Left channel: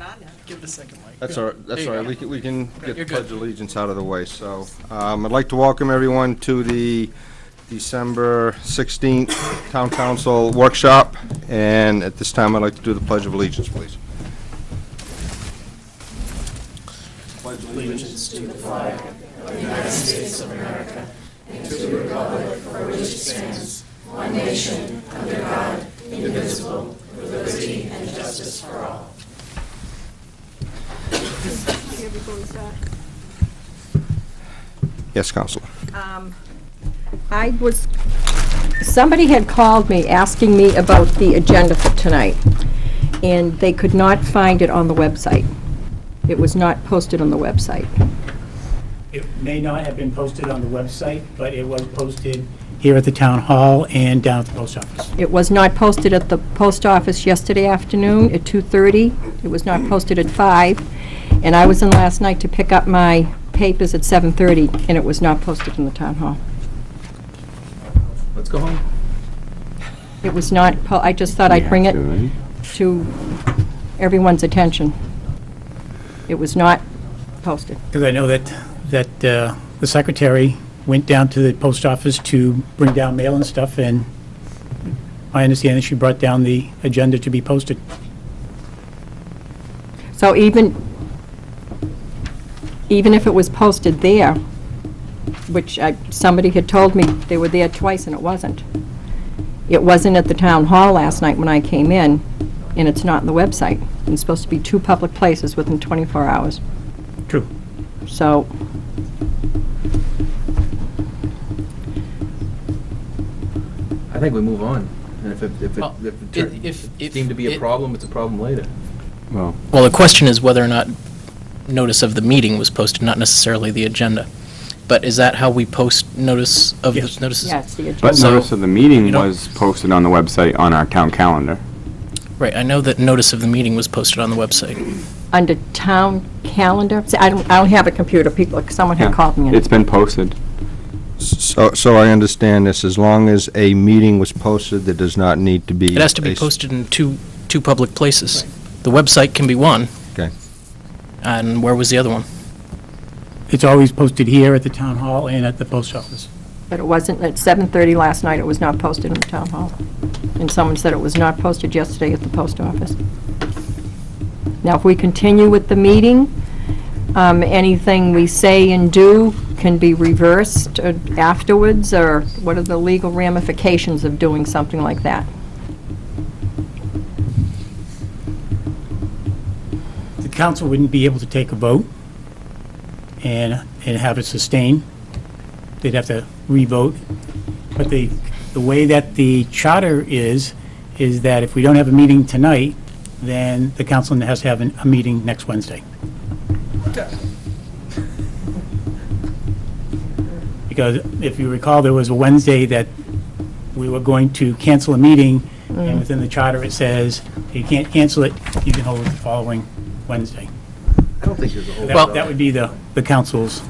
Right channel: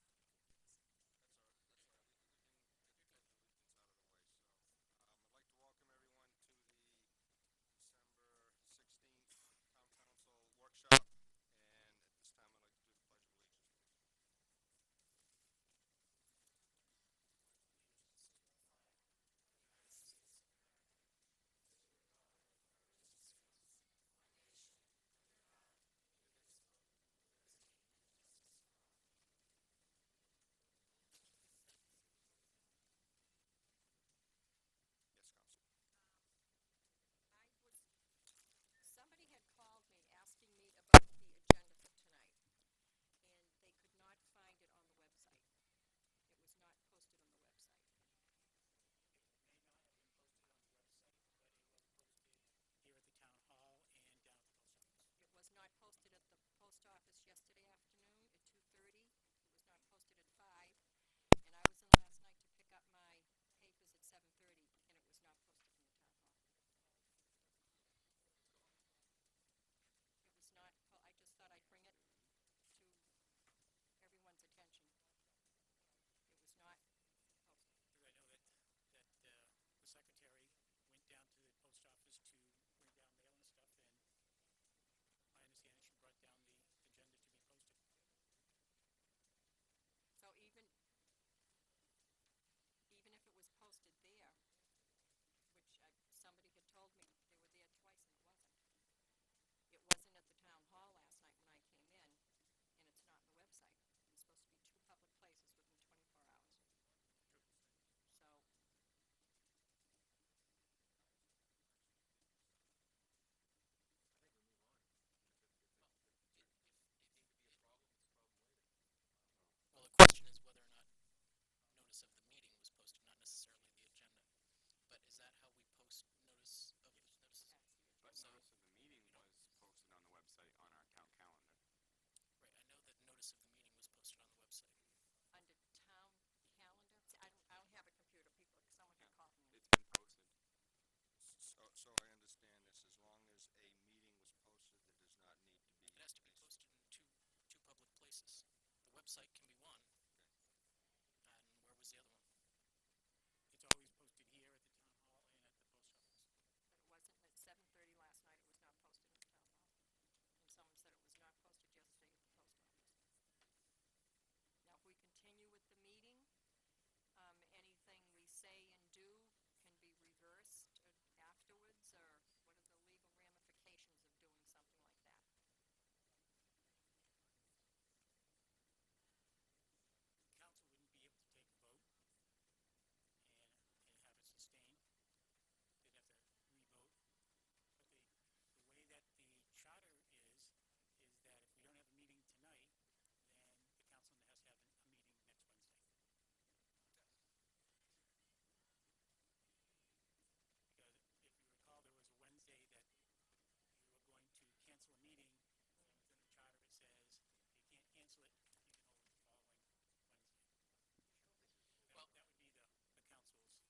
going on now. Give the second mic. That's all right. That's all right. We can get the You're Pledge good. of Allegiance out of the way. So I'd like to welcome everyone to the December 16th Town Council Workshop. And at this time, I'd like to do the Pledge of Allegiance, please. Pledge allegiance to the flag of the United States of America and to the republic for which it stands, one nation, under God, indivisible, with liberty and justice for all. Yes, Counselor. Somebody had called me asking me about the agenda for tonight, and they could not find it on the website. It was not posted on the website. It may not have been posted on the website, but it was posted here at the town hall and down at the post office. It was not posted at the post office yesterday afternoon at 2:30. It was not posted at 5, and I was in last night to pick up my papers at 7:30, and it was not posted in the town hall. Let's go home. It was not, I just thought I'd bring it to everyone's attention. It was not posted. Because I know that the secretary went down to the post office to bring down mail and stuff, and I understand that she brought down the agenda to be posted. So even if it was posted there, which somebody had told me they were there twice and it wasn't. It wasn't at the town hall last night when I came in, and it's not on the website. It's supposed to be 2 public places within 24 hours. True. So, I think we move on. And Well, if it deemed to be a problem, it's a problem later. Well, the question is whether or not notice of the meeting was posted, not necessarily the agenda. But is that how we post notice of Yes. the notices? yes, the agenda. But So, notice of the meeting was posted on the website on our town calendar. Right, I know that notice of the meeting was posted on the website. Under town calendar, see, I don't have a computer, someone had called me. It's been posted. So I understand this, as long as a meeting was posted, there does not need to be... It has to be posted in two public places. The website can be one, Okay. and where was the other one? It's always posted here at the town hall and at the post office. But it wasn't, at 7:30 last night, it was not posted in the town hall. And someone said it was not posted yesterday at the post office. Now, if we continue with the meeting, anything we say and do can be reversed afterwards, or what are the legal ramifications of doing something like that? The council wouldn't be able to take a vote and have it sustained. They'd have to re-vote. But the way that the charter is that if we don't have a meeting tonight, then the council has to have a meeting next Wednesday. Because if you recall, there was a Wednesday that we were going to cancel a meeting, and within the charter it says, you can't cancel it, you can hold it the following Wednesday. I don't think there's a whole That would be the council's.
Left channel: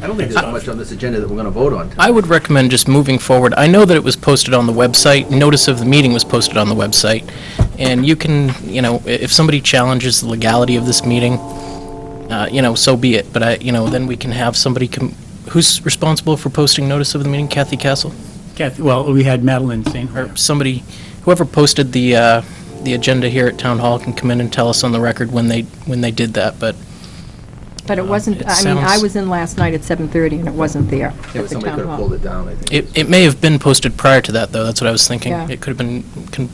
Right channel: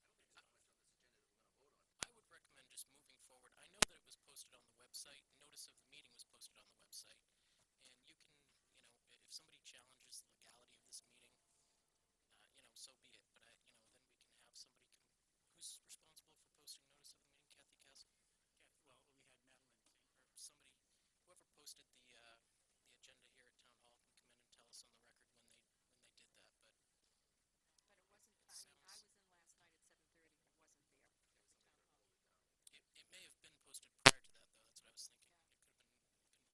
I don't think there's much on this agenda that we're going to vote on tonight. I would recommend just moving forward. I know that it was posted on the website. Notice of the meeting was posted on the website. And you can, if somebody challenges the legality of this meeting, so be it. But, then we can have somebody who's responsible for posting notice of the meeting? Kathy Castle? Kathy, well, we had Madeline saying, Or somebody, whoever posted the agenda here at Town Hall can come in and tell us on the record when they did that, but But it wasn't, it I sounds- was in last night at 7:30, and it wasn't there Yeah, at but the somebody town could have hall. pulled it down, I think. it may have been posted prior to that, though. That's what I was thinking. Yeah. It could have been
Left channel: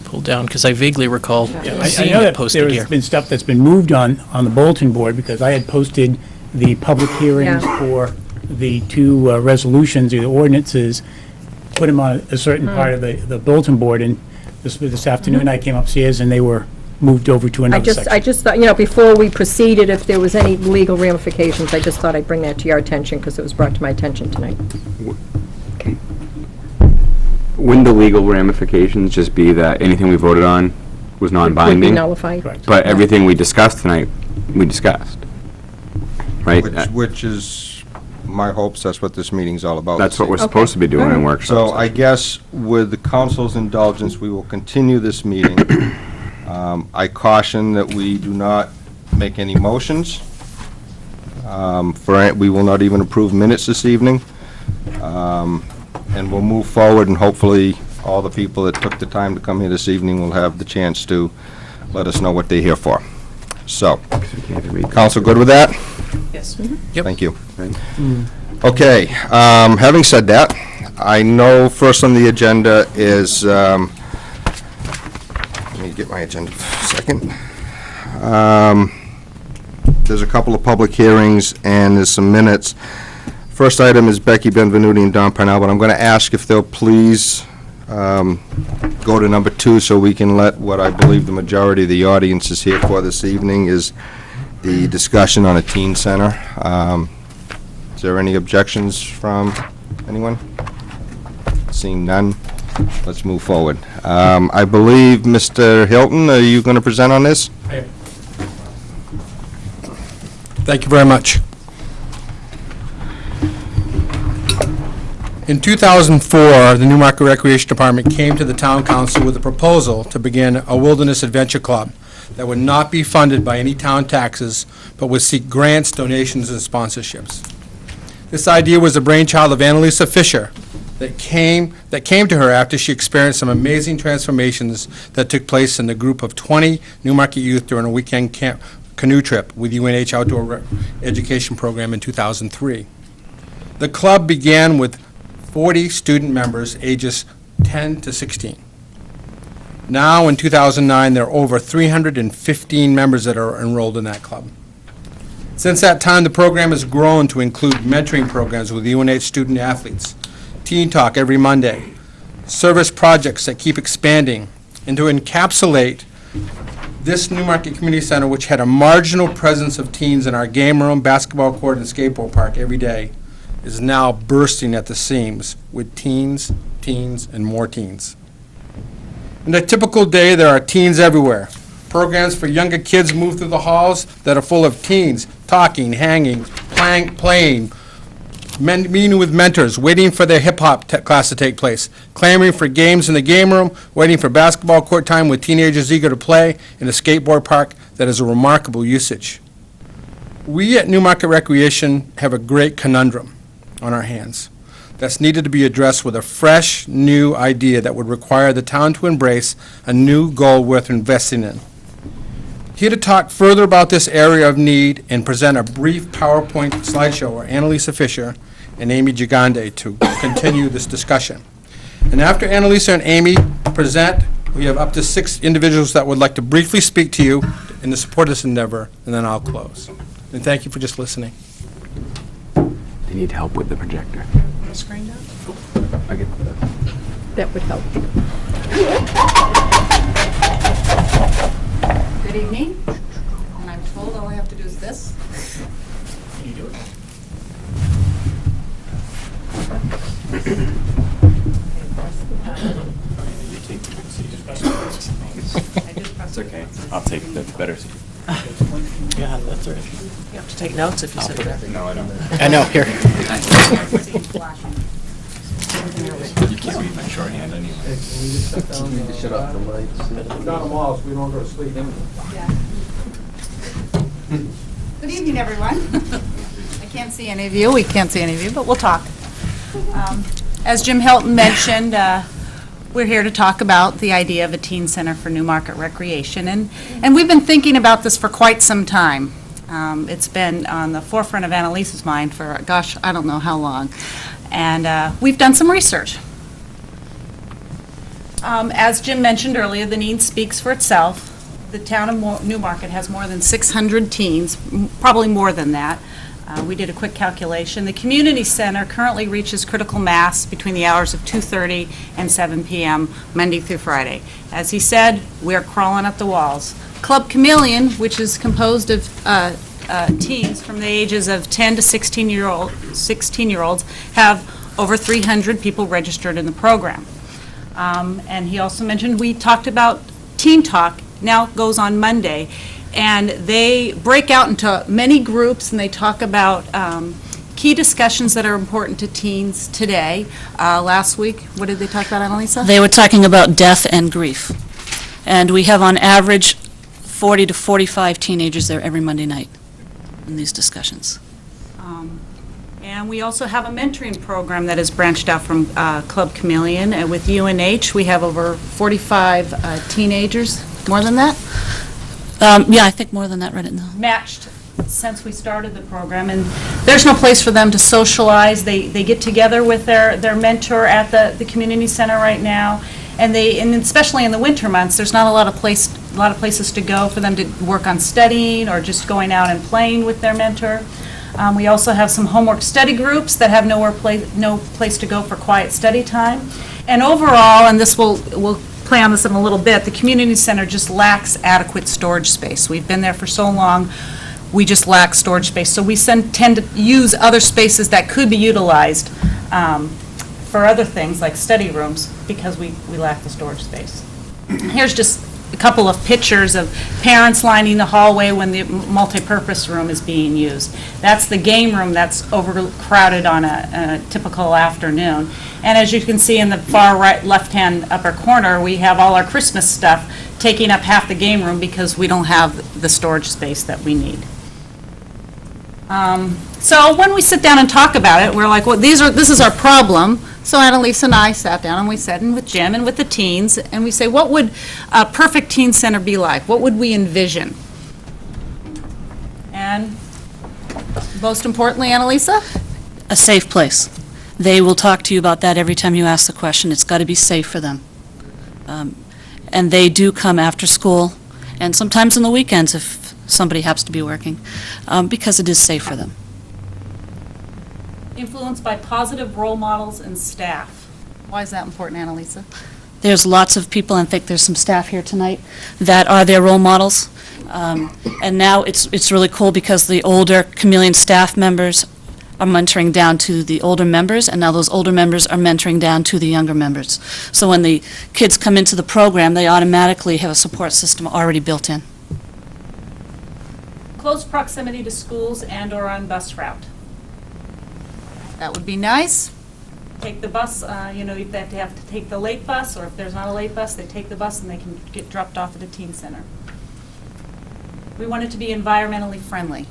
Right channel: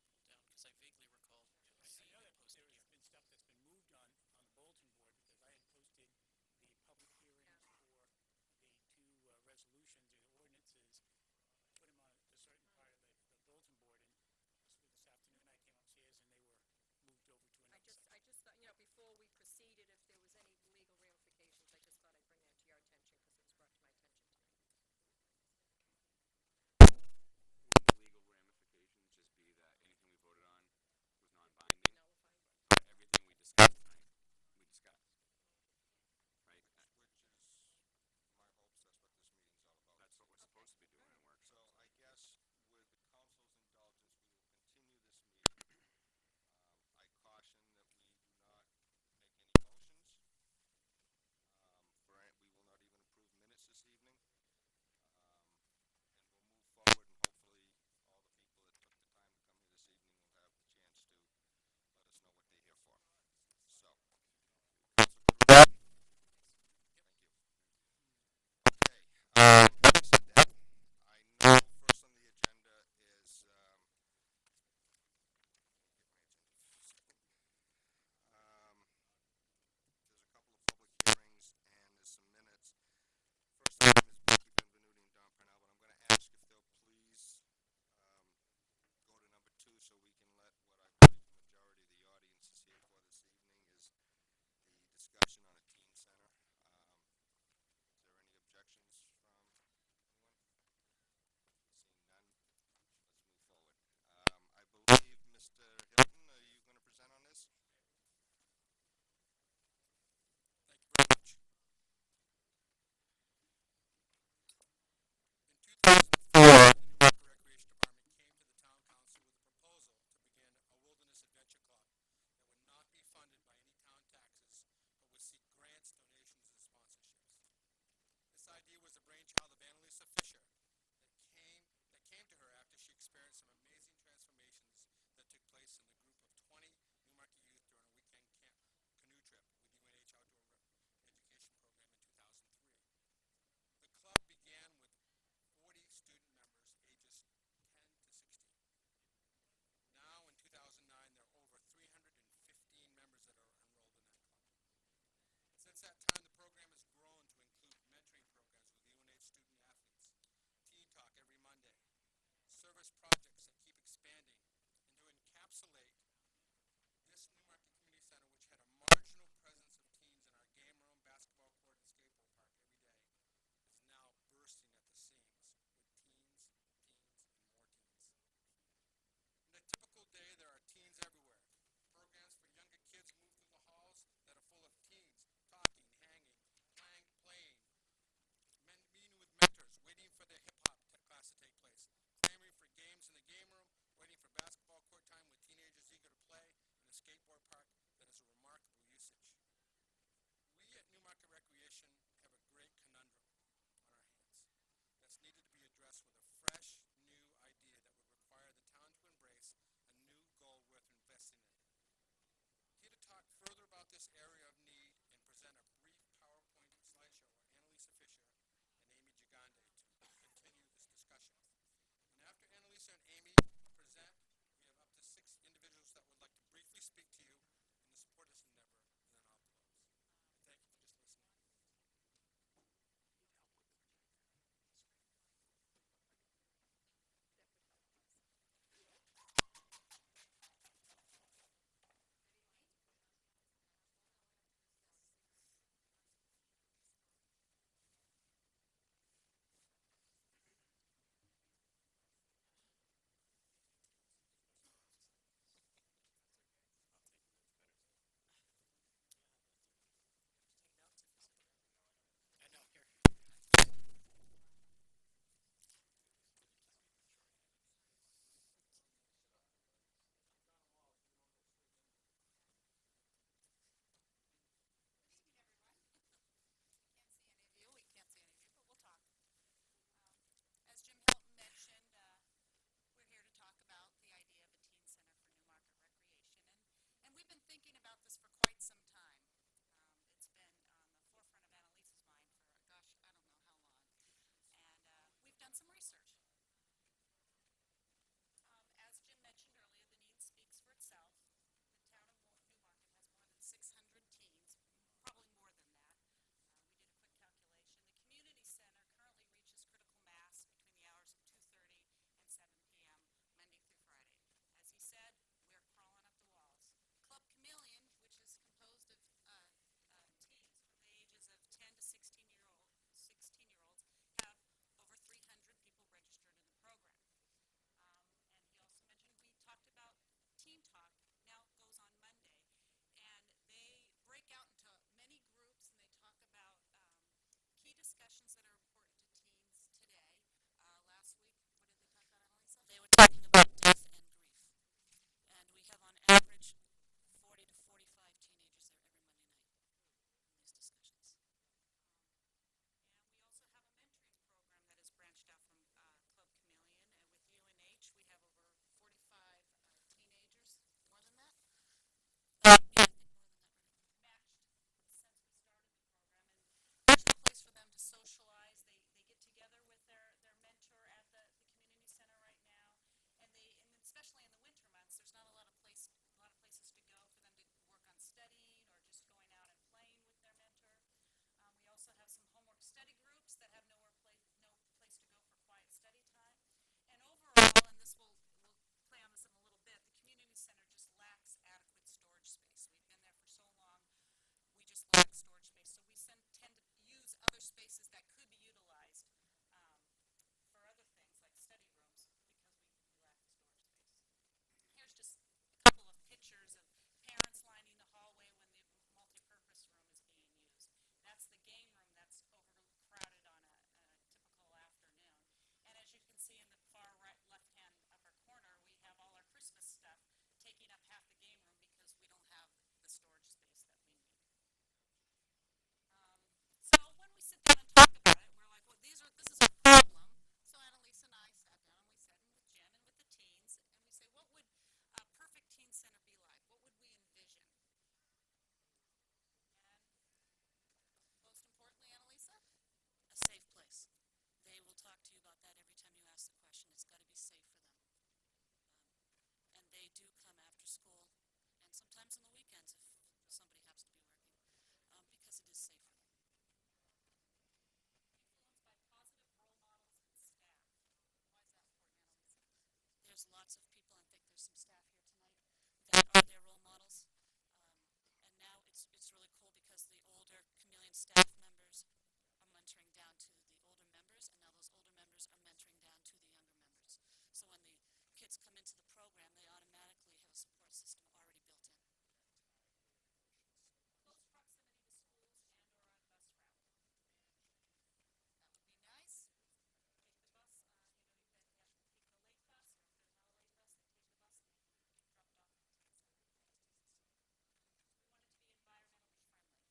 pulled down, because I vaguely recall I seeing know it that posted there here. has been stuff that's been moved on the bulletin board, because I had posted the public hearings Yeah. for the 2 resolutions or the ordinances, put them on a certain part of the bulletin board, and this afternoon I came upstairs and they were moved over to I another just section. thought, before we proceeded, if there was any legal ramifications, I just thought I'd bring that to your attention, because it was brought to my attention tonight. Wouldn't the legal ramifications just be that anything we voted on was Would be non-binding? nullified. Correct. But everything we discussed tonight, we discussed. Right? Which is my hopes, that's what this meeting's all about. That's what we're Okay. supposed to be doing in Alright. workshops. So I guess with the council's indulgence, we will continue this meeting I caution that we do not make any motions. We will not even approve minutes this evening. And we'll move forward, and hopefully all the people that took the time to come here this evening will have the chance to let us know what they're here for. So, council good with that? Yes. Yep. Thank you. Okay, having said that, I know first on the agenda is, let me get my agenda for a second. There's a couple of public hearings and there's some minutes. First item is Becky Benvenuti and Don Parnell, but I'm going to ask if they'll please go to number 2 so we can let what I believe the majority of the audience is here for this evening is the discussion on a teen center. Is there any objections from anyone? Seeing none, let's move forward. I believe, Mr. Hilton, are you going to present on this? Thank you very much. In 2004, the Newmarket Recreation Department came to the Town Council with a proposal to begin a wilderness adventure club that would not be funded by any town taxes, but would seek grants, donations, and sponsorships. This idea was the brainchild of Annalisa Fisher that came to her after she experienced some amazing transformations that took place in the group of 20 Newmarket youth during a weekend canoe trip with UNH Outdoor Education Program in 2003. The club began with 40 student members ages 10 to 16. Now, in 2009, there are over 315 members that are enrolled in that club. Since that time, the program has grown to include mentoring programs with UNH student athletes, Teen Talk every Monday, service projects that keep expanding, and to encapsulate this Newmarket Community Center, which had a marginal presence of teens in our game room, basketball court, and skateboard park every day, is now bursting at the seams with teens, and more teens. In a typical day, there are teens everywhere. Programs for younger kids move through the halls that are full of teens, talking, hanging, playing, meeting with mentors, waiting for their hip-hop class to take place, clamoring for games in the game room, waiting for basketball court time with teenagers eager to play, in a skateboard park that is a remarkable usage. We at Newmarket Recreation have a great conundrum on our hands that's needed to be addressed with a fresh, new idea that would require the town to embrace a new goal worth investing in. Here to talk further about this area of need and present a brief PowerPoint slideshow are Annalisa Fisher and Amy Gigande to continue this discussion. And after Annalisa and Amy present, we have up to 6 individuals that would like to briefly speak to you in the support of this endeavor, and then I'll close. And thank you for just listening. They need help with the projector. Screen down? I get That would help. Good evening. And I'm told all I have to do is this. Can you do it? It's okay. I'll take the better seat. Yeah, that's right. You have to take notes if you sit there. No, I don't. I know, here. You can't read my shorthand anyway. Shut off the lights. Good evening, everyone. I can't see any of you. We can't see any of you, but we'll talk. As Jim Hilton mentioned, we're here to talk about the idea of a teen center for Newmarket Recreation, and we've been thinking about this for quite some time. It's been on the forefront of Annalisa's mind for, gosh, I don't know how long, and we've done some research. As Jim mentioned earlier, the need speaks for itself. The town of Newmarket has more than 600 teens, probably more than that. We did a quick calculation. The community center currently reaches critical mass between the hours of 2:30 and 7 p.m. Monday through Friday. As he said, we're crawling up the walls. Club Chameleon, which is composed of teens from the ages of 10 to 16-year-olds, have over 300 people registered in the program. And he also mentioned, we talked about Teen Talk, now goes on Monday. And they break out into many groups, and they talk about key discussions that are important to teens today. Last week, what did they talk about, Annalisa? They were talking about death and grief. And we have on average 40 to 45 teenagers there every Monday night in these discussions. And we also have a mentoring program that is branched out from Club Chameleon. And with UNH, we have over 45 teenagers, more than that? Yeah, I think more than that right now. Matched since we started the program. And there's no place for them to socialize. They get together with their mentor at the community center right now. And especially in the winter months, there's not a lot of places to go for them to work on studying or just going out and playing with their mentor. We also have some homework study groups that have no place to go for quiet study time. And overall, and we'll play on this in a little bit, the community center just lacks adequate storage space. We've been there for so long, we just lack storage space. So we tend to use other spaces that could be utilized for other things like study rooms because we lack the storage space. Here's just a couple of pictures of parents lining the hallway when the multipurpose room is being used. That's the game room that's overcrowded on a typical afternoon. And as you can see in the far right left-hand upper corner, we have all our Christmas stuff taking up half the game room because we don't have the storage space that we need. So when we sit down and talk about it, we're like, well, this is our problem. So Annalisa and I sat down and we sat in with Jim and with the teens, and we say, what would a perfect teen center be like? What would we envision? And most importantly, Annalisa? A safe place. They will talk to you about that every time you ask the question. It's got to be safe for them. And they do come after school, and sometimes on the weekends if somebody happens to be working, because it is safe for them. Influenced by positive role models and staff. Why is that important, Annalisa? There's lots of people, and I think there's some staff here tonight, that are their role models. And now it's really cool because the older Chameleon staff members are mentoring down to the older members, and now those older members are mentoring down to the younger members. So when the kids come into the program, they automatically have a support system already built in. Close proximity to schools and/or on bus route. That would be nice. Take the bus, if they have to take the late bus, or if there's not a late bus, they take the bus and they can get dropped off at a teen center. We want it to be environmentally friendly.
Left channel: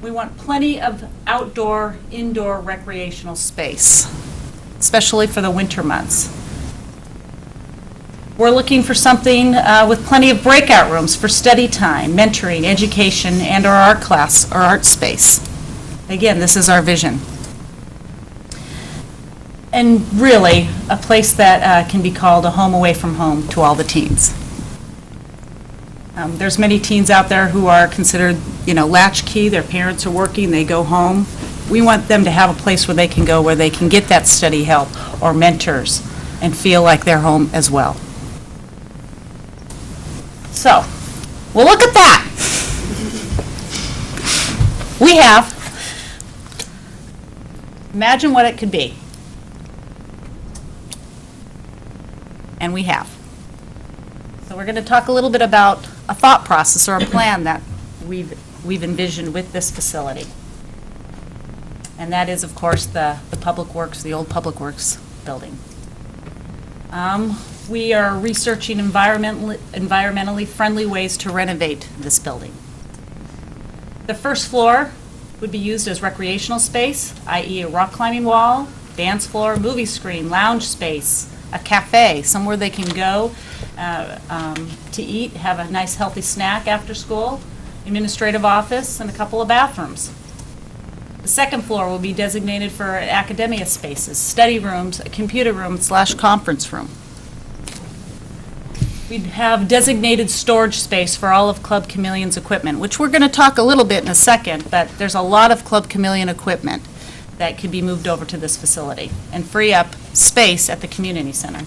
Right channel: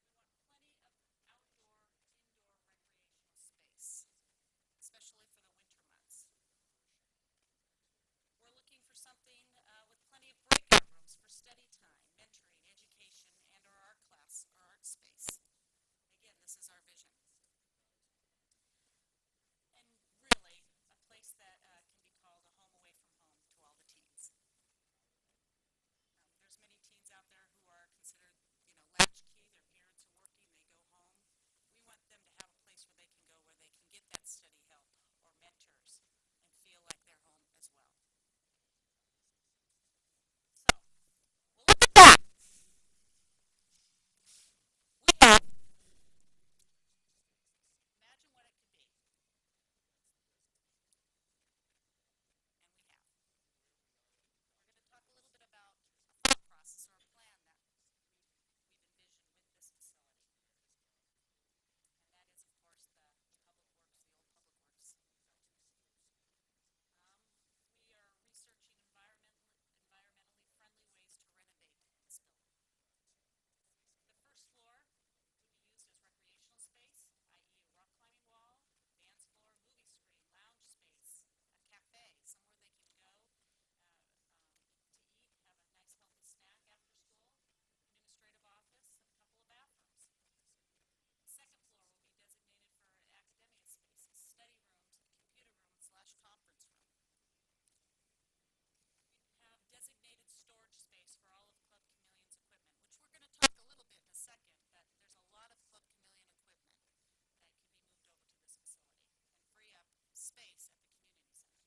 We want plenty of outdoor, indoor recreational space, especially for the winter months. We're looking for something with plenty of breakout rooms for study time, mentoring, education, and/or art class or art space. Again, this is our vision. And really, a place that can be called a home away from home to all the teens. There's many teens out there who are considered, latchkey. Their parents are working, they go home. We want them to have a place where they can go, where they can get that study help or mentors and feel like they're home as well. So, well, look at that. We have. Imagine what it could be. And we have. So we're going to talk a little bit about a thought process or a plan that we've envisioned with this facility. And that is, of course, the Public Works, the old Public Works building. We are researching environmentally friendly ways to renovate this building. The first floor would be used as recreational space, i.e. a rock climbing wall, dance floor, movie screen, lounge space, a cafe, somewhere they can go to eat, have a nice healthy snack after school, administrative office, and a couple of bathrooms. The second floor will be designated for academia spaces, study rooms, a computer room / conference room. We'd have designated storage space for all of Club Chameleon's equipment, which we're going to talk a little bit in a second, but there's a lot of Club Chameleon equipment that could be moved over to this facility and free up space at the community center.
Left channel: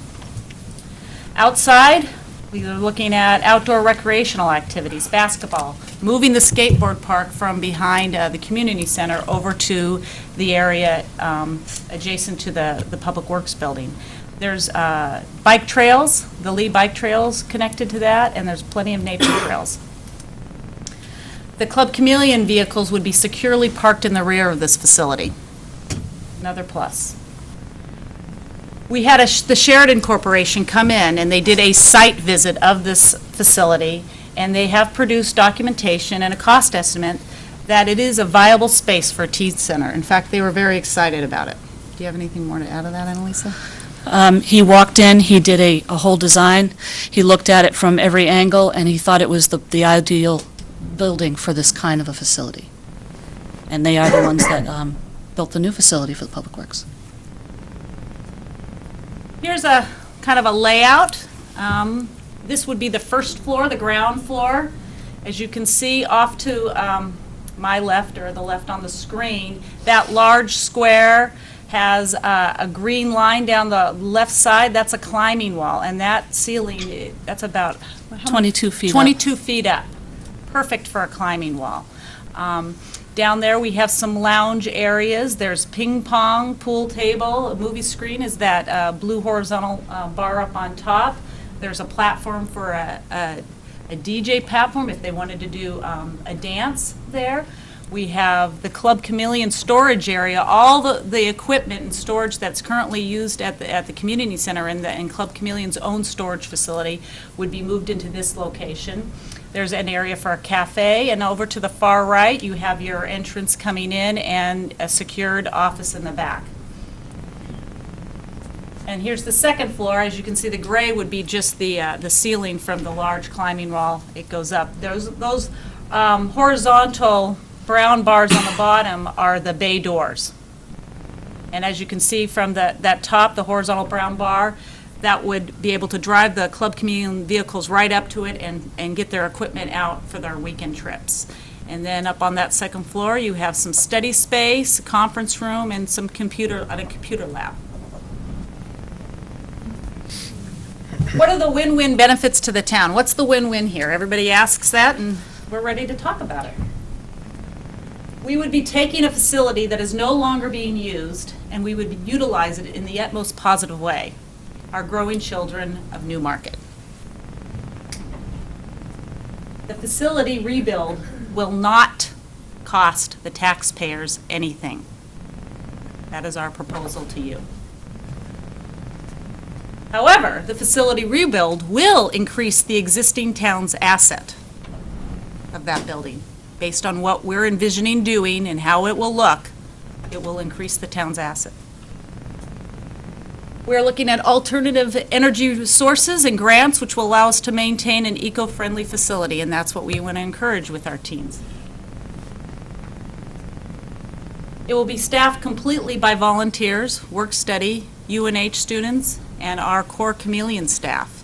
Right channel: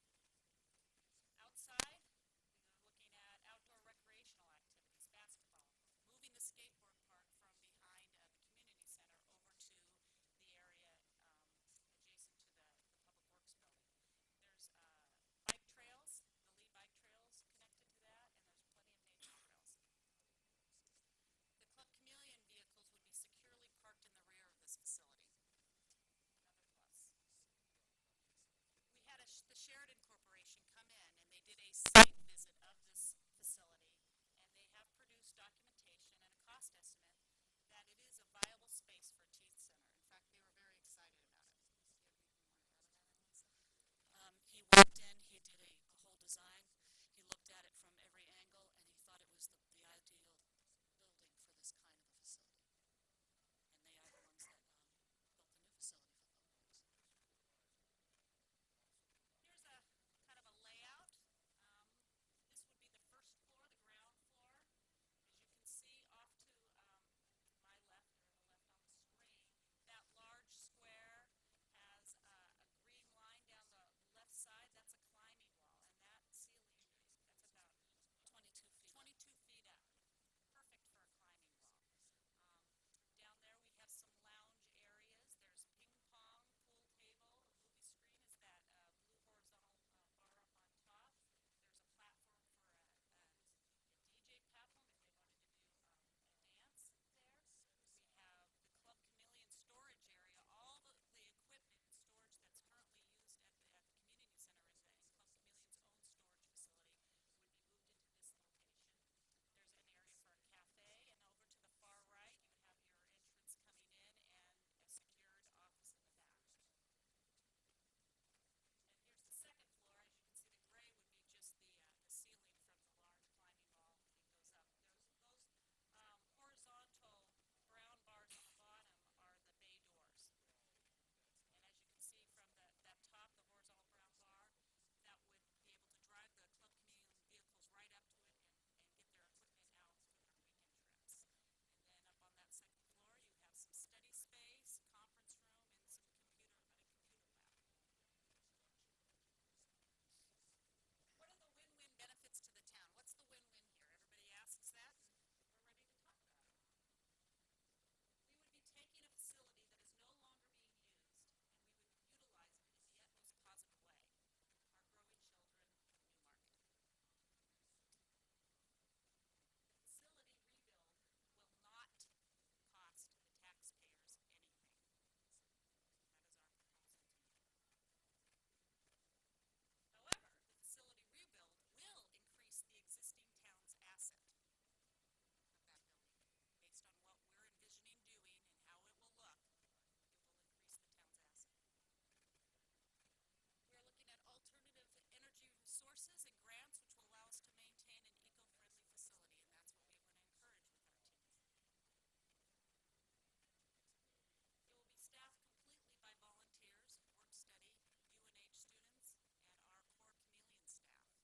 Outside, we are looking at outdoor recreational activities, basketball, moving the skateboard park from behind the community center over to the area adjacent to the Public Works building. There's bike trails, the Lee bike trails connected to that, and there's plenty of nature trails. The Club Chameleon vehicles would be securely parked in the rear of this facility. Another plus. We had the Sheridan Corporation come in, and they did a site visit of this facility, and they have produced documentation and a cost estimate that it is a viable space for a teen center. In fact, they were very excited about it. Do you have anything more to add to that, Annalisa? He walked in, he did a whole design, he looked at it from every angle, and he thought it was the ideal building for this kind of a facility. And they are the ones that built the new facility for the Public Works. Here's a kind of a layout. This would be the first floor, the ground floor. As you can see off to my left, or the left on the screen, that large square has a green line down the left side. That's a climbing wall, and that ceiling, that's about 22 feet up. 22 feet up. Perfect for a climbing wall. Down there we have some lounge areas. There's ping pong, pool table, a movie screen is that blue horizontal bar up on top. There's a platform for a DJ platform if they wanted to do a dance there. We have the Club Chameleon storage area. All the equipment and storage that's currently used at the community center and Club Chameleon's own storage facility would be moved into this location. There's an area for a cafe, and over to the far right you have your entrance coming in and a secured office in the back. And here's the second floor. As you can see, the gray would be just the ceiling from the large climbing wall. It goes up. Those horizontal brown bars on the bottom are the bay doors. And as you can see from that top, the horizontal brown bar, that would be able to drive the Club Chameleon vehicles right up to it and get their equipment out for their weekend trips. And then up on that second floor, you have some study space, a conference room, and a computer lab. What are the win-win benefits to the town? What's the win-win here? Everybody asks that, and we're ready to talk about it. We would be taking a facility that is no longer being used, and we would utilize it in the utmost positive way. Our growing children of Newmarket. The facility rebuild will not cost the taxpayers anything. That is our proposal to you. However, the facility rebuild will increase the existing town's asset of that building. Based on what we're envisioning doing and how it will look, it will increase the town's asset. We're looking at alternative energy sources and grants which will allow us to maintain an eco-friendly facility, and that's what we want to encourage with our teens. It will be staffed completely by volunteers, work-study, UNH students, and our core Chameleon staff.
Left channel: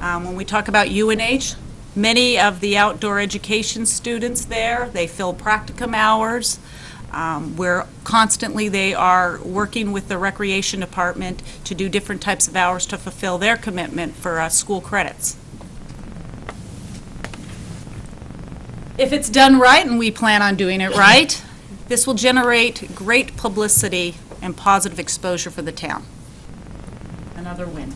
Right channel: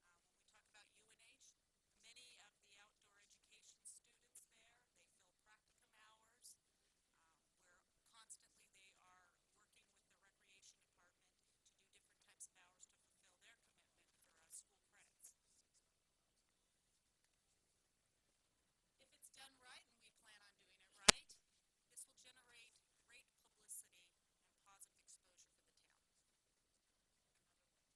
When we talk about UNH, many of the outdoor education students there, they fill practicum hours. Where constantly they are working with the recreation department to do different types of hours to fulfill their commitment for school credits. If it's done right, and we plan on doing it right, this will generate great publicity and positive exposure for the town. Another win.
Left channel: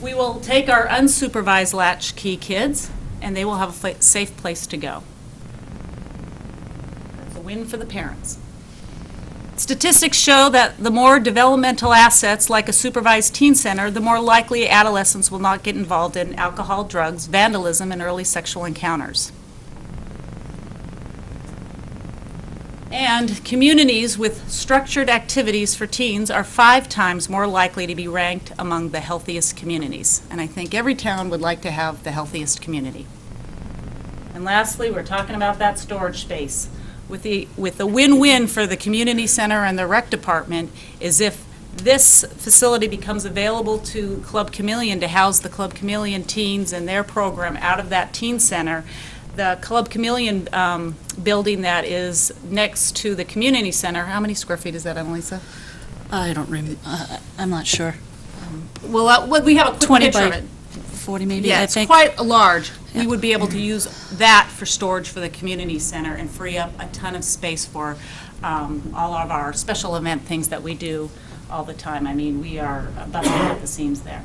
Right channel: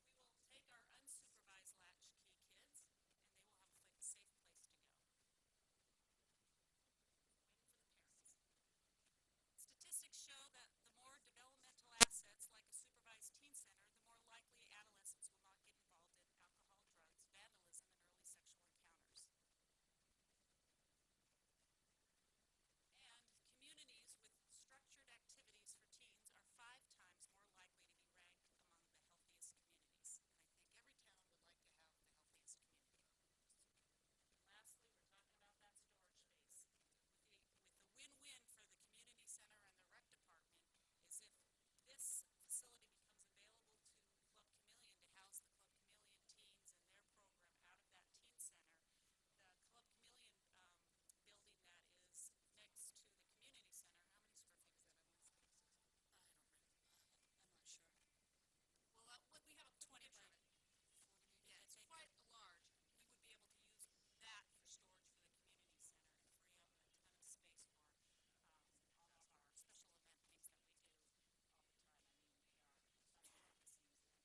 We will take our unsupervised latchkey kids, and they will have a safe place to go. Win for the parents. Statistics show that the more developmental assets, like a supervised teen center, the more likely adolescents will not get involved in alcohol, drugs, vandalism, and early sexual encounters. And communities with structured activities for teens are 5 times more likely to be ranked among the healthiest communities. And I think every town would like to have the healthiest community. And lastly, we're talking about that storage space. With the win-win for the community center and the rec department is if this facility becomes available to Club Chameleon to house the Club Chameleon teens and their program out of that teen center, the Club Chameleon building that is next to the community center, how many square feet is that, Annalisa? I don't remember, I'm not sure. Well, we have a quick 20 picture of by it. 40 maybe, Yeah, I it's think. quite large. Yeah. We would be able to use that for storage for the community center and free up a ton of space for all of our special event things that we do all the time. I mean, we are busting at the seams there.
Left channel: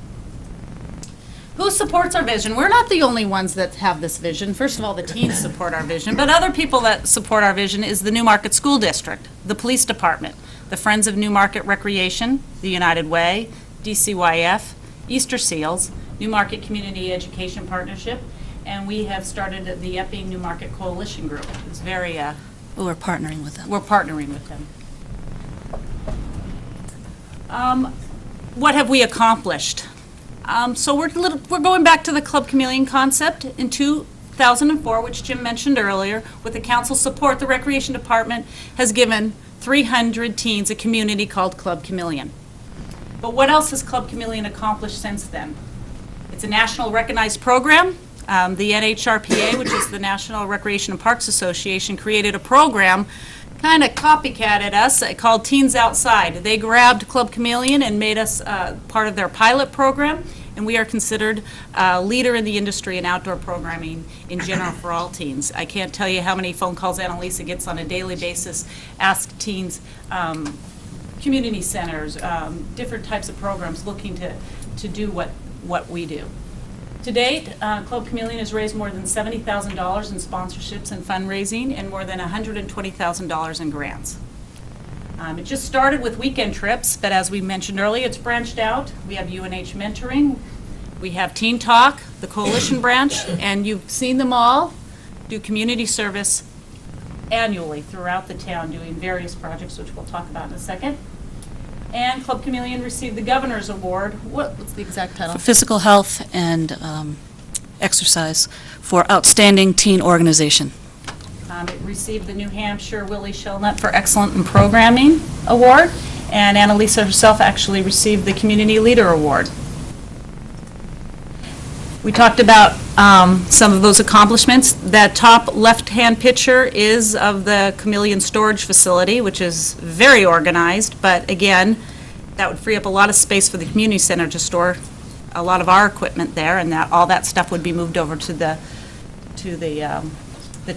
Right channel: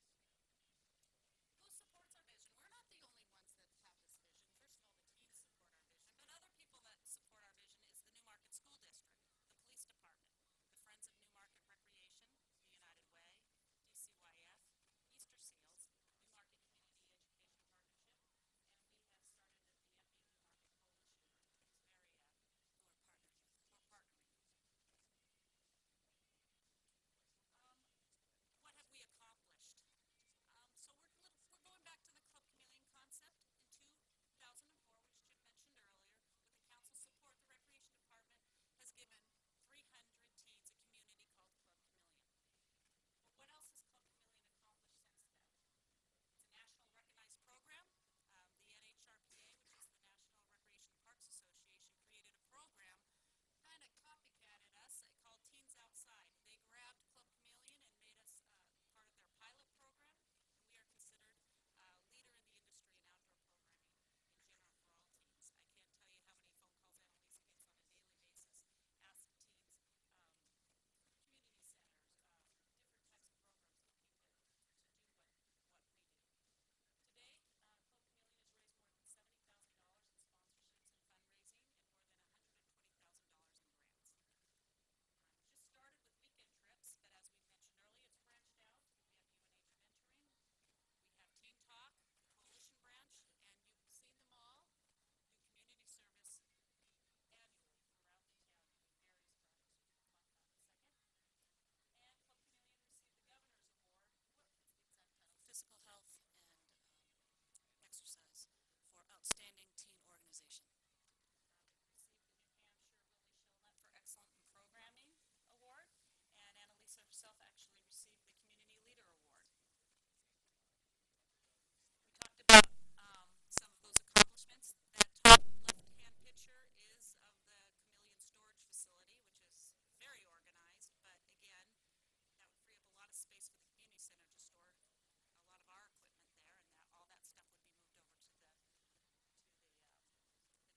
Who supports our vision? We're not the only ones that have this vision. First of all, the teens support our vision, but other people that support our vision is the Newmarket School District, the Police Department, the Friends of Newmarket Recreation, the United Way, DCYF, Easter Seals, Newmarket Community Education Partnership, and we have started the Epping Newmarket Coalition Group. It's very, We're partnering with them. we're partnering with them. What have we accomplished? So we're going back to the Club Chameleon concept in 2004, which Jim mentioned earlier. With the council support, the Recreation Department has given 300 teens a community called Club Chameleon. But what else has Club Chameleon accomplished since then? It's a national recognized program. The NHRPA, which is the National Recreation and Parks Association, created a program kind of copycatted us called Teens Outside. They grabbed Club Chameleon and made us part of their pilot program, and we are considered a leader in the industry in outdoor programming in general for all teens. I can't tell you how many phone calls Annalisa gets on a daily basis, ask teens, community centers, different types of programs looking to do what we do. To date, Club Chameleon has raised more than $70,000 in sponsorships and fundraising and more than $120,000 in grants. It just started with weekend trips, but as we mentioned earlier, it's branched out. We have UNH mentoring, we have Teen Talk, the Coalition branch, and you've seen them all do community service annually throughout the town, doing various projects, which we'll talk about in a second. And Club Chameleon received the Governor's Award. What's the exact title? Physical health and exercise for outstanding teen organization. It received the New Hampshire Willie Shellnut for Excellent in Programming Award, and Annalisa herself actually received the Community Leader Award. We talked about some of those accomplishments. That top left-hand picture is of the Chameleon Storage Facility, which is very organized, but again, that would free up a lot of space for the community center to store a lot of our equipment there, and that all that stuff would be moved over to the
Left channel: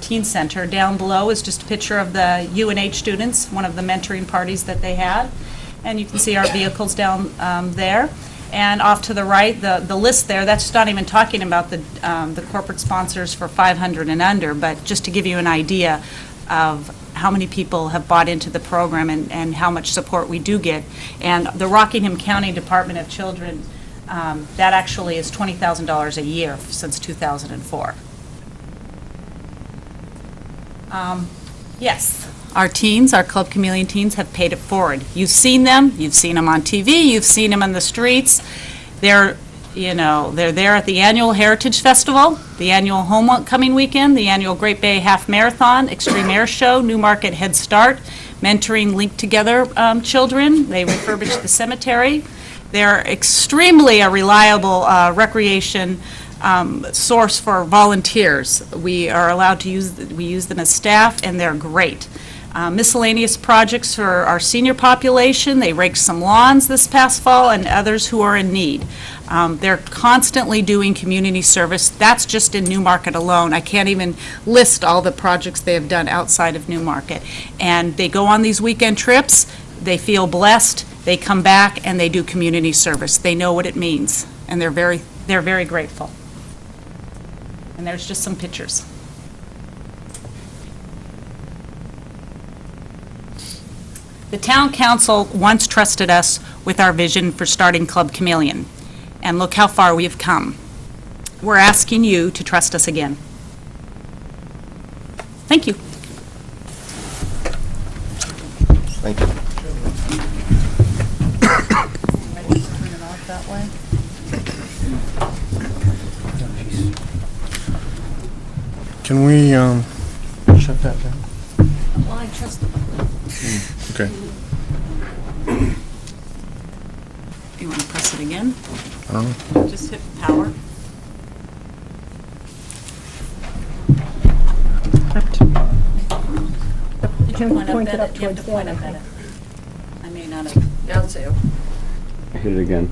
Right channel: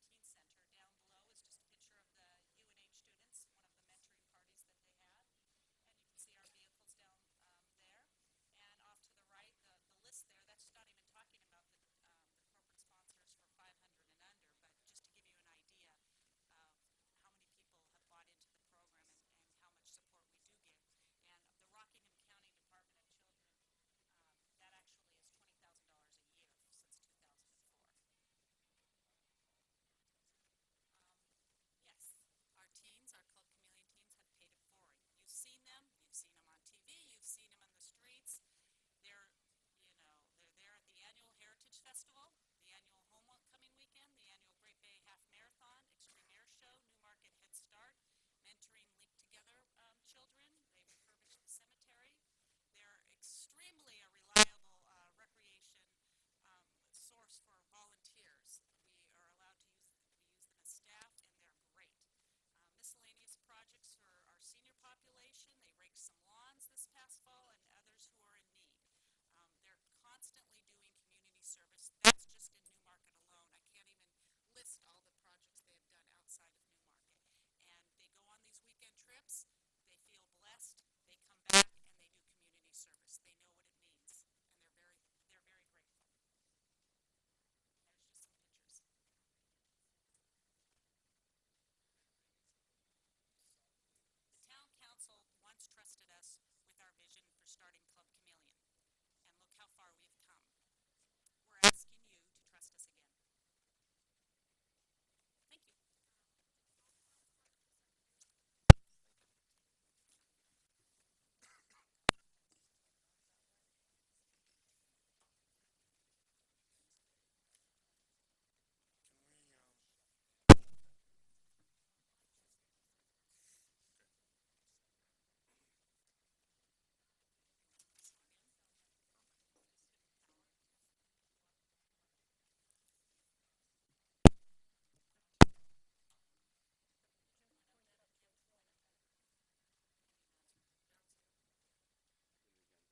teen center. Down below is just a picture of the UNH students, one of the mentoring parties that they had, and you can see our vehicles down there. And off to the right, the list there, that's not even talking about the corporate sponsors for 500 and under, but just to give you an idea of how many people have bought into the program and how much support we do get. And the Rockingham County Department of Children, that actually is $20,000 a year since 2004. Yes. Our teens, our Club Chameleon teens, have paid it forward. You've seen them on TV, you've seen them on the streets. They're there at the annual Heritage Festival, the annual Homecoming Weekend, the annual Great Bay Half Marathon, Extreme Air Show, Newmarket Head Start, mentoring Linked Together children. They refurbish the cemetery. They're extremely a reliable recreation source for volunteers. We are allowed to use them as staff, and they're great. Miscellaneous projects for our senior population. They raked some lawns this past fall and others who are in need. They're constantly doing community service. That's just in Newmarket alone. I can't even list all the projects they have done outside of Newmarket. And they go on these weekend trips. They feel blessed. They come back and they do community service. They know what it means, and they're very grateful. And there's just some pictures. The town council once trusted us with our vision for starting Club Chameleon, and look how far we have come. We're asking you to trust us again. Thank you. Thank you. Can we shut that down? Well, I trust the public. Okay. You want to press it again? Oh. Just hit power. Did you point it up at it? You have to point up at it. I may not have. I'll see. Hit it again.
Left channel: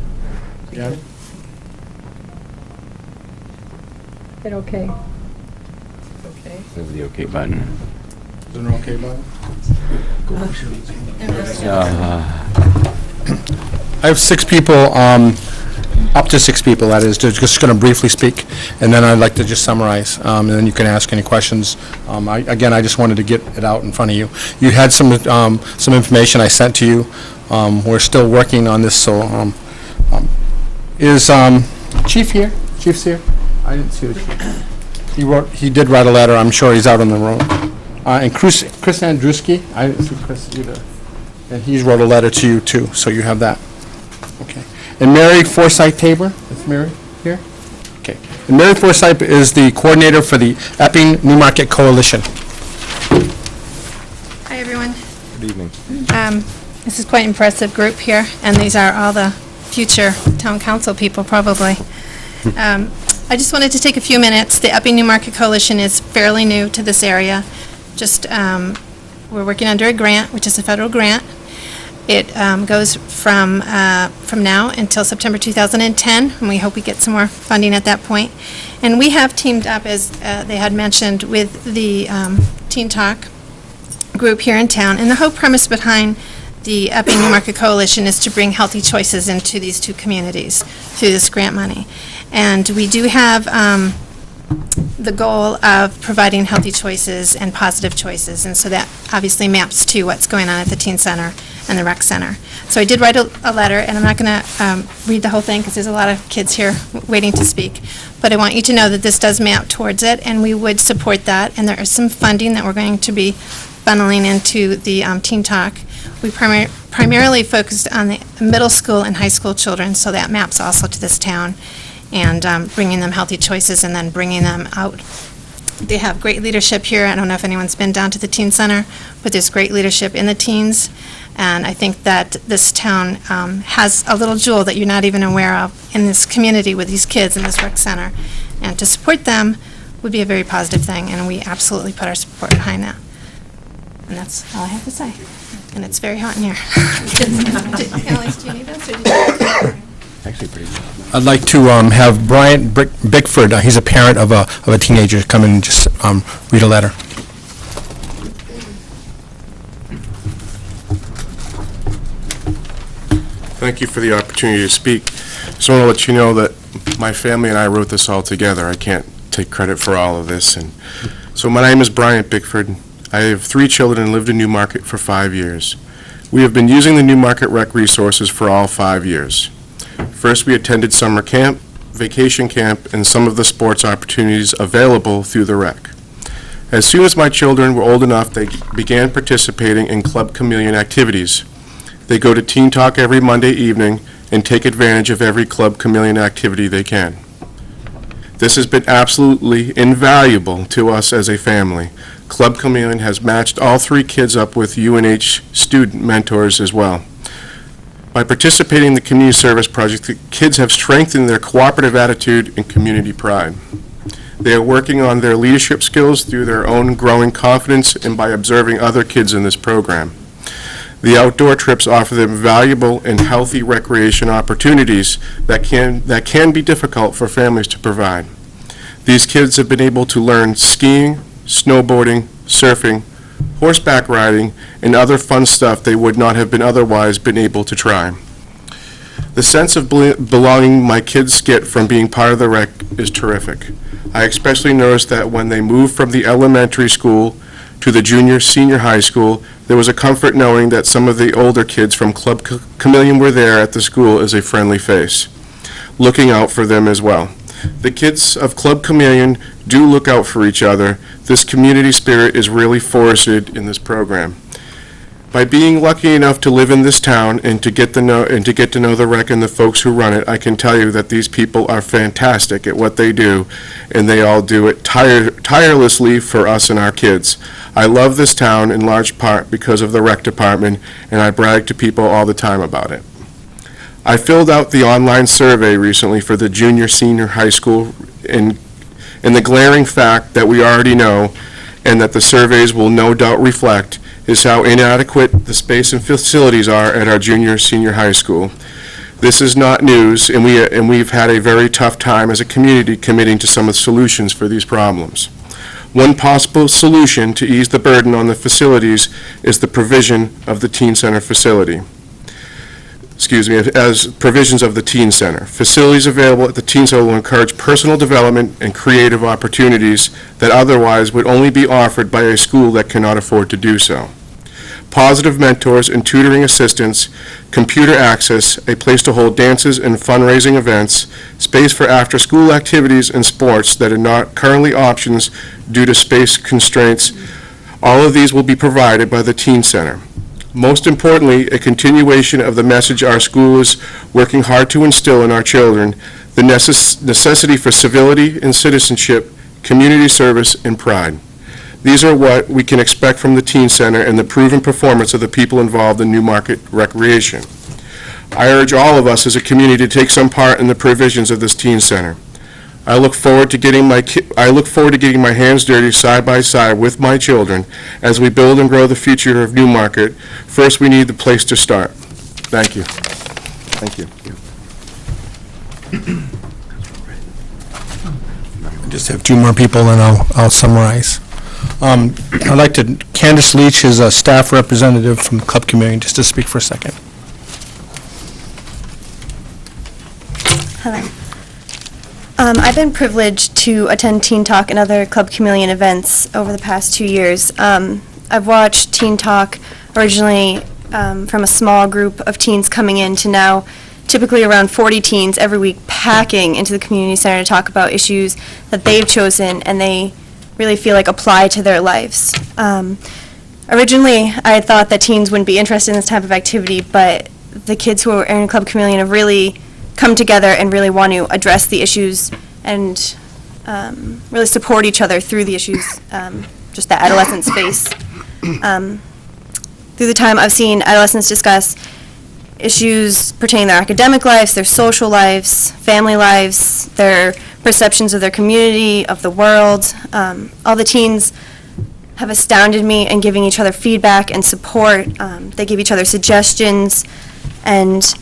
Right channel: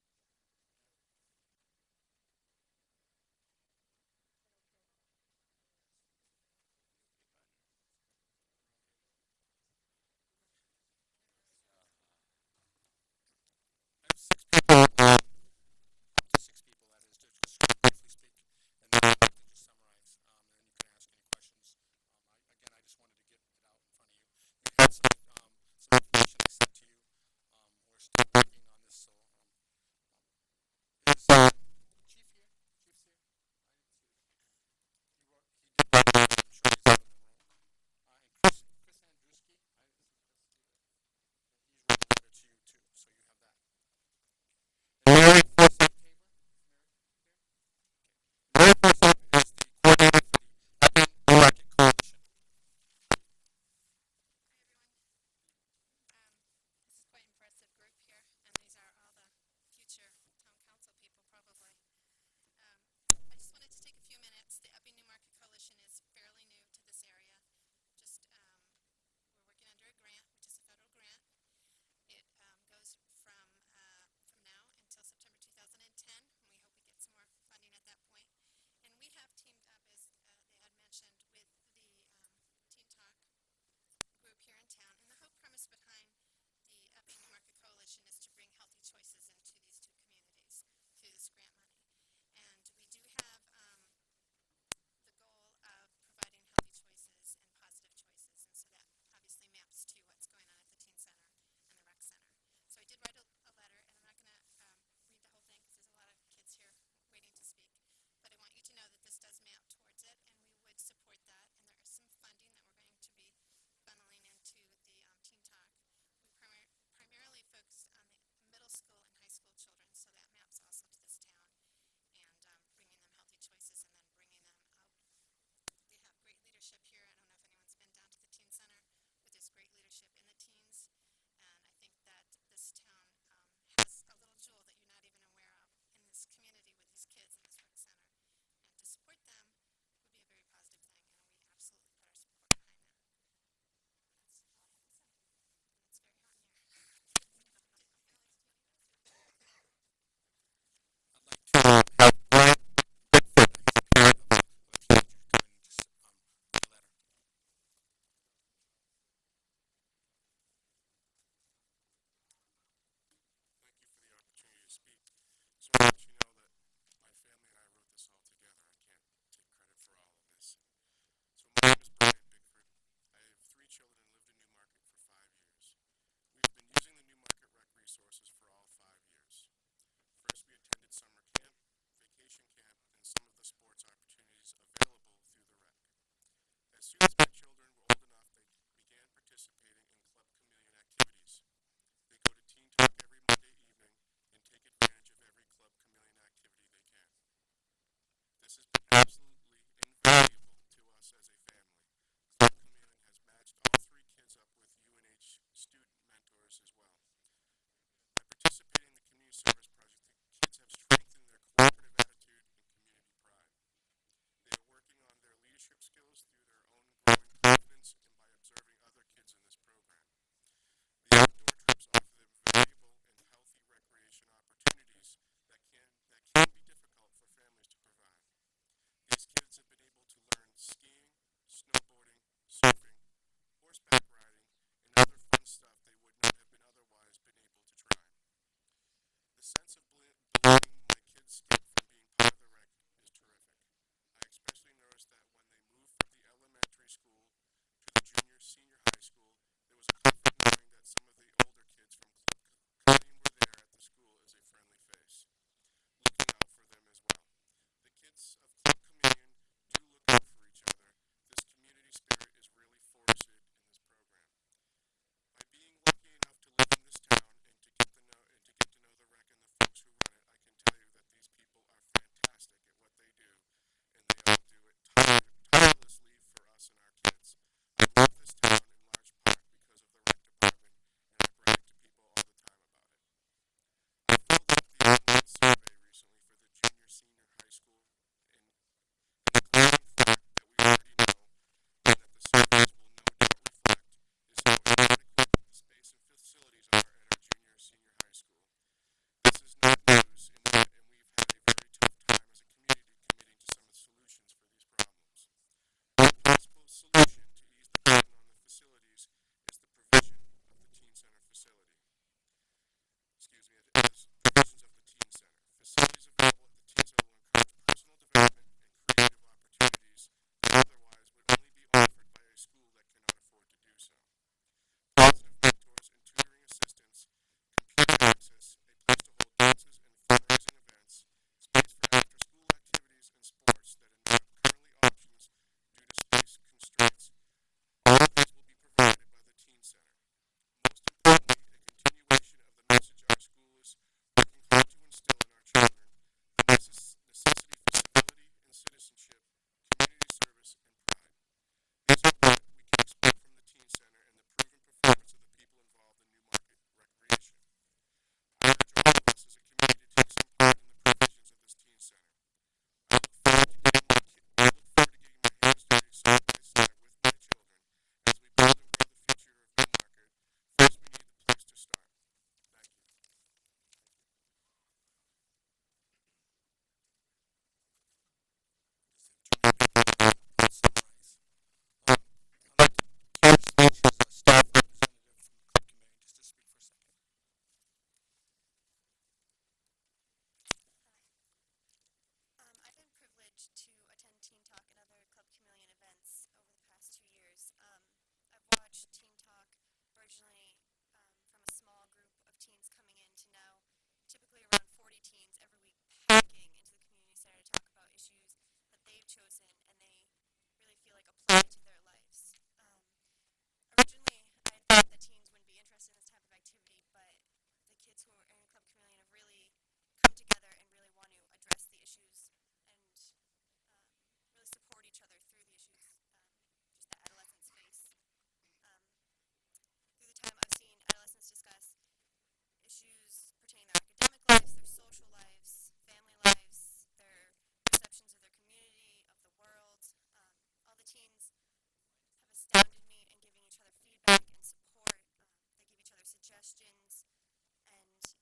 Yeah. Hit okay. Okay. There's the OK button. Is there an okay button? I have 6 people Up to 6 people, that is. They're just going to briefly speak, and then I'd like to just summarize, and then you can ask any questions. Again, I just wanted to get it out in front of you. You had some information I sent to you. We're still working on this, so is Chief here? Chief's here? I didn't see the chief. He did write a letter. I'm sure he's out on the road. And Chris Andruski, I didn't see Chris either. And he's wrote a letter to you, too, so you have that. Okay. And Mary Forsythe Tabor, is Mary here? Okay. And Mary Forsythe is the coordinator for the Epping Newmarket Coalition. Hi, everyone. Good evening. This is quite an impressive group here, and these are all the future town council people, probably. I just wanted to take a few minutes. The Epping Newmarket Coalition is fairly new to this area. We're working under a grant, which is a federal grant. It goes from now until September 2010, and we hope we get some more funding at that point. And we have teamed up, as they had mentioned, with the Teen Talk group here in town. And the whole premise behind the Epping Newmarket Coalition is to bring healthy choices into these two communities through this grant money. And we do have the goal of providing healthy choices and positive choices, and so that obviously maps to what's going on at the Teen Center and the Rec Center. So I did write a letter, and I'm not going to read the whole thing because there's a lot of kids here waiting to speak, but I want you to know that this does map towards it, and we would support that, and there is some funding that we're going to be funneling into the Teen Talk. We primarily focused on the middle school and high school children, so that maps also to this town, and bringing them healthy choices and then bringing them out. They have great leadership here. I don't know if anyone's been down to the Teen Center, but there's great leadership in the teens, and I think that this town has a little jewel that you're not even aware of in this community with these kids in this rec center, and to support them would be a very positive thing, and we absolutely put our support behind that. And that's all I have to say. And it's very hot in here. Annalise, do you need this, or did you? Actually pretty good. I'd like to have Bryant Bickford, he's a parent of a teenager, come in and just read a letter. Thank you for the opportunity to speak. Just want to let you know that my family and I wrote this all together. I can't take credit for all of this. And so my name is Bryant Bickford. I have 3 children and lived in Newmarket for 5 years. We have been using the Newmarket rec resources for all 5 years. First, we attended summer camp, vacation camp, and some of the sports opportunities available through the rec. As soon as my children were old enough, they began participating in Club Chameleon activities. They go to Teen Talk every Monday evening and take advantage of every Club Chameleon activity they can. This has been absolutely invaluable to us as a family. Club Chameleon has matched all 3 kids up with UNH student mentors as well. By participating in the community service project, the kids have strengthened their cooperative attitude and community pride. They are working on their leadership skills through their own growing confidence and by observing other kids in this program. The outdoor trips offer them valuable and healthy recreation opportunities that can be difficult for families to provide. These kids have been able to learn skiing, snowboarding, surfing, horseback riding, and other fun stuff they would not have been otherwise been able to try. The sense of belonging my kids get from being part of the rec is terrific. I especially noticed that when they moved from the elementary school to the senior high school, there was a comfort knowing that some of the older kids from Club Chameleon were there at the school as a friendly face, looking out for them as well. The kids of Club Chameleon do look out for each other. This community spirit is really forested in this program. By being lucky enough to live in this town and to get to know the rec and the folks who run it, I can tell you that these people are fantastic at what they do, and they all do it tirelessly for us and our kids. I love this town in large part because of the rec department, and I brag to people all the time about it. I filled out the online survey recently for the senior high school, and the glaring fact that we already know, and that the surveys will no doubt reflect, is how inadequate the space and facilities are at our senior high school. This is not news, and we've had a very tough time as a community committing to some of the solutions for these problems. One possible solution to ease the burden on the facilities is the provision of the Teen Center facility. as provisions of the Teen Center. Facilities available at the Teen Center will encourage personal development and creative opportunities that otherwise would only be offered by a school that cannot afford to do so. Positive mentors and tutoring assistants, computer access, a place to hold dances and fundraising events, space for after-school activities and sports that are not currently options due to space constraints. All of these will be provided by the Teen Center. Most importantly, a continuation of the message our school is working hard to instill in our children, the necessity for civility and citizenship, community service, and pride. These are what we can expect from the Teen Center and the proven performance of the people involved in Newmarket recreation. I urge all of us as a community to take some part in the provisions of this Teen Center. I look forward to getting my hands dirty side by side with my children as we build and grow the future of Newmarket. First, we need the place to start. Thank you. Thank you. I just have two more people, and I'll summarize. I'd like to, Candace Leach is a staff representative from the club community, just to speak for a second. Hello. I've been privileged to attend Teen Talk and other Club Chameleon events over the past 2 years. I've watched Teen Talk originally from a small group of teens coming in to now typically around 40 teens every week packing into the community center to talk about issues that they've chosen and they really feel like apply to their lives. Originally, I had thought that teens wouldn't be interested in this type of activity, but the kids who are in Club Chameleon have really come together and really want to address the issues and really support each other through the issues, just that adolescent space. Through the time, I've seen adolescents discuss issues pertaining to their academic lives, their social lives, family lives, their perceptions of their community, of the world. All the teens have astounded me in giving each other feedback and support. They give each other suggestions, and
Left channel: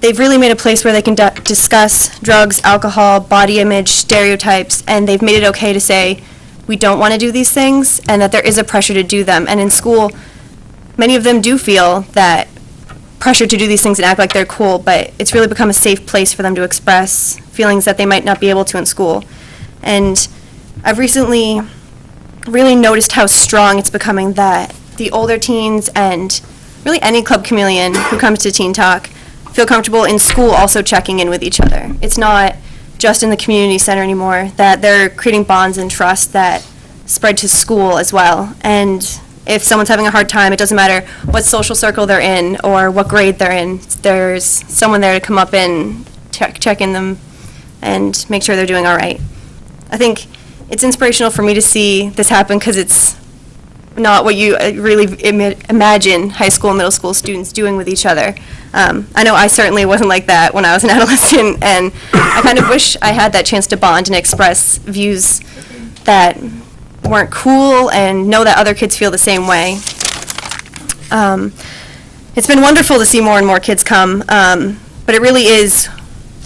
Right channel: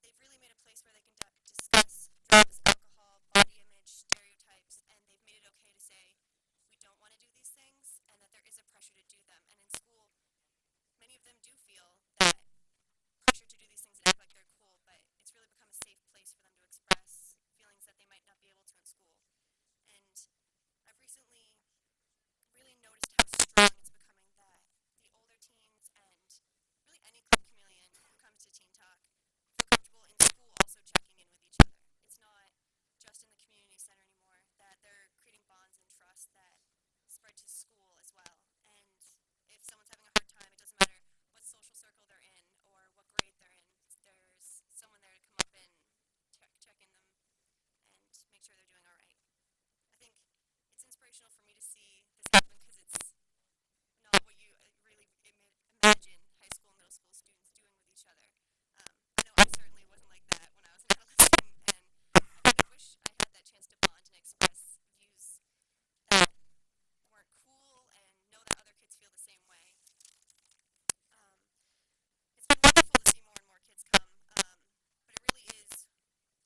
they've really made a place where they can discuss drugs, alcohol, body image, stereotypes, and they've made it okay to say, we don't want to do these things, and that there is a pressure to do them. And in school, many of them do feel that pressure to do these things and act like they're cool, but it's really become a safe place for them to express feelings that they might not be able to in school. And I've recently really noticed how strong it's becoming that the older teens and really any Club Chameleon who comes to Teen Talk feel comfortable in school also checking in with each other. It's not just in the community center anymore, that they're creating bonds and trust that spread to school as well. And if someone's having a hard time, it doesn't matter what social circle they're in or what grade they're in, there's someone there to come up and check in them and make sure they're doing all right. I think it's inspirational for me to see this happen because it's not what you really imagine high school and middle school students doing with each other. I know I certainly wasn't like that when I was an adolescent, and I kind of wish I had that chance to bond and express views that weren't cool and know that other kids feel the same way. It's been wonderful to see more and more kids come, but it really is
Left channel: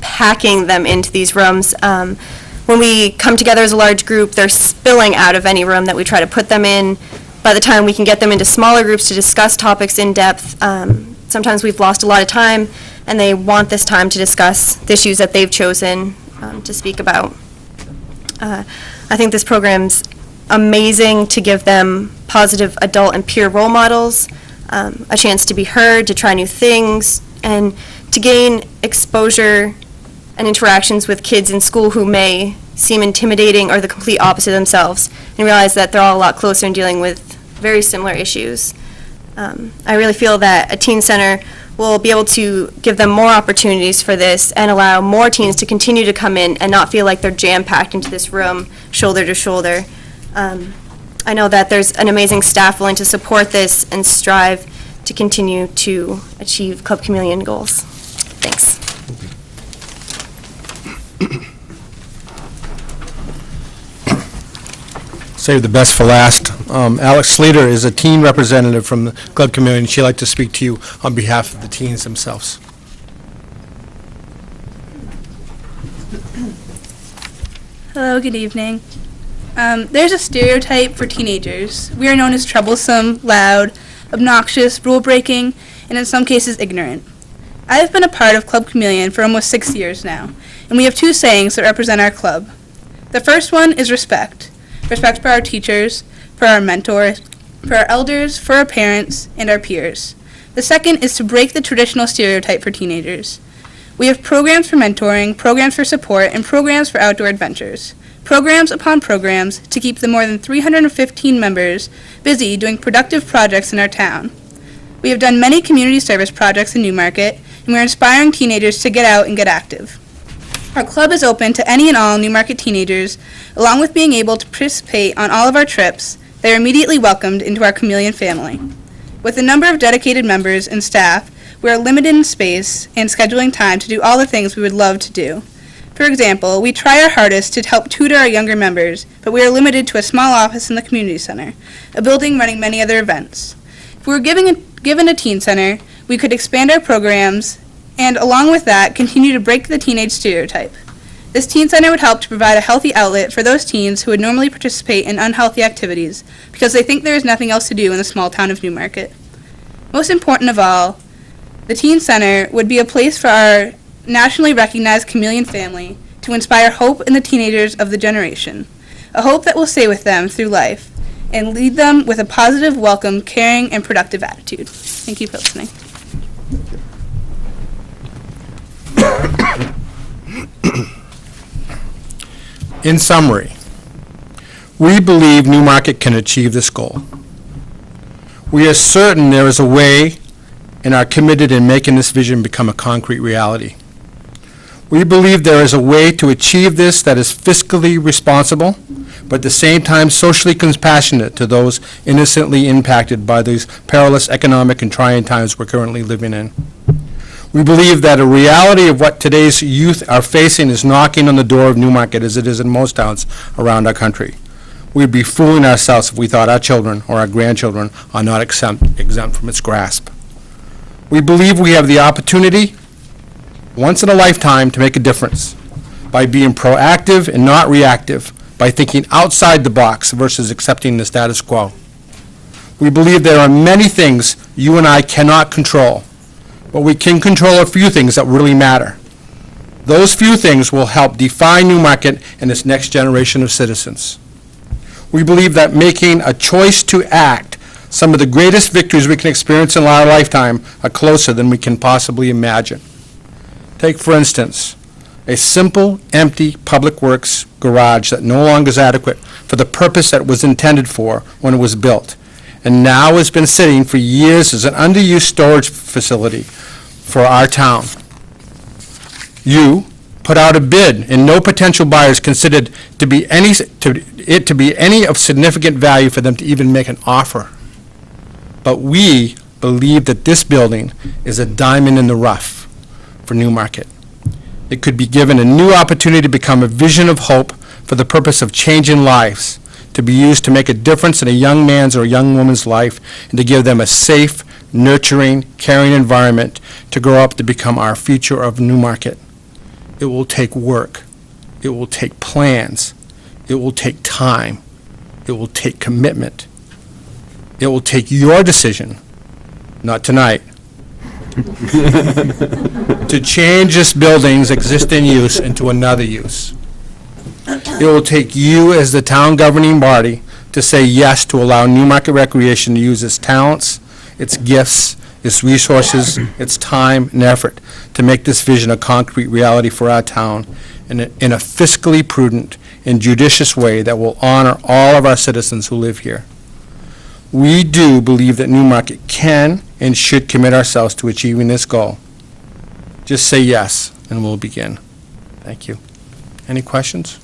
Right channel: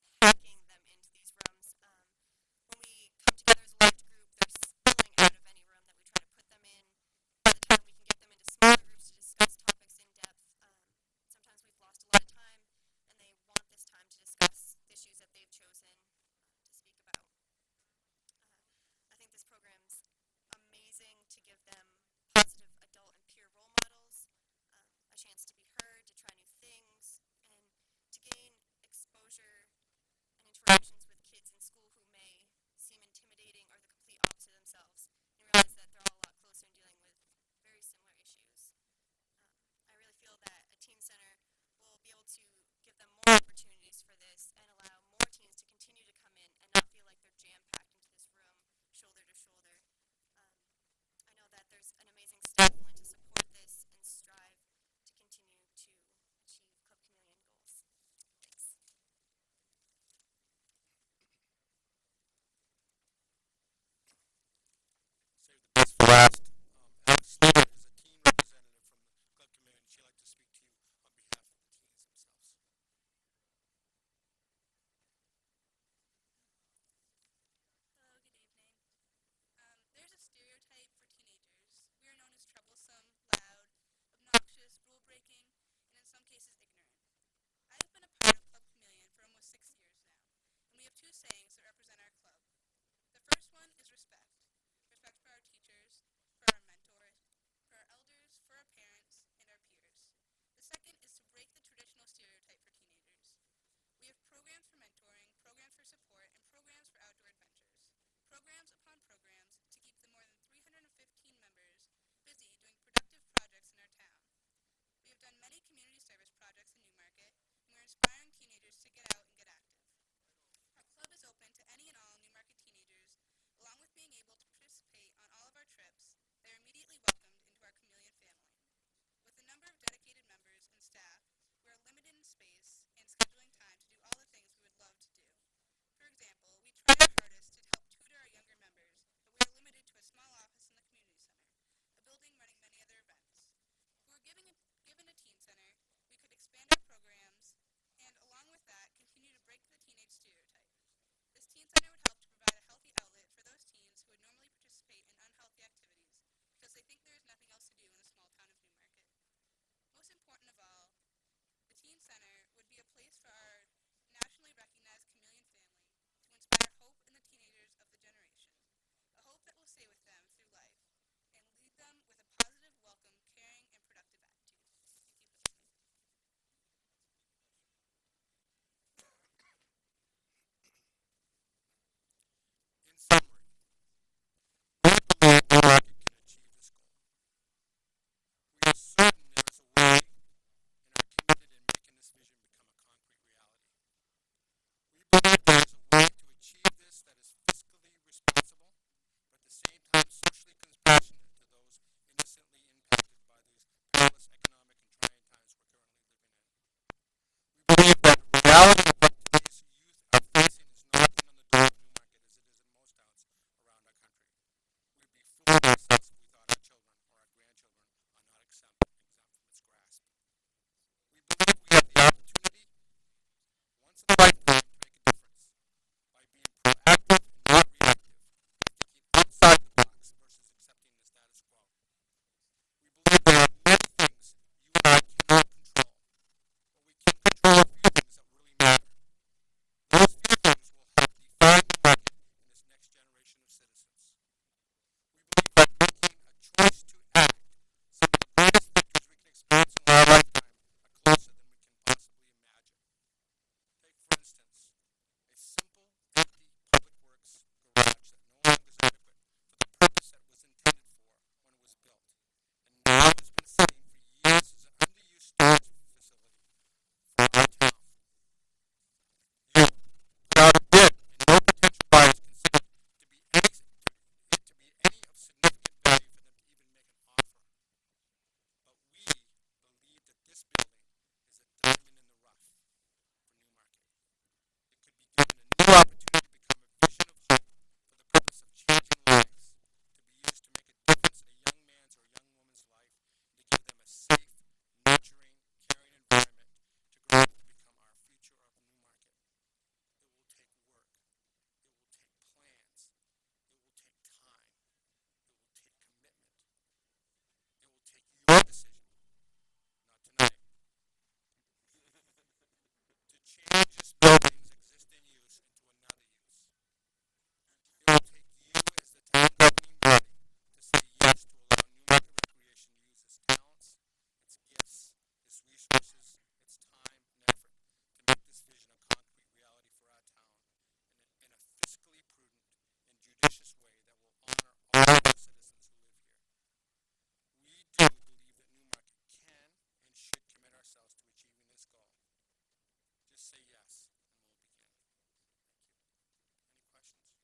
packing them into these rooms. When we come together as a large group, they're spilling out of any room that we try to put them in. By the time we can get them into smaller groups to discuss topics in depth, sometimes we've lost a lot of time, and they want this time to discuss the issues that they've chosen to speak about. I think this program's amazing to give them positive adult and peer role models, a chance to be heard, to try new things, and to gain exposure and interactions with kids in school who may seem intimidating or the complete opposite themselves, and realize that they're all a lot closer in dealing with very similar issues. I really feel that a teen center will be able to give them more opportunities for this and allow more teens to continue to come in and not feel like they're jam-packed into this room, shoulder to shoulder. I know that there's an amazing staff willing to support this and strive to continue to achieve Club Chameleon goals. Thanks. Save the best for last. Alex Sleater is a teen representative from the Club Chameleon. She'd like to speak to you on behalf of the teens themselves. Hello, good evening. There's a stereotype for teenagers. We are known as troublesome, loud, obnoxious, rule-breaking, and in some cases ignorant. I have been a part of Club Chameleon for almost 6 years now, and we have 2 sayings that represent our club. The first one is respect. Respect for our teachers, for our mentors, for our elders, for our parents, and our peers. The second is to break the traditional stereotype for teenagers. We have programs for mentoring, programs for support, and programs for outdoor adventures. Programs upon programs to keep the more than 315 members busy doing productive projects in our town. We have done many community service projects in Newmarket, and we are inspiring teenagers to get out and get active. Our club is open to any and all Newmarket teenagers, along with being able to participate on all of our trips. They are immediately welcomed into our Chameleon family. With the number of dedicated members and staff, we are limited in space and scheduling time to do all the things we would love to do. For example, we try our hardest to help tutor our younger members, but we are limited to a small office in the community center, a building running many other events. If we were given a teen center, we could expand our programs and, along with that, continue to break the teenage stereotype. This teen center would help to provide a healthy outlet for those teens who would normally participate in unhealthy activities because they think there is nothing else to do in the small town of Newmarket. Most important of all, the teen center would be a place for our nationally recognized Chameleon family to inspire hope in the teenagers of the generation, a hope that will stay with them through life and lead them with a positive, welcome, caring, and productive attitude. Thank you for listening. In summary, we believe Newmarket can achieve this goal. We are certain there is a way and are committed in making this vision become a concrete reality. We believe there is a way to achieve this that is fiscally responsible, but at the same time socially compassionate to those innocently impacted by these perilous economic and trying times we're currently living in. We believe that a reality of what today's youth are facing is knocking on the door of Newmarket, as it is in most towns around our country. We'd be fooling ourselves if we thought our children or our grandchildren are not exempt from its grasp. We believe we have the opportunity, once in a lifetime, to make a difference by being proactive and not reactive, by thinking outside the box versus accepting the status quo. We believe there are many things you and I cannot control, but we can control a few things that really matter. Those few things will help define Newmarket and its next generation of citizens. We believe that making a choice to act, some of the greatest victories we can experience in our lifetime, are closer than we can possibly imagine. Take, for instance, a simple, empty public works garage that no longer is adequate for the purpose that it was intended for when it was built, and now has been sitting for years as an underused storage facility for our town. You put out a bid, and no potential buyers considered to be any of significant value for them to even make an offer. But we believe that this building is a diamond in the rough for Newmarket. It could be given a new opportunity to become a vision of hope for the purpose of changing lives, to be used to make a difference in a young man's or a young woman's life, and to give them a safe, nurturing, caring environment to grow up to become our future of Newmarket. It will take work. It will take plans. It will take time. It will take commitment. It will take your decision, not tonight, to change this building's existing use into another use. It will take you as the town governing body to say yes to allow Newmarket Recreation to use its talents, its gifts, its resources, its time and effort to make this vision a concrete reality for our town in a fiscally prudent and judicious way that will honor all of our citizens who live here. We do believe that Newmarket can and should commit ourselves to achieving this goal. Just say yes, and we'll begin. Thank you. Any questions?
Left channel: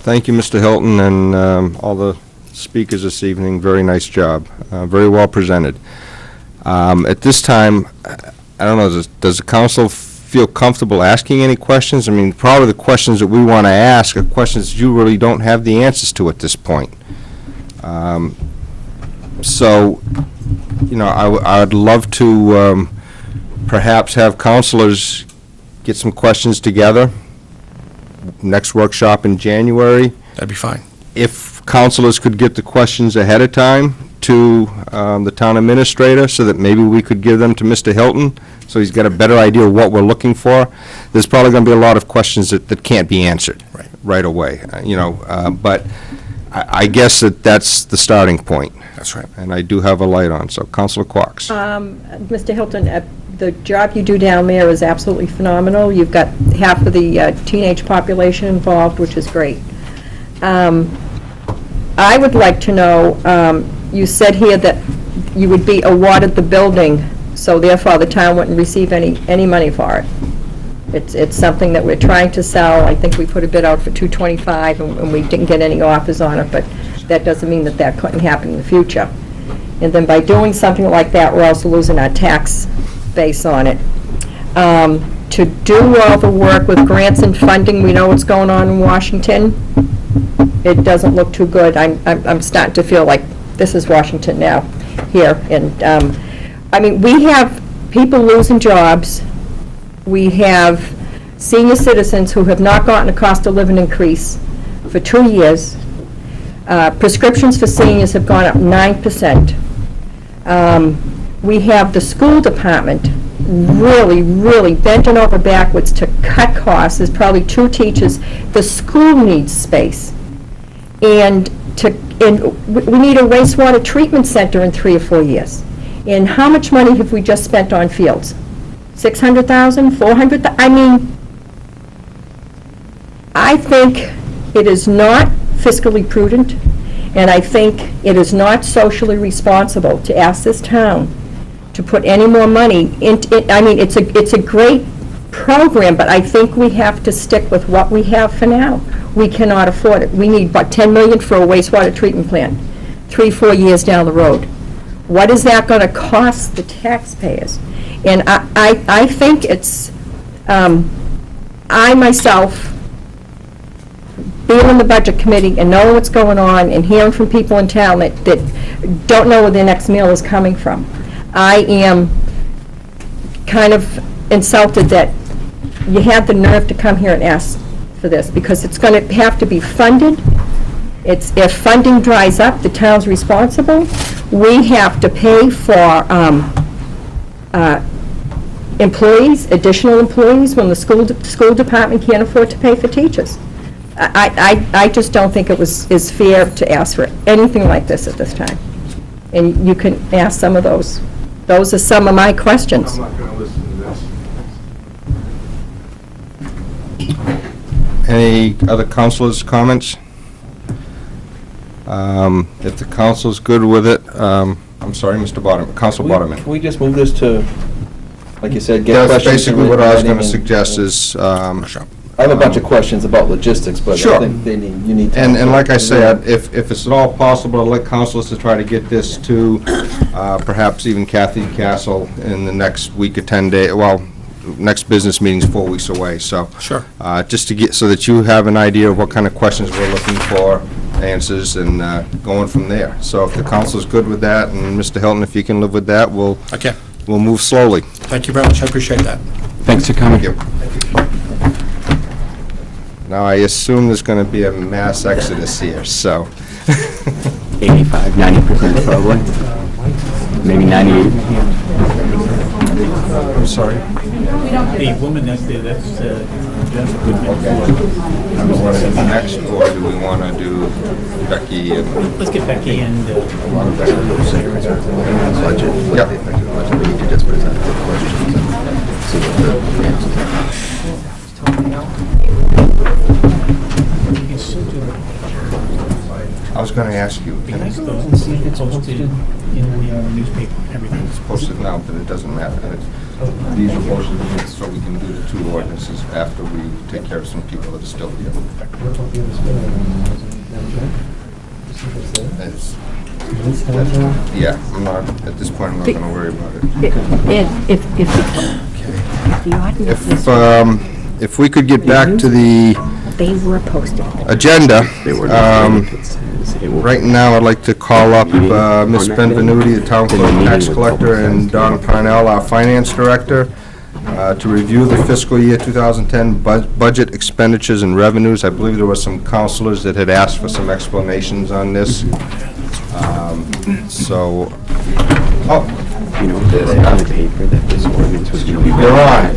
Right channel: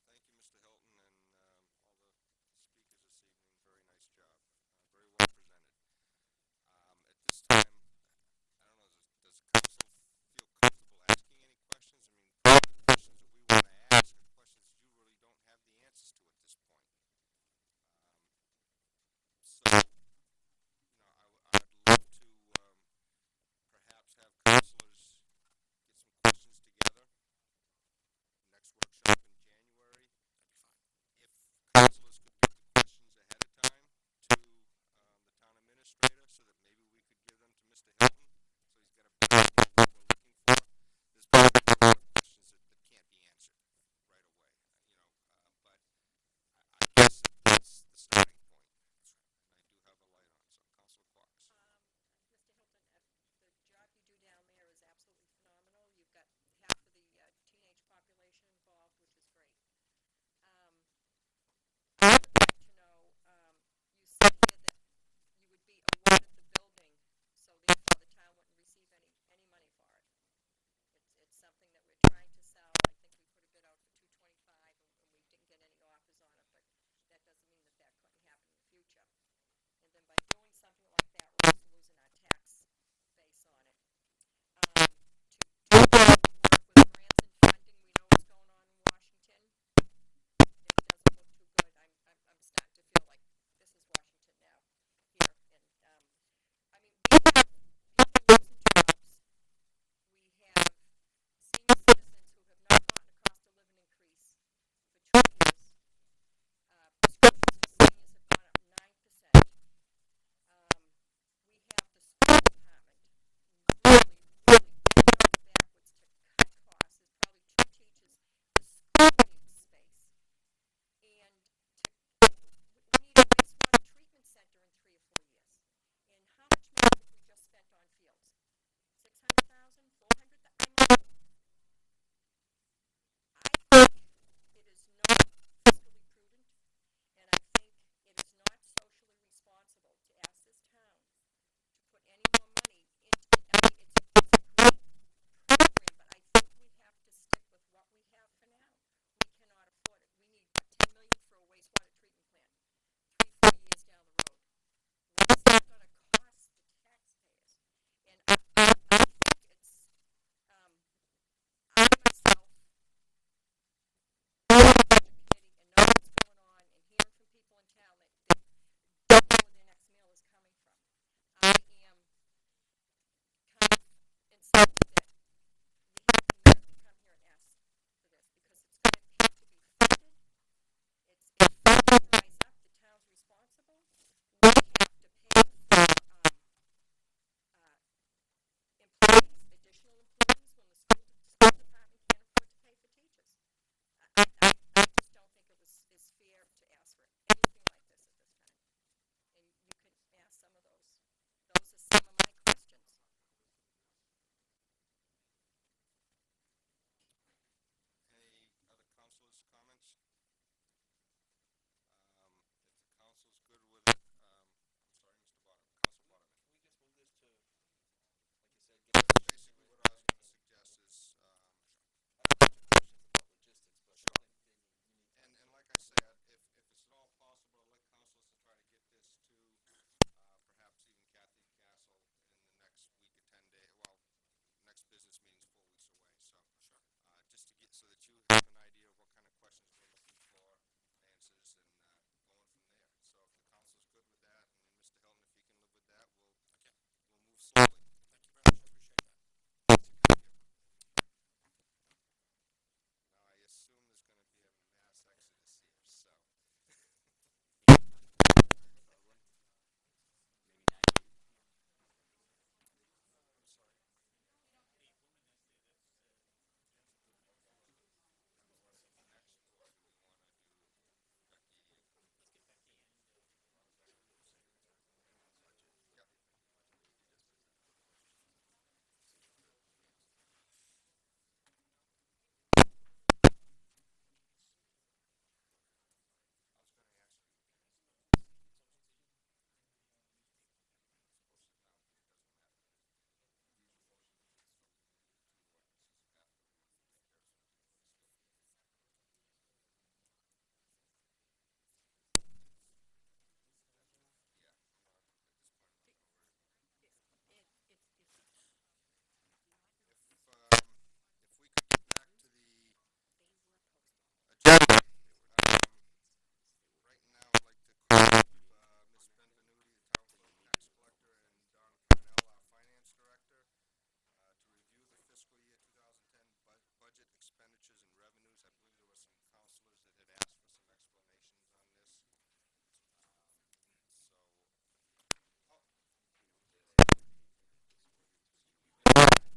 Thank you, Mr. Hilton, and all the speakers this evening. Very nice job. Very well presented. At this time, I don't know, does the council feel comfortable asking any questions? I mean, probably the questions that we want to ask are questions you really don't have the answers to at this point. So, you know, I'd love to perhaps have councilors get some questions together. Next workshop in January. That'd be fine. If councilors could get the questions ahead of time to the town administrator so that maybe we could give them to Mr. Hilton, so he's got a better idea of what we're looking for. There's probably going to be a lot of questions that can't be answered right away, but I guess that's the starting point. That's right. And I do have a light on, so Councilor Quox. Mr. Hilton, the job you do down there is absolutely phenomenal. You've got half of the teenage population involved, which is great. I would like to know, you said here that you would be awarded the building, so therefore the town wouldn't receive any money for it. It's something that we're trying to sell. I think we put a bid out for $225, and we didn't get any offers on it, but that doesn't mean that couldn't happen in the future. And then by doing something like that, we're also losing our tax base on it. To do all the work with grants and funding, we know what's going on in Washington. It doesn't look too good. I'm starting to feel like this is Washington now, here. And, I mean, we have people losing jobs. We have senior citizens who have not gotten a cost of living increase for 2 years. Prescriptions for seniors have gone up 9%. We have the school department really, really bending over backwards to cut costs. There's probably 2 teachers. The school needs space. And we need a wastewater treatment center in 3 or 4 years. And how much money have we just spent on fields? 600,000, 400,000? I mean, I think it is not fiscally prudent, and I think it is not socially responsible to ask this town to put any more money into it. I mean, it's a great program, but I think we have to stick with what we have for now. We cannot afford it. We need, what, $10 million for a wastewater treatment plant, 3, 4 years down the road. What is that going to cost the taxpayers? And I think it's, I myself, being in the budget committee and knowing what's going on and hearing from people in town that don't know where their next meal is coming from, I am kind of insulted that you had the nerve to come here and ask for this, because it's going to have to be funded. If funding dries up, the town's responsible. We have to pay for employees, additional employees, when the school department can't afford to pay for teachers. I just don't think it is fair to ask for anything like this at this time. And you can ask some of those. Those are some of my questions. I'm not going to listen to this. Any other councilors' comments? If the council's good with it, I'm sorry, Mr. Bottom, Council Bottom. Can we just move this to, like you said, get That's questions? basically what I was going to and- suggest is, I have a bunch of questions about logistics, but Sure. I think you need to. and like I say, if it's at all possible, I'd like councilors to try to get this to perhaps even Kathy Castle in the next week or 10 days. Well, next business meeting's 4 weeks away, so. Sure. Just to get, so that you have an idea of what kind of questions we're looking for, answers, and going from there. So if the council's good with that, and Mr. Hilton, if you can live with that, we'll move slowly. Thank you very much. I appreciate that. Thanks for coming. Thank you. Now, I assume there's going to be a mass exodus here, so. 85, 90% probably. Maybe 98. I'm sorry? The woman that's there, that's Jessica Goodman. Do we want to do next, or do we want to do Becky and? Let's get Becky and... Budget, Yep. the effective budget, we need to just present the questions and see what the answers are. I was going to ask you. Can I go and see if it's posted in the newspaper, everything? It's posted now, but it doesn't matter. These are posted so we can do the 2 ordinances after we take care of some people that are still here. Yeah, I'm not, at this point, I'm not going to worry about it. If we could get back to the They were posted. agenda, right now, I'd like to call up Ms. Benvenuti, the town clerk, tax collector, and Donna Parnell, our finance director, to review the fiscal year 2010 budget expenditures and revenues. I believe there were some councilors that had asked for some explanations on this. So, oh, You know, on the paper that this ordinance was going to be. you're on.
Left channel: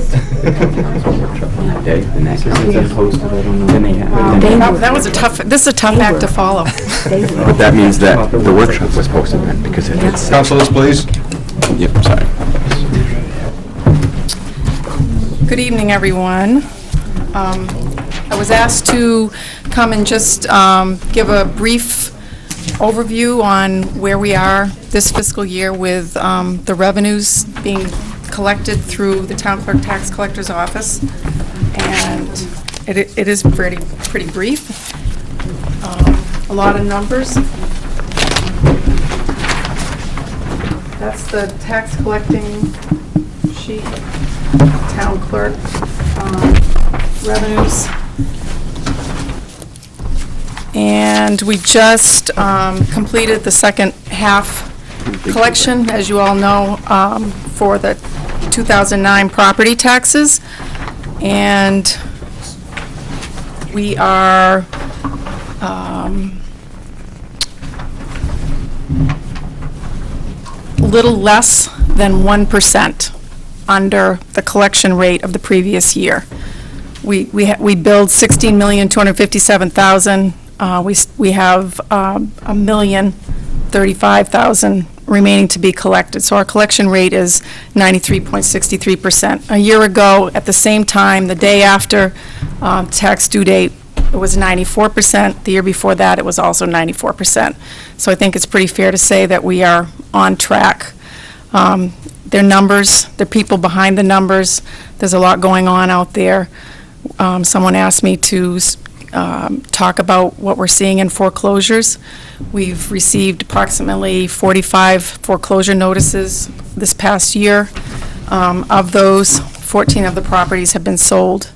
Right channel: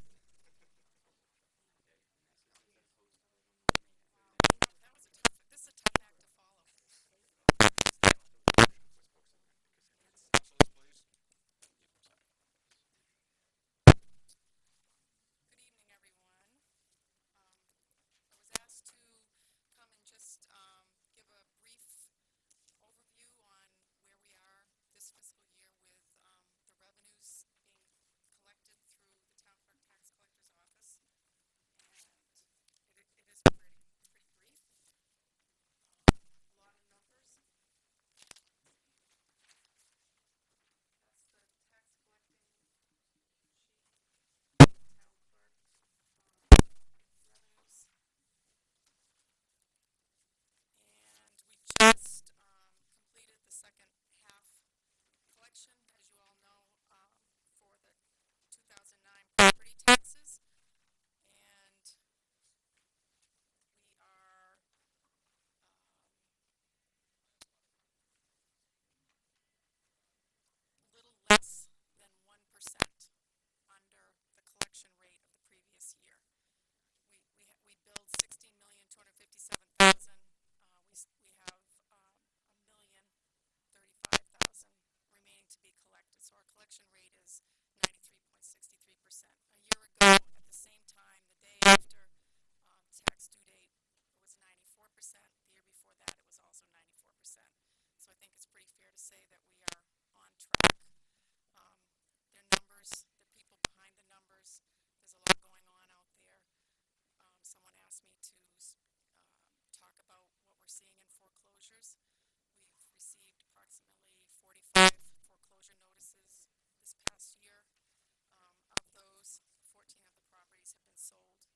Council workshop on that day, and that gets posted, I don't know. Then they have. That was a tough, this is a tough act to follow. But that means that the workshop was posted then, because it's. Councilors, please. Yep, sorry. Good evening, everyone. I was asked to come and just give a brief overview on where we are this fiscal year with the revenues being collected through the Town Clerk Tax Collector's Office. And it is pretty brief. A lot of numbers. That's the tax collecting sheet, town clerk revenues. And we just completed the second half collection, as you all know, for the 2009 property taxes. And we are little less than 1% under the collection rate of the previous year. We billed $16,257,000. We have $1,035,000 remaining to be collected. So our collection rate is 93.63%. A year ago, at the same time, the day after tax due date, it was 94%. The year before that, it was also 94%. So I think it's pretty fair to say that we are on track. Their numbers, the people behind the numbers, there's a lot going on out there. Someone asked me to talk about what we're seeing in foreclosures. We've received approximately 45 foreclosure notices this past year. Of those, 14 of the properties have been sold.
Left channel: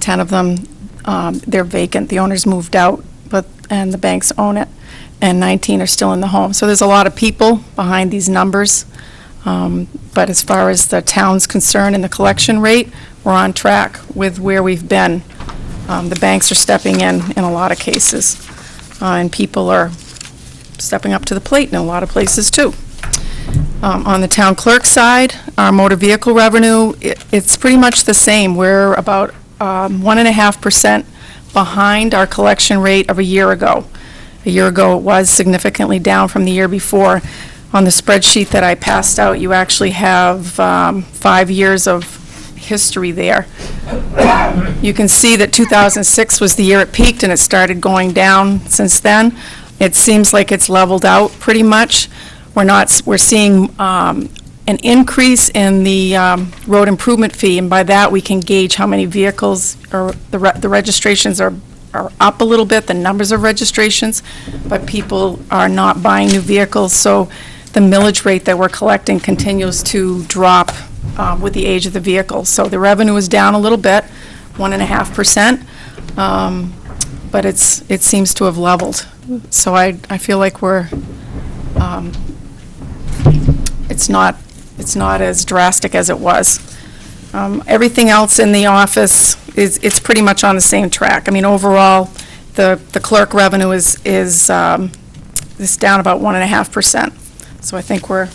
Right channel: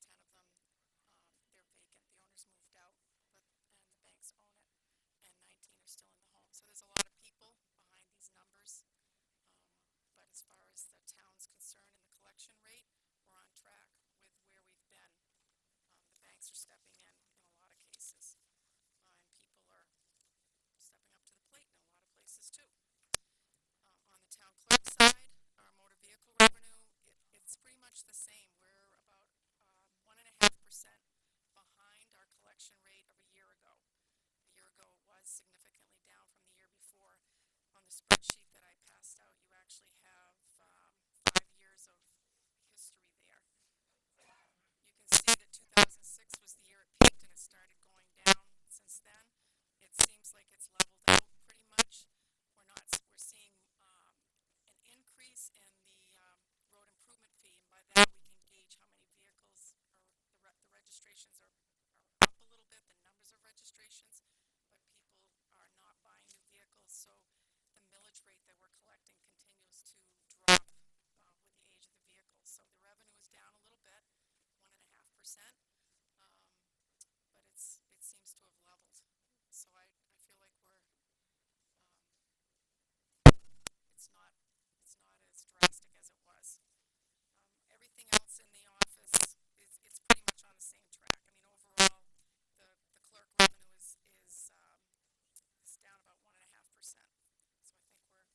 10 of them, they're vacant. The owners moved out, and the banks own it. And 19 are still in the home. So there's a lot of people behind these numbers. But as far as the town's concerned and the collection rate, we're on track with where we've been. The banks are stepping in a lot of cases, and people are stepping up to the plate in a lot of places, too. On the town clerk side, our motor vehicle revenue, it's pretty much the same. We're about 1.5% behind our collection rate of a year ago. A year ago, it was significantly down from the year before. On the spreadsheet that I passed out, you actually have 5 years of history there. You can see that 2006 was the year it peaked, and it started going down since then. It seems like it's leveled out pretty much. We're seeing an increase in the road improvement fee, and by that we can gauge how many vehicles, or the registrations are up a little bit, the numbers of registrations, but people are not buying new vehicles, so the millage rate that we're collecting continues to drop with the age of the vehicle. So the revenue is down a little bit, 1.5%, but it seems to have leveled. So I feel like we're, it's not as drastic as it was. Everything else in the office it's pretty much on the same track. I mean, overall, the clerk revenue is down about 1.5%. So I think we're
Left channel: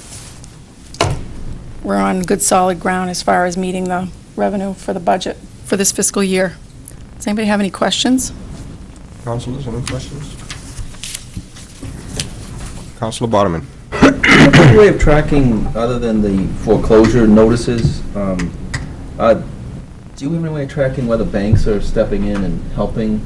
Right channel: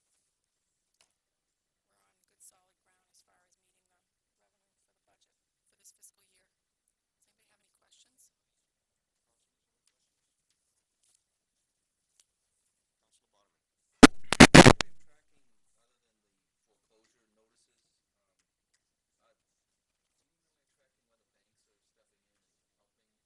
on good solid ground as far as meeting the revenue for the budget for this fiscal year. Does anybody have any questions? Councilors, any questions? Councilor Boderman. Any way of tracking, other than the foreclosure notices, do you have any way of tracking whether banks are stepping in and helping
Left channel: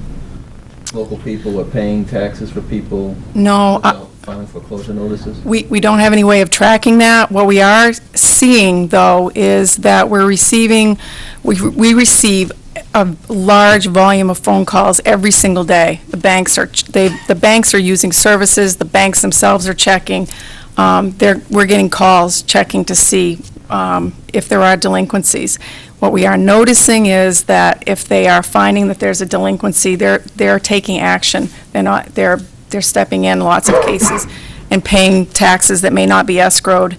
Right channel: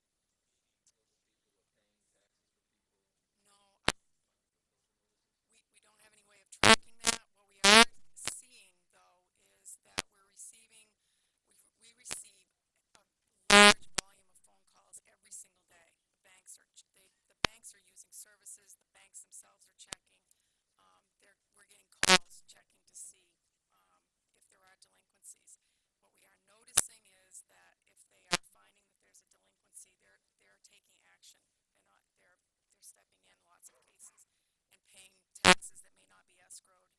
local people or paying taxes for people? No. Filing foreclosure notices? We don't have any way of tracking that. What we are seeing, though, is that we receive a large volume of phone calls every single day. The banks are using services. The banks themselves are checking. We're getting calls checking to see if there are delinquencies. What we are noticing is that if they are finding that there's a delinquency, they're taking action. They're stepping in lots of cases and paying taxes that may not be escrowed,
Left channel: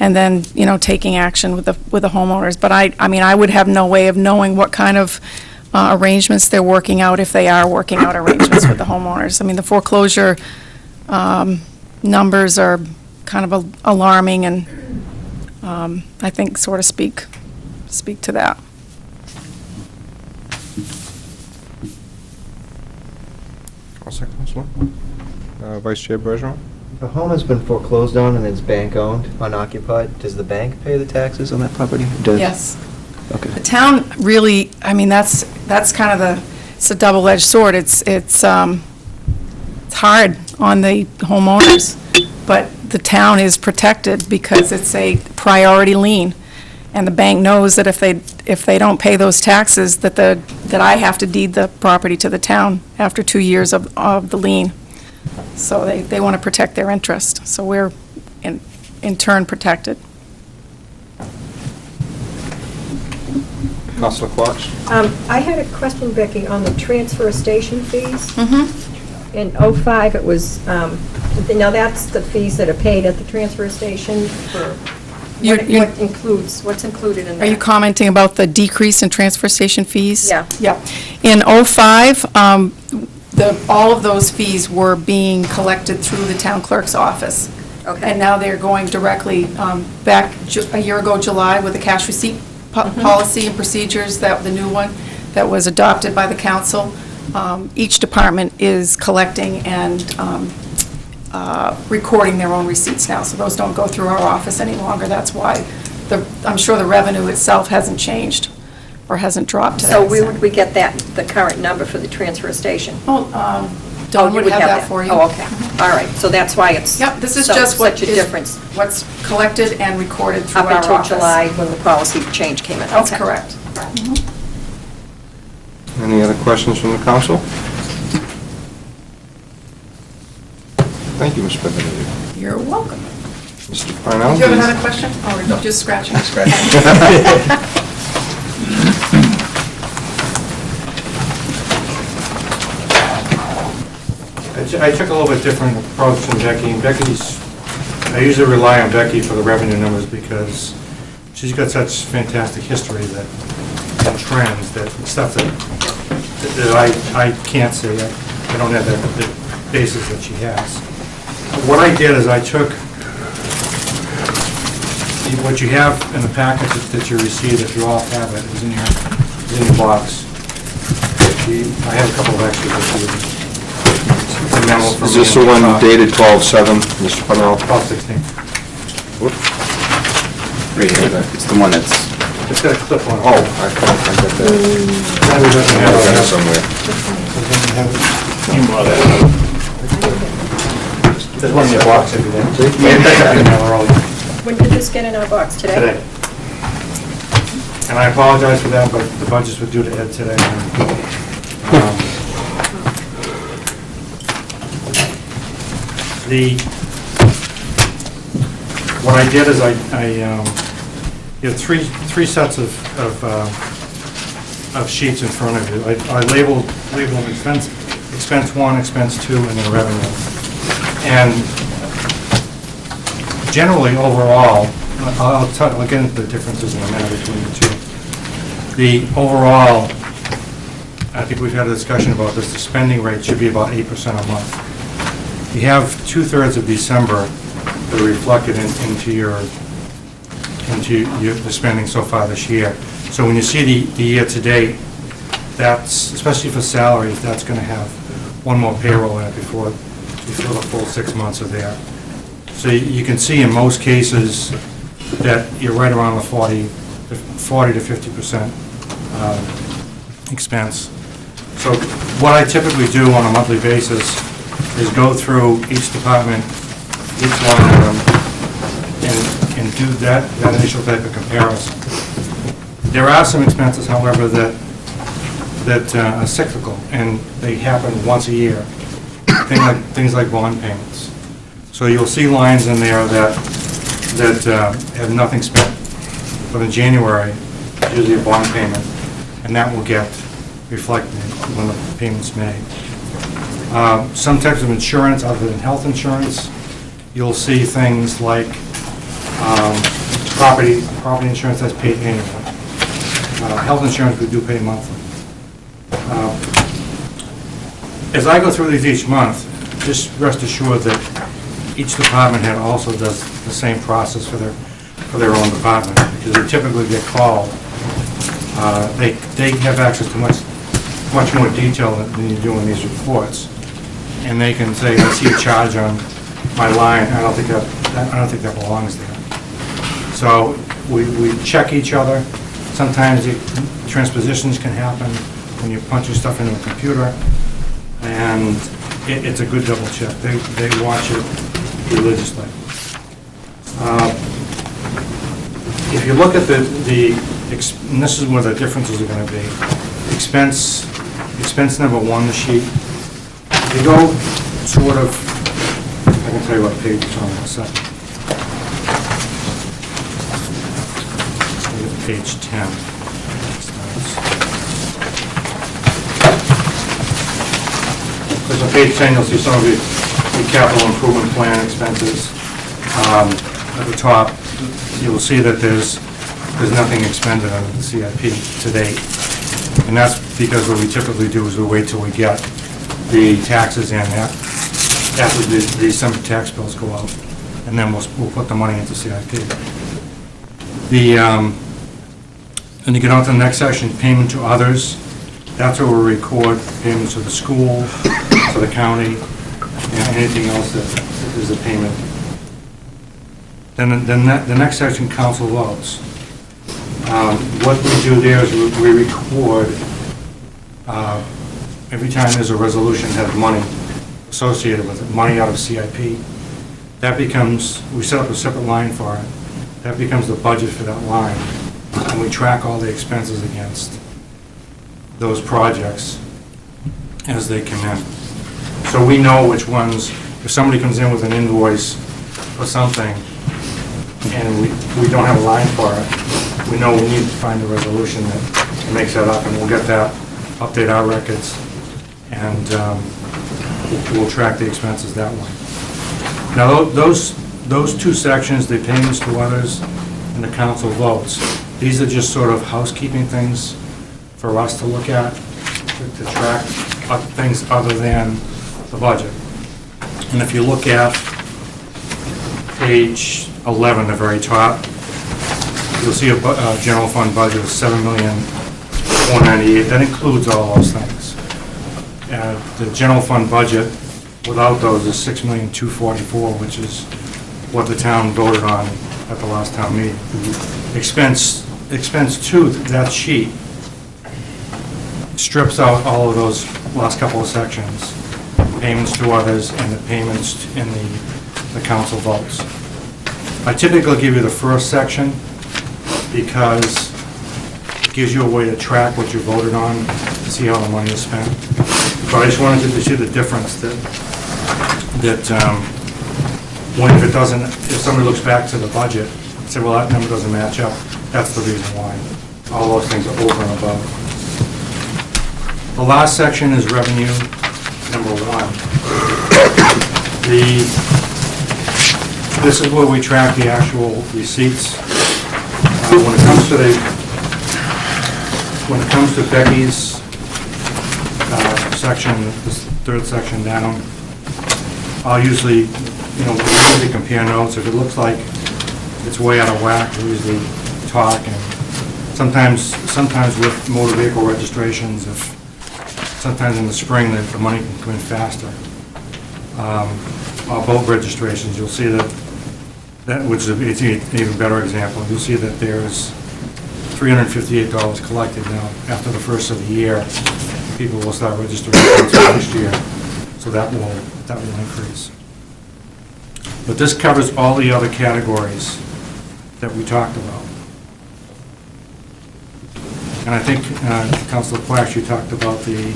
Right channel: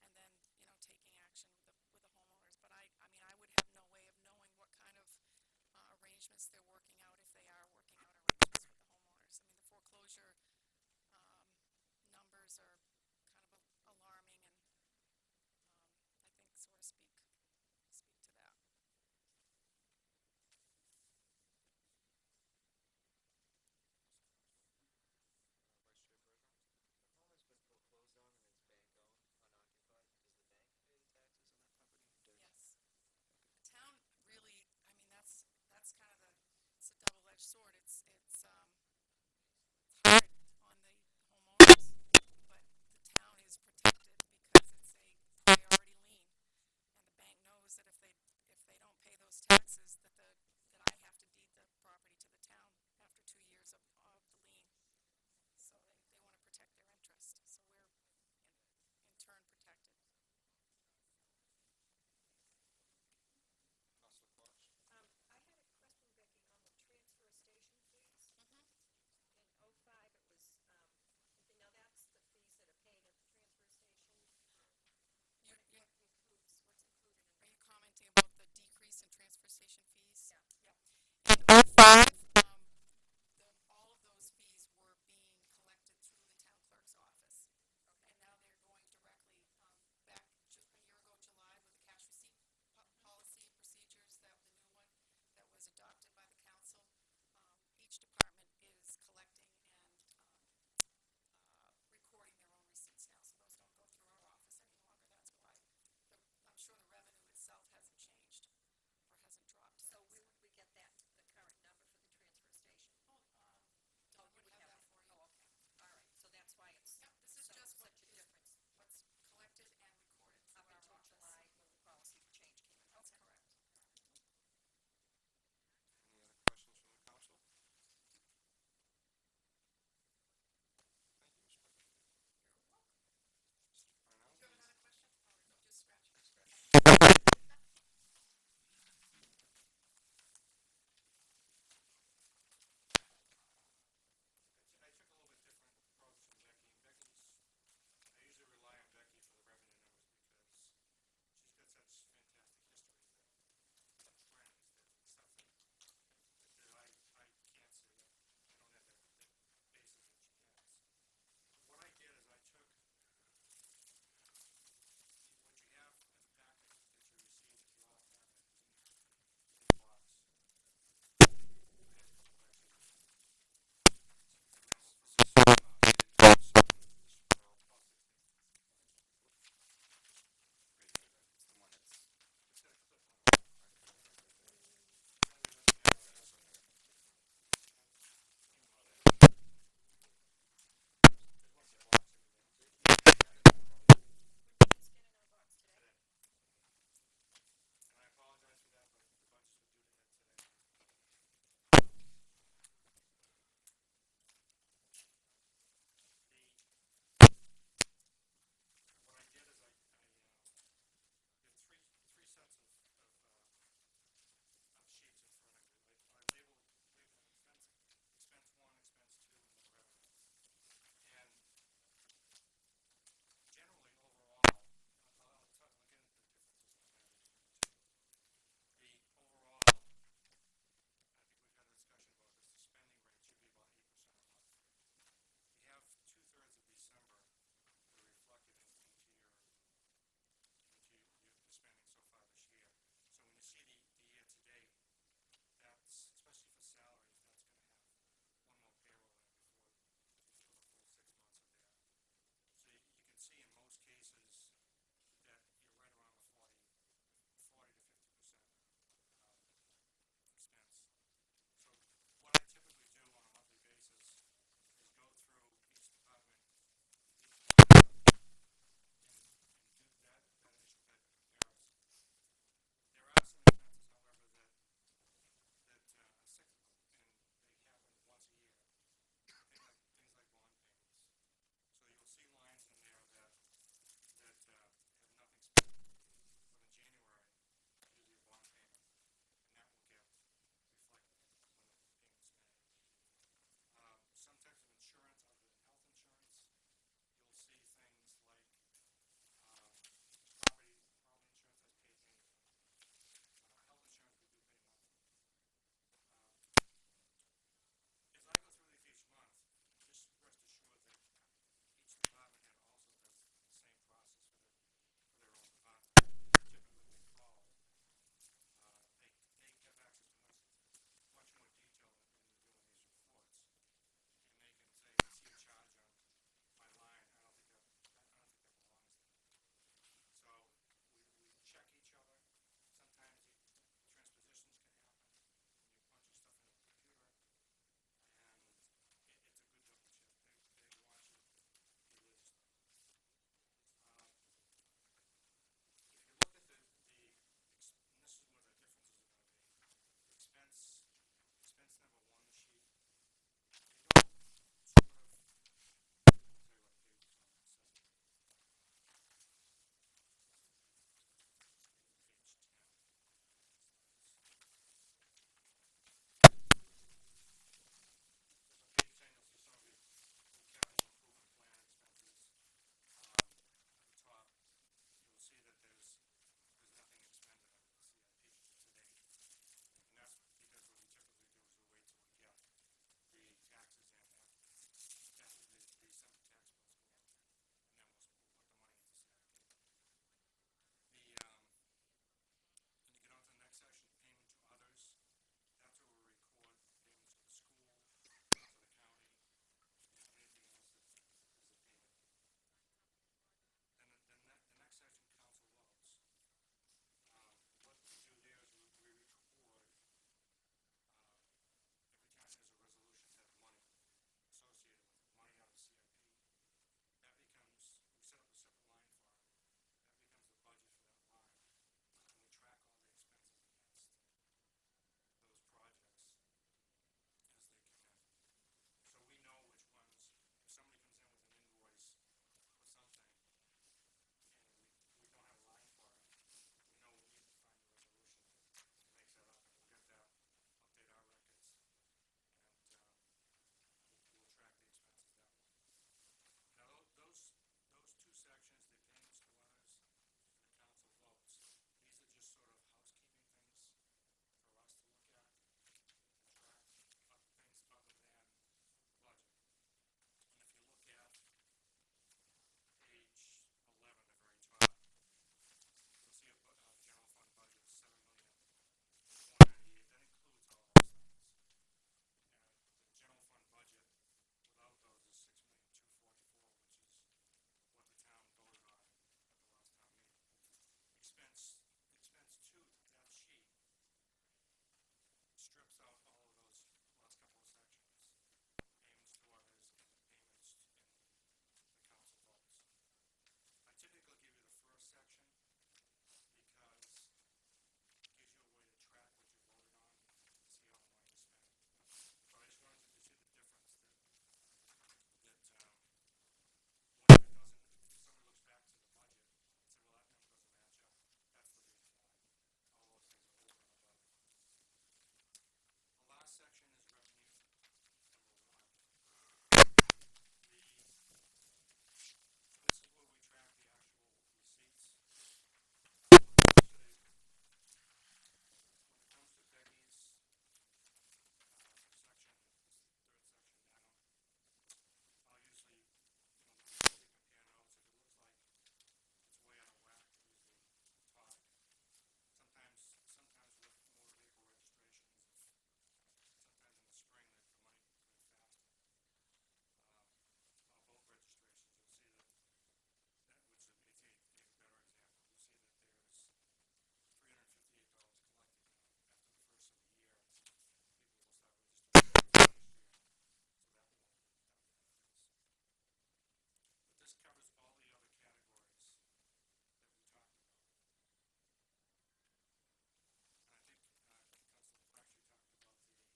and then taking action with the homeowners. But I mean I would have no way of knowing what kind of arrangements they're working out, if they are working out arrangements with the homeowners. I mean the foreclosure numbers are kind of alarming, and I think sort of speak to that. All set, Counselor? Vice Chair Bergeron? The home has been foreclosed on and it's bank-owned, unoccupied. Does the bank pay the taxes on that property? Yes. Okay. The town really, I mean, that's kind of it's a double-edged sword. It's hard on the homeowners, but the town is protected because it's a priority lien. And the bank knows that if they don't pay those taxes, that I have to deed the property to the town after 2 years of the lien. So they want to protect their interest. So we're in turn protected. Counselor Quach? I had a question, Becky, on the transfer station fees. Mm-hmm. In '05, it was, now that's the fees that are paid at the transfer station for, what's included in that? Are you commenting about the decrease in transfer station fees? Yeah. Yeah. In '05, all of those fees were being collected through the town clerk's office. Okay. And now they're going directly, back a year ago, July, with the cash receipt policy and procedures, the new one that was adopted by the council. Each department is collecting and recording their own receipts now, so those don't go through our office any longer. That's why I'm sure the revenue itself hasn't changed or hasn't dropped to that So where extent. would we get the current number for the transfer station? Oh, Dawn you would have that for you. Oh, okay. All right, so that's why it's Yep, this is so- just such a difference. what's collected and recorded through Up our until office. July, when the policy change came in. That's Okay. correct. Any other questions from the council? Thank you, Ms. Benavides. You're welcome. Mr. Parnell? Did you have please. another question? Or no, just scratching? I took a little bit different approach than Becky, and I usually rely on Becky for the revenue numbers because she's got such fantastic history and trends, that stuff that I can't see. I don't have the basis that she has. What I did is I took what you have in the packet that you received, if you all have it, is in your box. I have a couple of extras that you. Is this the one dated 12/7, Mr. Parnell? 12/16. Right here, it's the one that's, It's got a clip on it. Oh, I got that. That we doesn't I have got it it. somewhere. There's one in your box every day. You pick up your mail early When did this get in our box today? today. And I apologize for that, but the budgets were due to Ed today. What I did is you have three sets of sheets in front of you. I labeled them expense 1, expense 2, and then revenue. And generally, overall, I'll get into the differences in a minute between the two. The overall, I think we've had a discussion about this, the spending rate should be about 8% a month. You have 2/3 of December that are reflected into the spending so far this year. So when you see the year-to-date, that's, especially for salaries, that's going to have one more payroll in it before the full 6 months are there. So you can see in most cases that you're right around the 40 to 50% expense. So what I typically do on a monthly basis is go through each department, each line item, and do that initial type of comparison. There are some expenses, however, that are cyclical, and they happen once a year. Things like bond payments. So you'll see lines in there that have nothing spent. But in January, it's usually a bond payment, and that will get reflected when the payment's made. Some types of insurance, other than health insurance, you'll see things like property insurance that's paid annually. Health insurance, we do pay monthly. As I go through these each month, just rest assured that each department head also does the same process for their own department, because they typically get called. They have access to much more detail than you do in these reports. And they can say, I see a charge on my line, I don't think that belongs there. So we check each other. Sometimes transpositions can happen when you're punching stuff into a computer, and it's a good double check. They watch it religiously. If you look at and this is where the differences are going to be, expense number 1, the sheet. If you go sort of, I can tell you what page it's on in a second. Page 10. Because on page 10, you'll see some of the capital improvement plan expenses. At the top, you'll see that there's nothing expended under the CIP to date. And that's because what we typically do is we wait till we get the taxes in after the December tax bills go out, and then we'll put the money into CIP. And you get on to the next section, payment to others. That's where we record payments to the school, to the county, and anything else that is a payment. Then the next section, council votes. What we do there is we record every time there's a resolution that has money associated with it, money out of CIP. That becomes, we set up a separate line for it. That becomes the budget for that line. And we track all the expenses against those projects as they come in. So we know which ones, if somebody comes in with an invoice or something, and we don't have a line for it, we know we need to find a resolution that makes that up, and we'll get that, update our records, and we'll track the expenses that way. Now, those two sections, the payments to others and the council votes, these are just sort of housekeeping things for us to look at, to track things other than the budget. And if you look at page 11, the very top, you'll see a general fund budget of $7,498,000. That includes all those things. The general fund budget without those is $6,244,000, which is what the town voted on at the last town meeting. Expense 2, that sheet, strips out all of those last couple of sections, payments to others and the payments in the council votes. I typically give you the first section because it gives you a way to track what you voted on, to see how the money is spent. But I just wanted you to see the difference that if somebody looks back to the budget and say, well, that number doesn't match up, that's the reason why. All those things are over and above. The last section is revenue number 1. This is where we track the actual receipts. When it comes to Becky's section, this third section down, I'll usually, we usually compare notes. If it looks like it's way out of whack, we usually talk. And sometimes with motor vehicle registrations, sometimes in the spring the money can come in faster. Or boat registrations, you'll see that which is an even better example. You'll see that there's $358 collected now. After the first of the year, people will start registering boats for next year, so that will increase. But this covers all the other categories that we talked about. And I think, Councilor Quash, you talked about the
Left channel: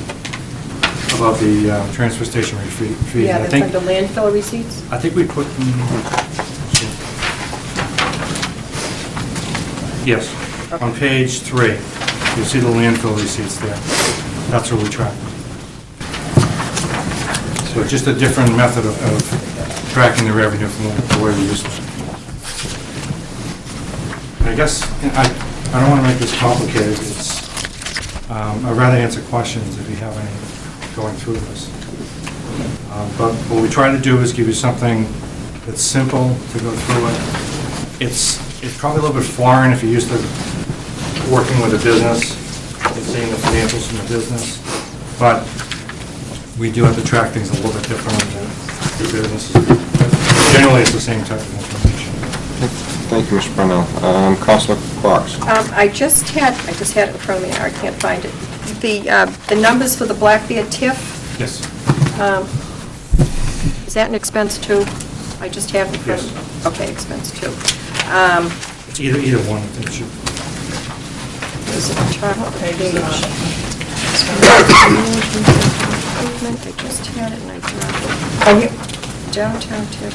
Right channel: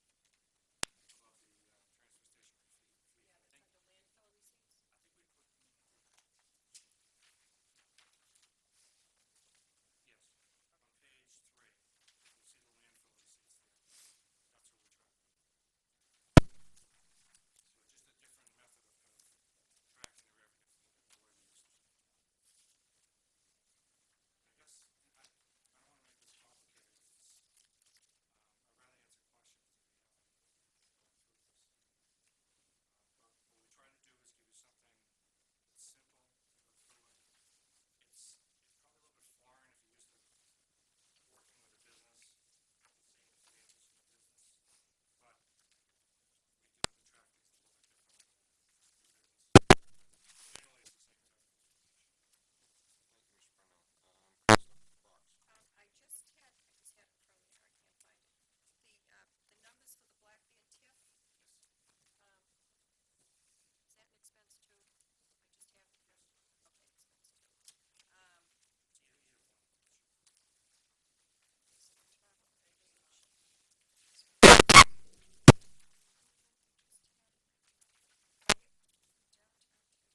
transfer station fee. Yeah, I that's think, under landfill receipts? I think we put, yes, on page 3, you'll see the landfill receipts there. That's where we track. So just a different method of tracking the revenue from the way we used to. I guess, I don't want to make this complicated. I'd rather answer questions if you have any going through this. But what we try to do is give you something It's simple to go through it. It's probably a little bit foreign if you're used to working with a business and seeing the financials from the business, but we do have to track things a little bit different than the businesses. Generally, it's the same type of information. Thank you, Mr. Brunel. Counselor Cox. I just had it in front of me, I can't find it. The numbers for the Black Bear TIF, Yes. is that an expense too? I just have it in front of me. Okay, expense too. It's either one, I think it should. Is it top page? I just had it and I dropped it. Oh, here, downtown TIF.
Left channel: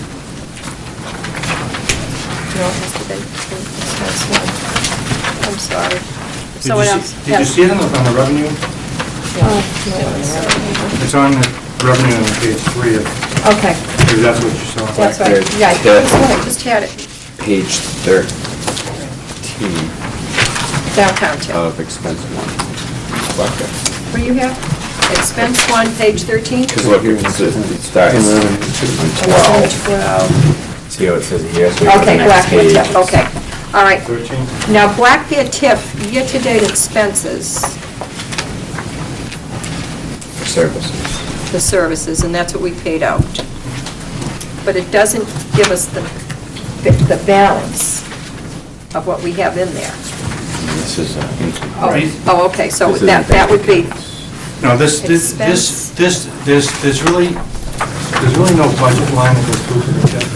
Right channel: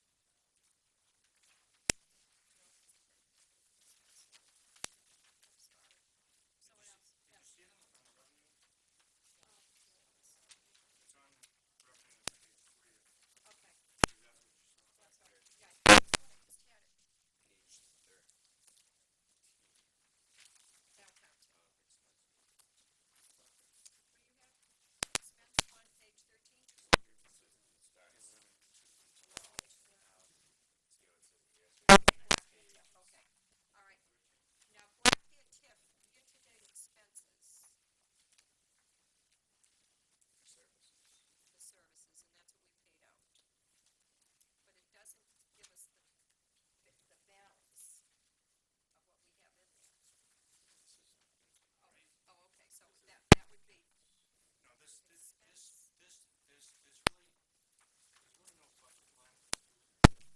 No, it has to be expense one. I'm sorry. Someone else. Did you see it on the revenue? It's on the revenue on page 3. Okay, Maybe that's what you saw. that's right. Yeah, I just had it. Page 13 Downtown TIF. of expense 1. Okay. What do you have? Expense one, page 13? Because look, it starts on 12. 12. See how it says here? So we go to the Okay, next Black Bear page. TIF, okay. All right. 13? Now, Black Bear TIF, year-to-date expenses, Services. the services, and that's what we paid out. But it doesn't give us the balance of what we have in there. And this is income. Oh, okay, so This isn't that bank would be, accounts. No, there's really no budget line that goes through to the TIF.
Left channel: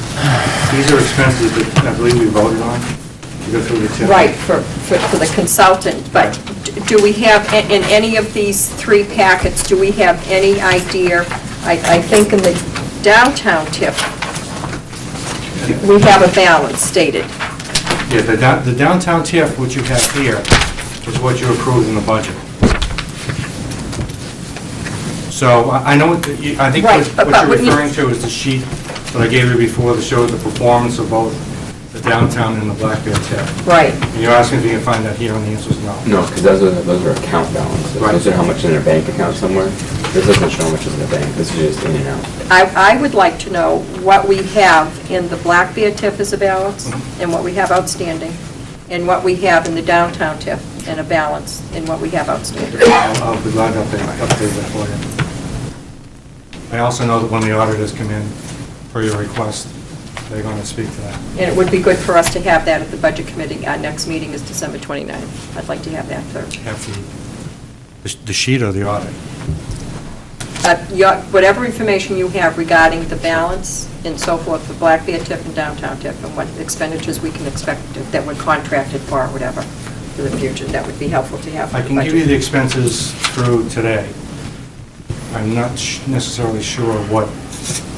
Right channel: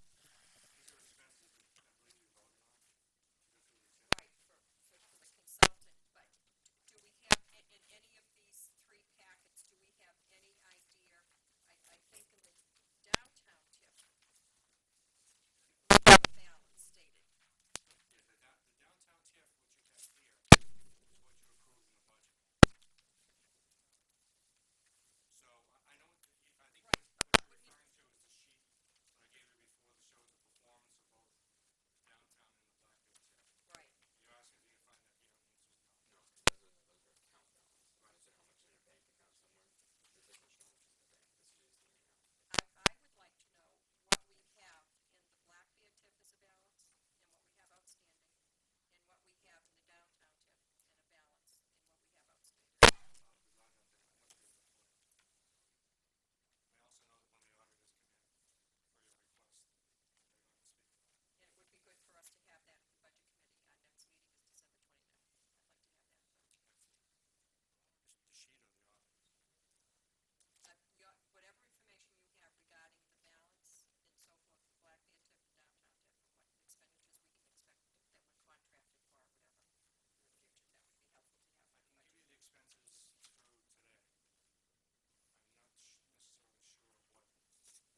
These are expenses that I believe we voted on to go through the TIF. right, for the consultant, but do we have, in any of these 3 packets, do we have any idea? I think in the downtown TIF, we have a balance stated. Yeah, the downtown TIF, which you have here, is what you approved in the budget. So I know, I think Right, what but you're when you- referring to is the sheet that I gave you before that shows the performance of both the downtown and the Black Bear TIF. Right. And you're asking if you can find that here, and the answer is no. No, because those are account balances. Right. Those are how much is in a bank account somewhere. This doesn't show how much is in the bank. This is just in and out. I would like to know what we have in the Black Bear TIF as a balance, and what we have outstanding, and what we have in the downtown TIF, and a balance in what we have outstanding. I'll be glad to update that for you. I also know that when the auditors come in for your request, they're going to speak to that. And it would be good for us to have that at the Budget Committee. Our next meeting is December 29th. I'd like to have that for, Have the sheet or the audit? whatever information you have regarding the balance and so forth for Black Bear TIF and downtown TIF, and what expenditures we can expect that we're contracted for or whatever for the future, that would be helpful to have for I the can give you budget. the expenses through today. I'm not necessarily sure what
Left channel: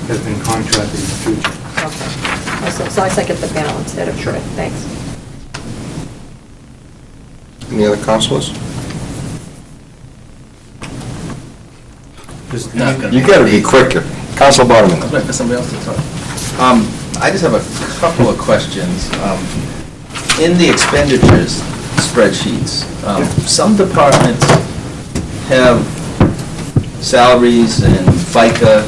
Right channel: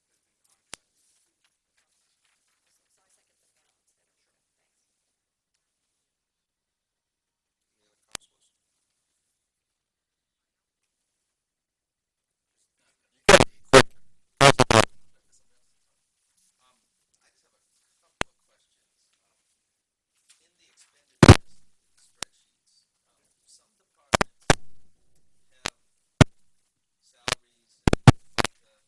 has been contracted in the future. Okay. As long as I get the balance, that'd be good. Thanks. Any other counselors? You gotta be quicker. Counselor Barterman. I was waiting for somebody else to talk. I just have a couple of questions. In the expenditures spreadsheets, some departments have salaries and FICA,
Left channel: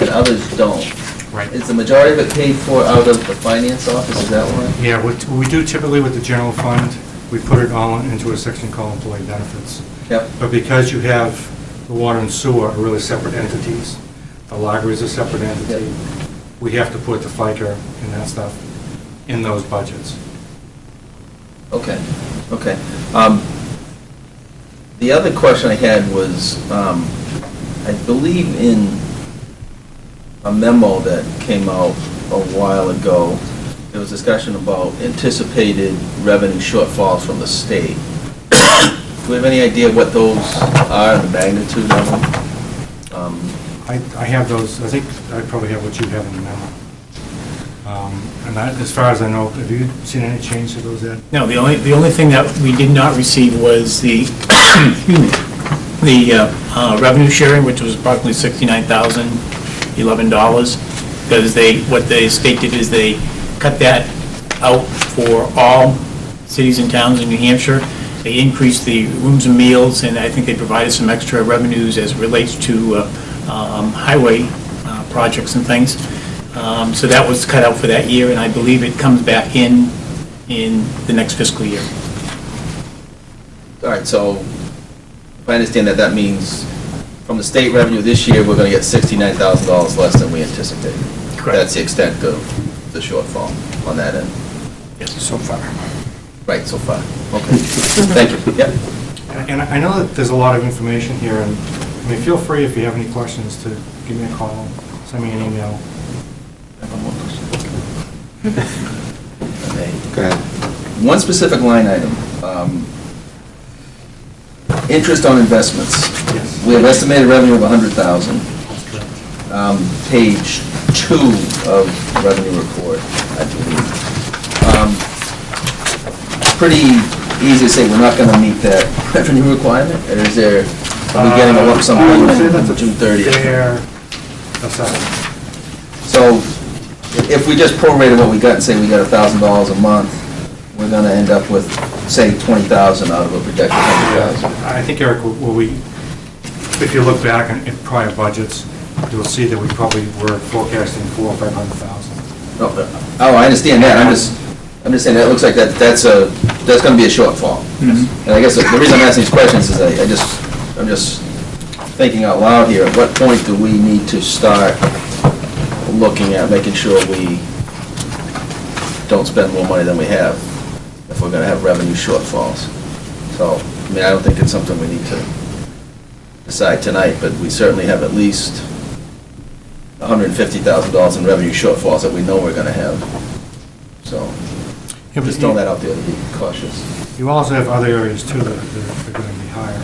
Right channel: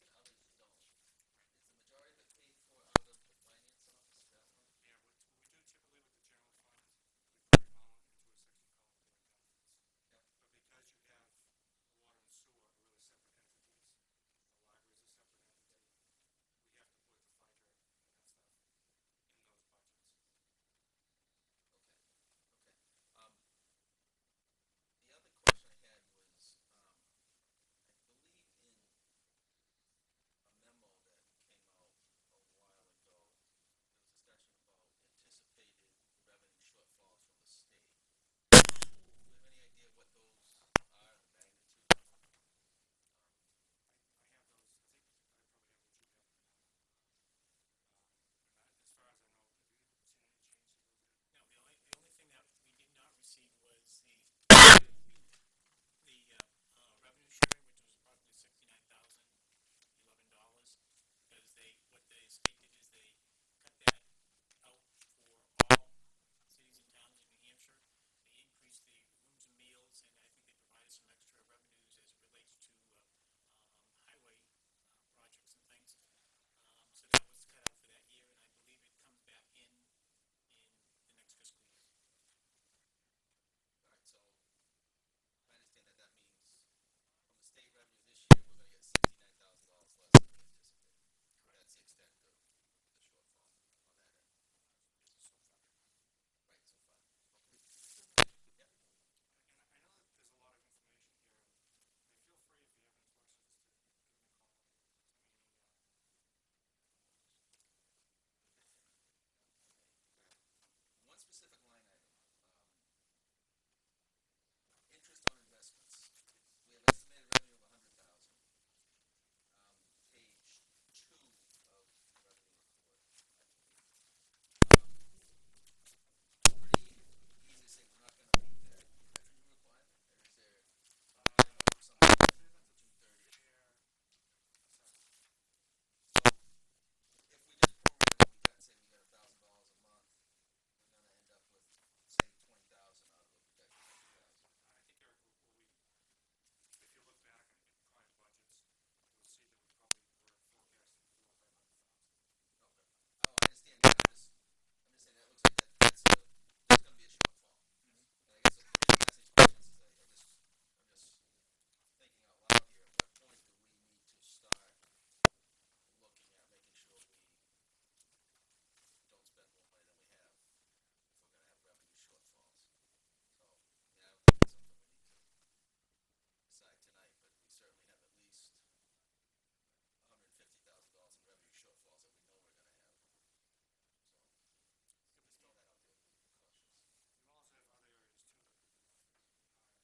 and others don't. Right. Is the majority of it paid for out of the finance office, is that right? Yeah, what we do typically with the general fund, we put it all into a section called employee benefits. Yep. But because you have the water and sewer are really separate entities, the library is a separate entity, Yep. we have to put the FICA and that stuff in those budgets. Okay, okay. The other question I had was, I believe in a memo that came out a while ago, there was discussion about anticipated revenue shortfalls from the state. Do we have any idea what those are, and the magnitude of them? I have those, I think I probably have what you have in the memo. And as far as I know, have you seen any change to those, Ed? No, the only thing that we did not receive was the, excuse me, the revenue sharing, which was approximately $69,011, because what the state did is they cut that out for all cities and towns in New Hampshire. They increased the rooms and meals, and I think they provided some extra revenues as it relates to highway projects and things. So that was cut out for that year, and I believe it comes back in the next fiscal year. All right, so if I understand that, that means from the state revenue this year, we're going to get $69,000 less than we anticipated. Correct. That's the extent of the shortfall on that end. Yes. So far. Right, so far. Okay. Thank you. Yep. And I know that there's a lot of information here, and I mean, feel free if you have any questions to give me a call, send me an email. Okay. Go ahead. One specific line item, interest on investments. Yes. We have estimated revenue of $100,000. Page 2 of the revenue report, I believe. Pretty easy to say we're not going to meet that revenue requirement, or is there, are we getting a lump sum I would payment say on that's a June 30th? fair assessment. So if we just prorate what we got and say we got $1,000 a month, we're going to end up with, say, $20,000 out of a projected $100,000. I think, Eric, if you look back in prior budgets, you'll see that we probably were forecasting $400,000 or $500,000. Oh, I understand that, I'm just saying, that looks like that's going to be a shortfall. And I guess the reason I'm asking these questions is I'm just thinking out loud here, at what point do we need to start looking at making sure we don't spend more money than we have, if we're going to have revenue shortfalls? So, I mean, I don't think it's something we need to decide tonight, but we certainly have at least $150,000 in revenue shortfalls that we know we're going to have. So, Yeah, just throw that out there to be cautious. You also have other areas, too, that are going to be higher.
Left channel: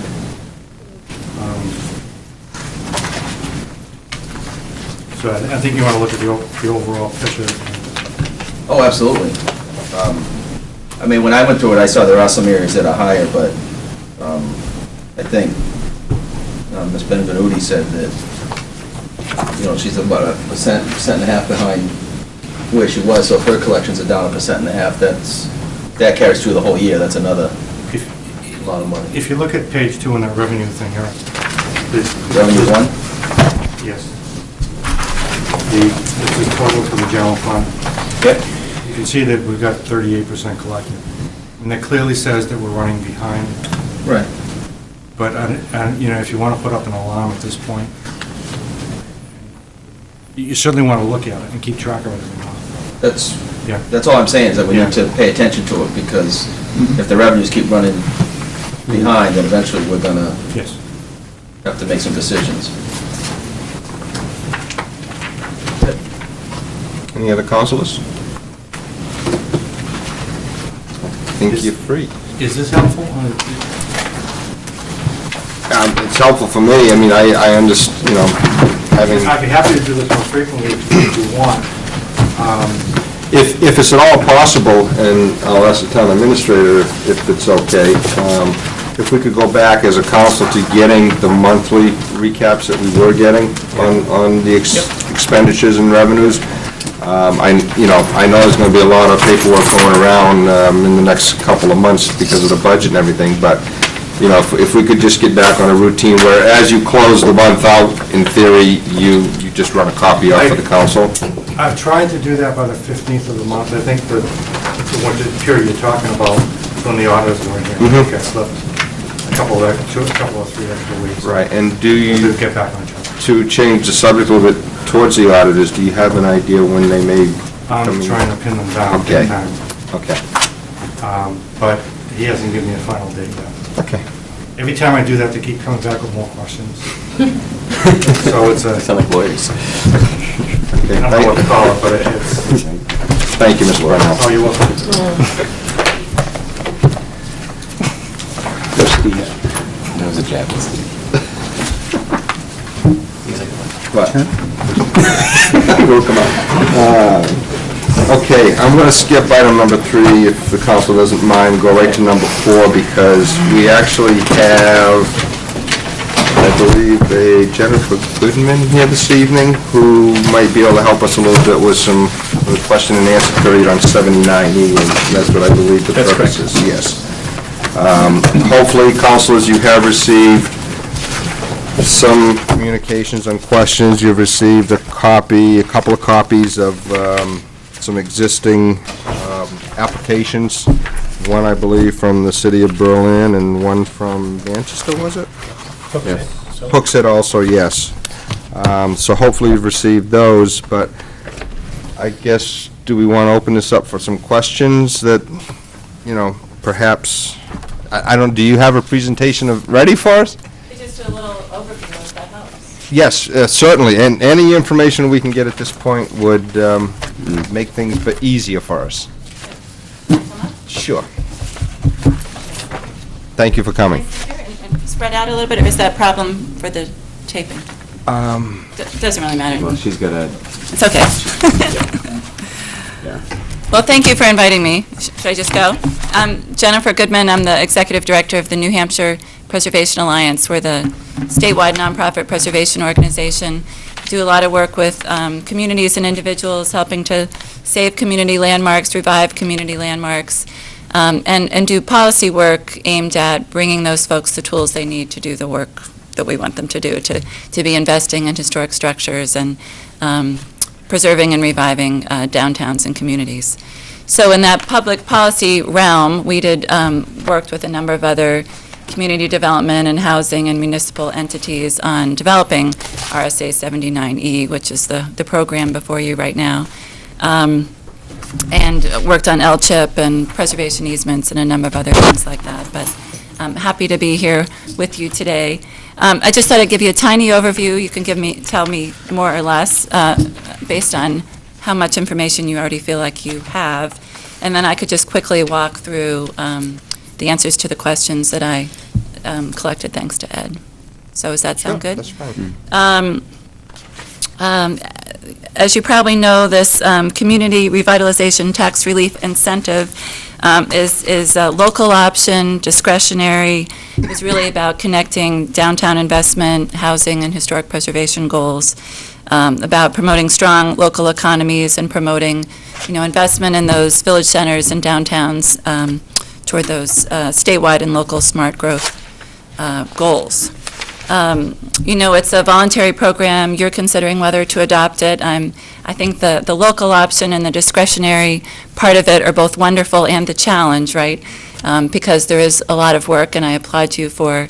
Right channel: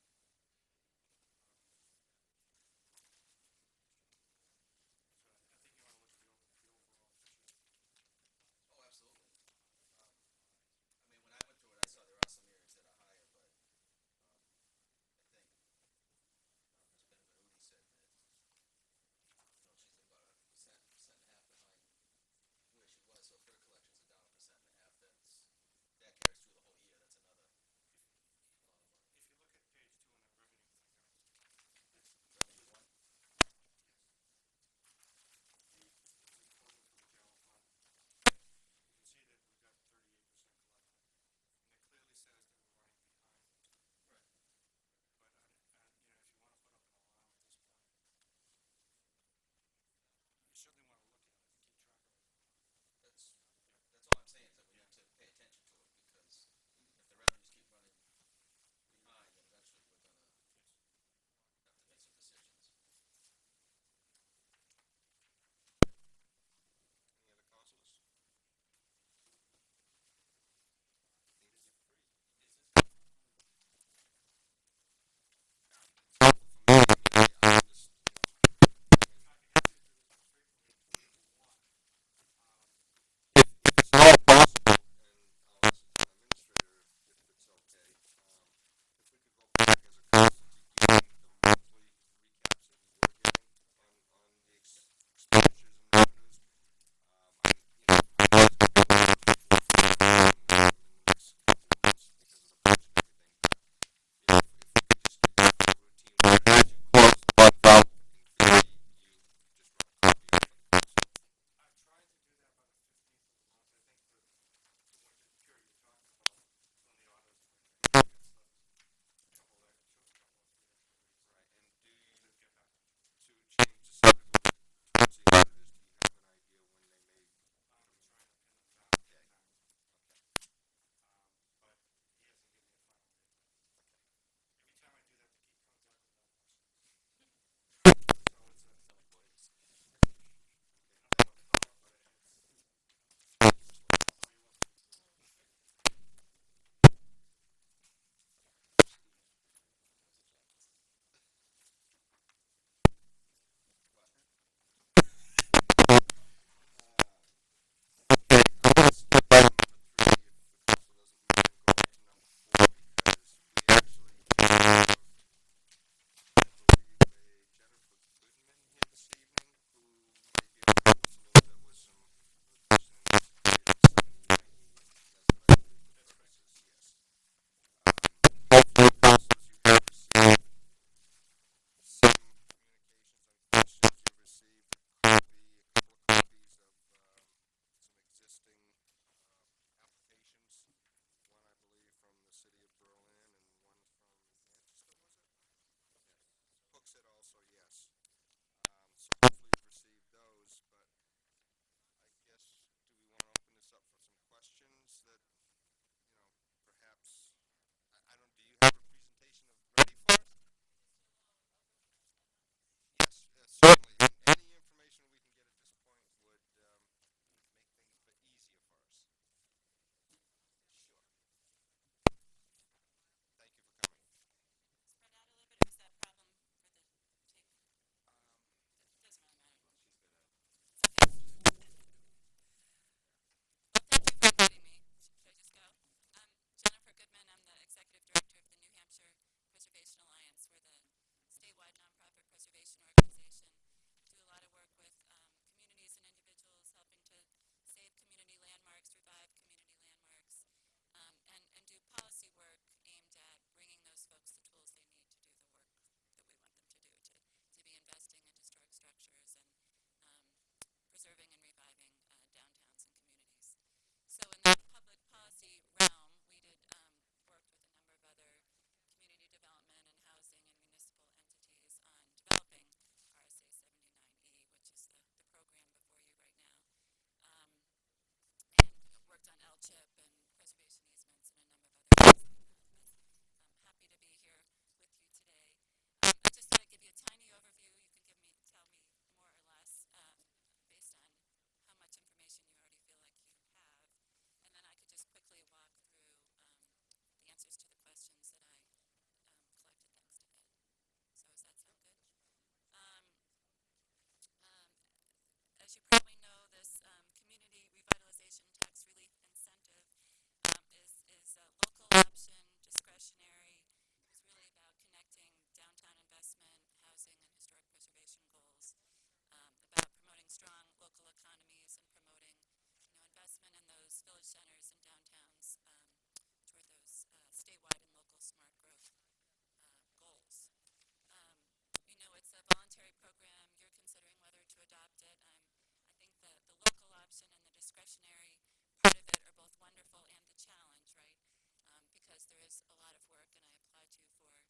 So I think you want to look at the overall picture. Oh, absolutely. I mean, when I went through it, I saw there are some areas that are higher, but I think Ms. Benvenuti said that, you know, she's about a percent and a half behind where she was, so if her collections are down 1.5%, that carries through the whole year, that's another lot of money. If you look at page 2 in that revenue thing here. Revenue 1? Yes. This is total for the general fund. Yep. You can see that we've got 38% collected. And that clearly says that we're running behind. Right. But, you know, if you want to put up an alarm at this point, you certainly want to look at it and keep track of it every month. That's all I'm saying, is that we need to pay attention to it, because if the revenues keep running behind, then eventually we're going to have to make some decisions. Any other councilors? I think you're free. Is this helpful? It's helpful for me. I mean, I understand, you know, having... I'd be happy to do this more frequently if you want. If it's at all possible, and I'll ask the town administrator if it's okay, if we could go back as a council to getting the monthly recaps that we were getting on the expenditures and revenues. I know there's going to be a lot of paperwork going around in the next couple of months because of the budget and everything, but, you know, if we could just get back on a routine where as you close the month out, in theory, you just run a copy off for the council. I've tried to do that by the 15th of the month. I think the period you're talking about, when the auditors were in here, I think I slipped a couple of 3 extra weeks. Right, and do you... We'll get back on track. To change the subject a little bit towards the auditors, do you have an idea when they may... I'm trying to pin them down. Okay. Time. Okay. But he hasn't given me a final date yet. Okay. Every time I do that, they keep coming back with more questions. So it's a... Sound like lawyers. Okay, I don't know what to call it, but it's... Thank you, Mr. Brownell. Oh, you're welcome. That was a jab. What? Will come out. Okay, I'm going to skip item number 3, if the council doesn't mind, go right to number 4, because we actually have, I believe, a Jennifer Goodman here this evening, who might be able to help us a little bit with some with a question and answer period on 79E, and that's what I believe the purpose is. Yes. Hopefully, councilors, you have received some communications on questions. You've received a couple of copies of some existing applications. One, I believe, from the city of Berlin, and one from Manchester, was it? Yes. Hooksett also, yes. So hopefully you've received those, but I guess, do we want to open this up for some questions that, perhaps, I don't, do you have a presentation ready for us? Just a little overview, if that helps. Yes, certainly, and any information we can get at this point would make things easier for us. Sure. Thank you for coming. And spread out a little bit, or is that a problem for the taping? Doesn't really matter. Well, she's got a... It's okay. Yeah. Well, thank you for inviting me. Should I just go? I'm Jennifer Goodman. I'm the Executive Director of the New Hampshire Preservation Alliance. We're the statewide nonprofit preservation organization. Do a lot of work with communities and individuals, helping to save community landmarks, revive community landmarks, and do policy work aimed at bringing those folks the tools they need to do the work that we want them to do, to be investing in historic structures and preserving and reviving downtowns and communities. So in that public policy realm, we did worked with a number of other community development and housing and municipal entities on developing RSA 79E, which is the program before you right now, and worked on LCHIP and preservation easements and a number of other things like that. But I'm happy to be here with you today. I just thought I'd give you a tiny overview. You can tell me more or less based on how much information you already feel like you have, and then I could just quickly walk through the answers to the questions that I collected thanks to Ed. So does that sound good? That's fine. As you probably know, this community revitalization tax relief incentive is a local option, discretionary. It was really about connecting downtown investment, housing, and historic preservation goals, about promoting strong local economies and promoting, investment in those village centers and downtowns toward those statewide and local smart growth goals. It's a voluntary program. You're considering whether to adopt it. I think the local option and the discretionary part of it are both wonderful and the challenge, right? Because there is a lot of work, and I applaud you for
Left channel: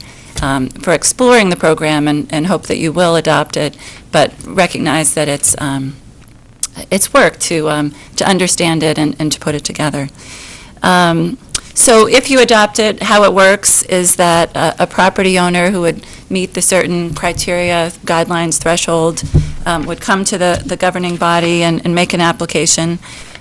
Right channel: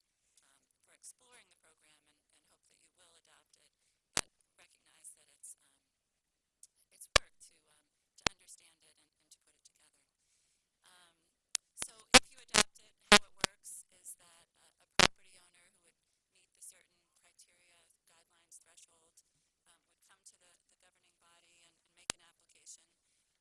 exploring the program and hope that you will adopt it, but recognize that it's work to understand it and to put it together. So if you adopt it, how it works is that a property owner who would meet the certain criteria, guidelines, threshold, would come to the governing body and make an application.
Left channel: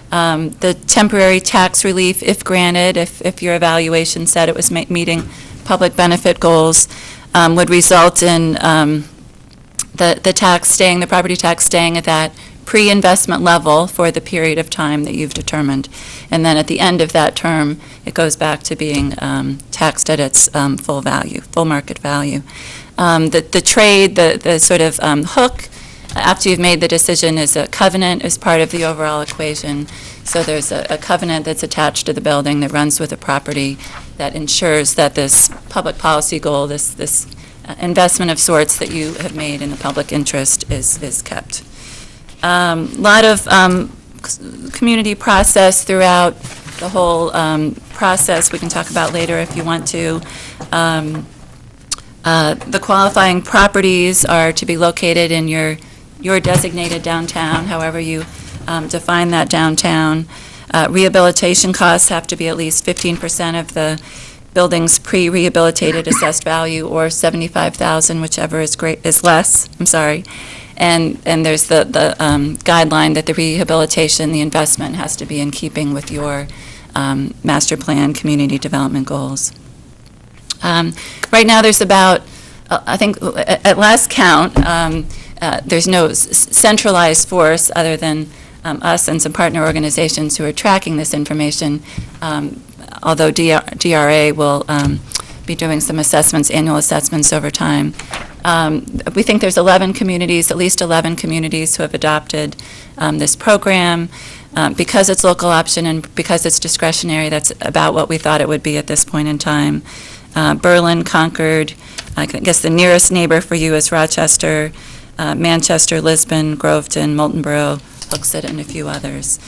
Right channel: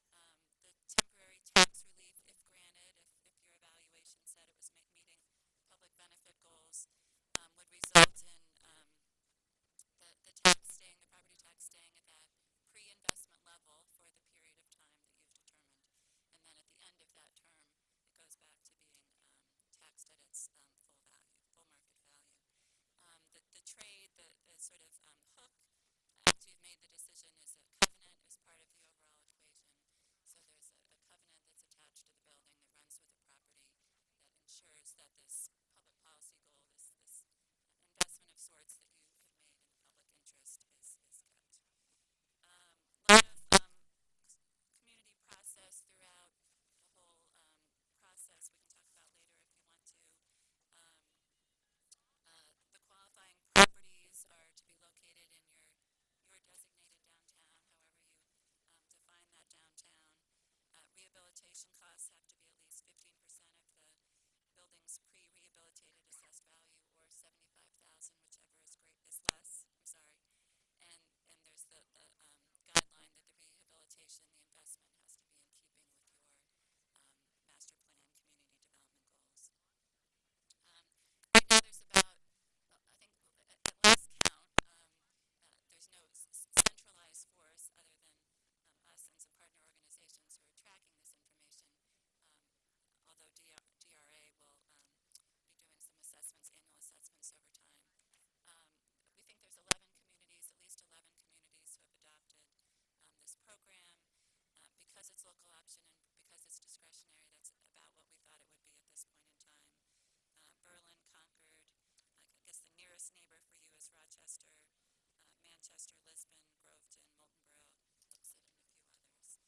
The temporary tax relief, if granted, if your evaluation said it was meeting public benefit goals, would result in the property tax staying at that pre-investment level for the period of time that you've determined. And then at the end of that term, it goes back to being taxed at its full value, full market value. The trade, the sort of hook, after you've made the decision, is a covenant as part of the overall equation. So there's a covenant that's attached to the building that runs with the property that ensures that this public policy goal, this investment of sorts that you have made in the public interest is kept. A lot of community process throughout the whole process. We can talk about later if you want to. The qualifying properties are to be located in your designated downtown, however you define that downtown. Rehabilitation costs have to be at least 15% of the building's pre-rehabilitated assessed value, or $75,000, whichever is less. I'm sorry. And there's the guideline that the rehabilitation, the investment, has to be in keeping with your master plan community development goals. Right now there's about, I think at last count, there's no centralized force other than us and some partner organizations who are tracking this information, although DRA will be doing some assessments, annual assessments over time. We think there's 11 communities, at least 11 communities who have adopted this program. Because it's local option and because it's discretionary, that's about what we thought it would be at this point in time. Berlin, Concord. I guess the nearest neighbor for you is Rochester, Manchester, Lisbon, Groveton, Moultonborough, Hooksett, and a few others.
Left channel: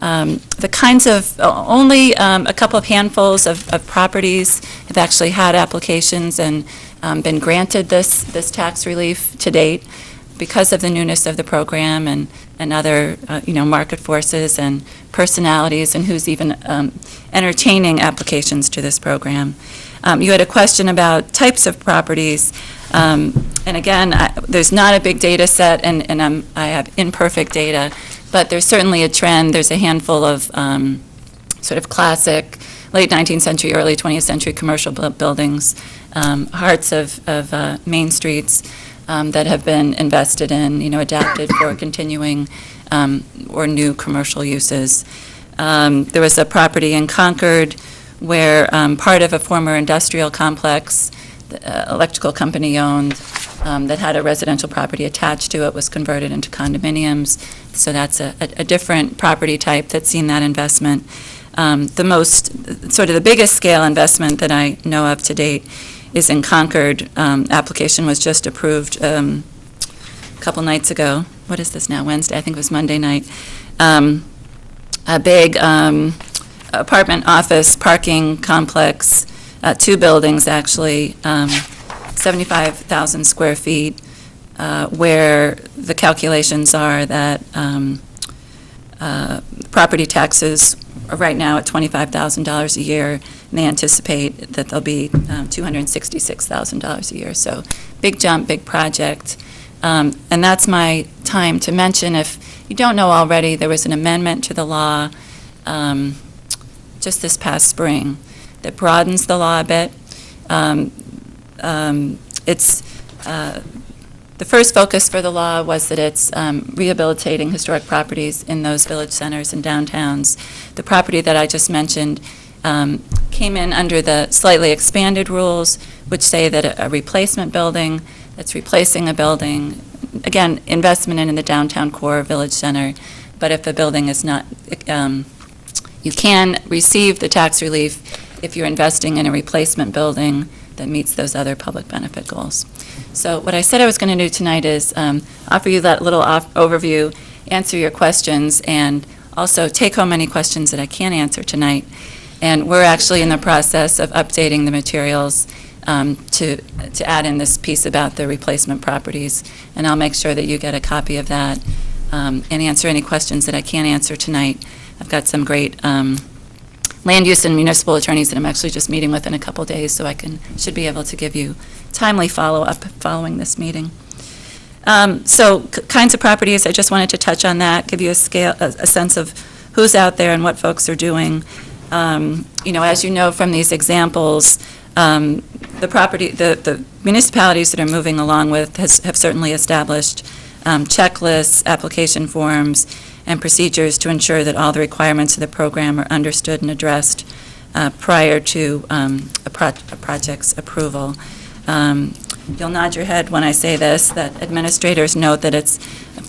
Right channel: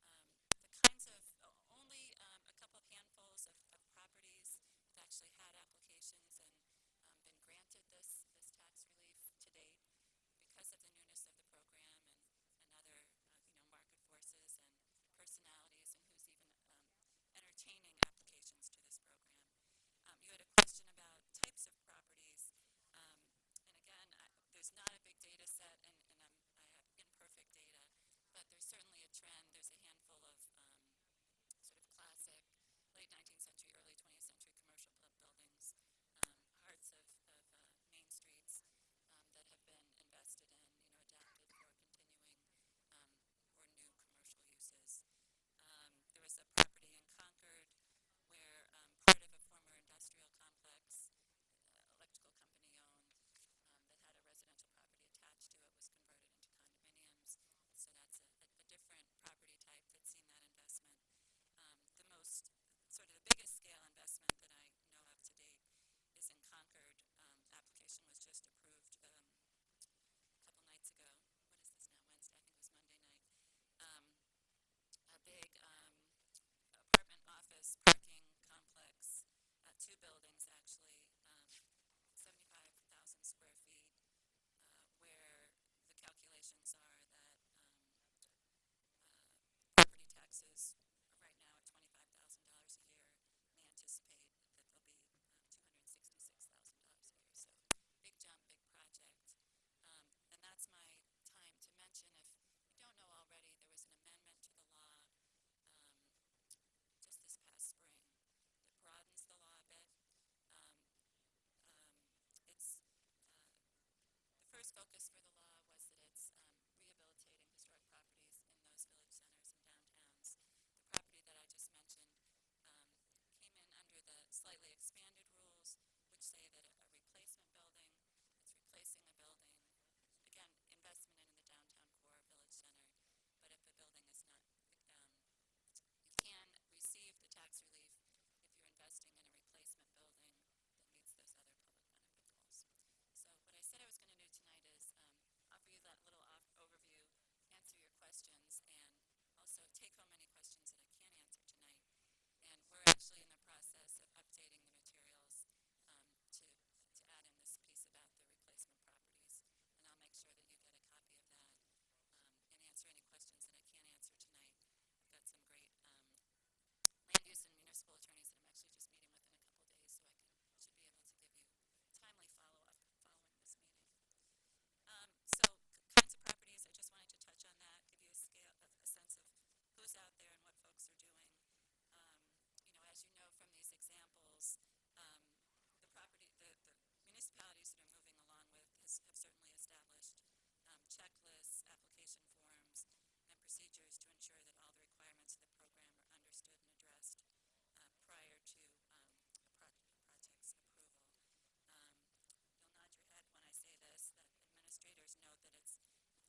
The kinds of, only a couple of handfuls of properties have actually had applications and been granted this tax relief to date because of the newness of the program and other, market forces and personalities and who's even entertaining applications to this program. You had a question about types of properties. And again, there's not a big data set, and I have imperfect data, but there's certainly a trend. There's a handful of sort of classic late 19th century, early 20th century commercial buildings, hearts of main streets that have been invested in, adapted for continuing or new commercial uses. There was a property in Concord where part of a former industrial complex, the electrical company owned, that had a residential property attached to it, was converted into condominiums. So that's a different property type that's seen that investment. The biggest scale investment that I know of to date is in Concord. Application was just approved a couple nights ago. What is this now, Wednesday? I think it was Monday night. A big apartment office parking complex, 2 buildings actually, 75,000 square feet, where the calculations are that property taxes are right now at $25,000 a year, and they anticipate that they'll be $266,000 a year. So big jump, big project. And that's my time to mention, if you don't know already, there was an amendment to the law just this past spring that broadens the law a bit. The first focus for the law was that it's rehabilitating historic properties in those village centers and downtowns. The property that I just mentioned came in under the slightly expanded rules, which say that a replacement building that's replacing a building, again, investment in the downtown core village center, but if a building is not, you can receive the tax relief if you're investing in a replacement building that meets those other public benefit goals. So what I said I was going to do tonight is offer you that little overview, answer your questions, and also take home any questions that I can't answer tonight. And we're actually in the process of updating the materials to add in this piece about the replacement properties, and I'll make sure that you get a copy of that and answer any questions that I can't answer tonight. I've got some great land use and municipal attorneys that I'm actually just meeting with in a couple days, so I should be able to give you timely follow-up following this meeting. Kinds of properties, I just wanted to touch on that, give you a sense of who's out there and what folks are doing. As you know from these examples, the municipalities that are moving along with have certainly established checklists, application forms, and procedures to ensure that all the requirements of the program are understood and addressed prior to a project's approval. You'll nod your head when I say this, that administrators note that it's,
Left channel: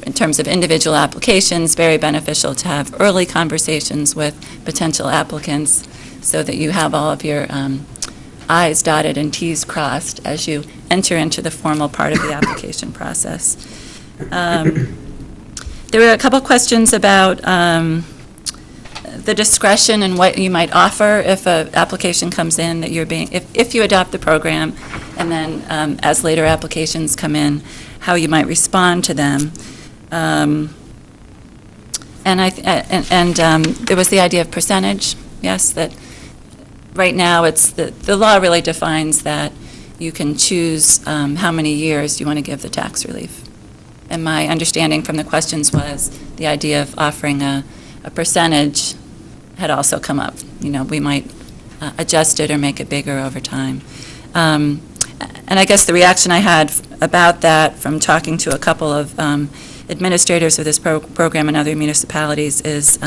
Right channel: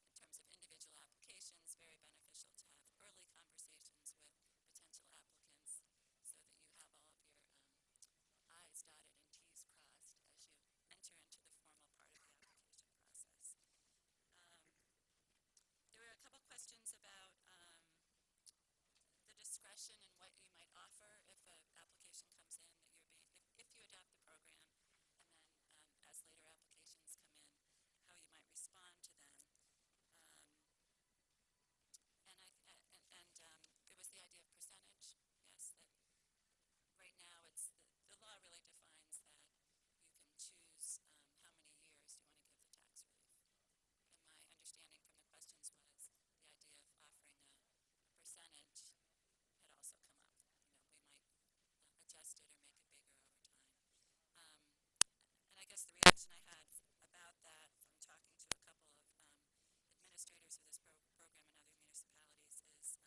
in terms of individual applications, very beneficial to have early conversations with potential applicants so that you have all of your I's dotted and T's crossed as you enter into the formal part of the application process. There were a couple questions about the discretion and what you might offer if an application comes in that you're being, if you adopt the program, and then as later applications come in, how you might respond to them. There was the idea of percentage. Yes, that right now it's the law really defines that you can choose how many years you want to give the tax relief. And my understanding from the questions was the idea of offering a percentage had also come up. We might adjust it or make it bigger over time. And I guess the reaction I had about that from talking to a couple of administrators of this program in other municipalities is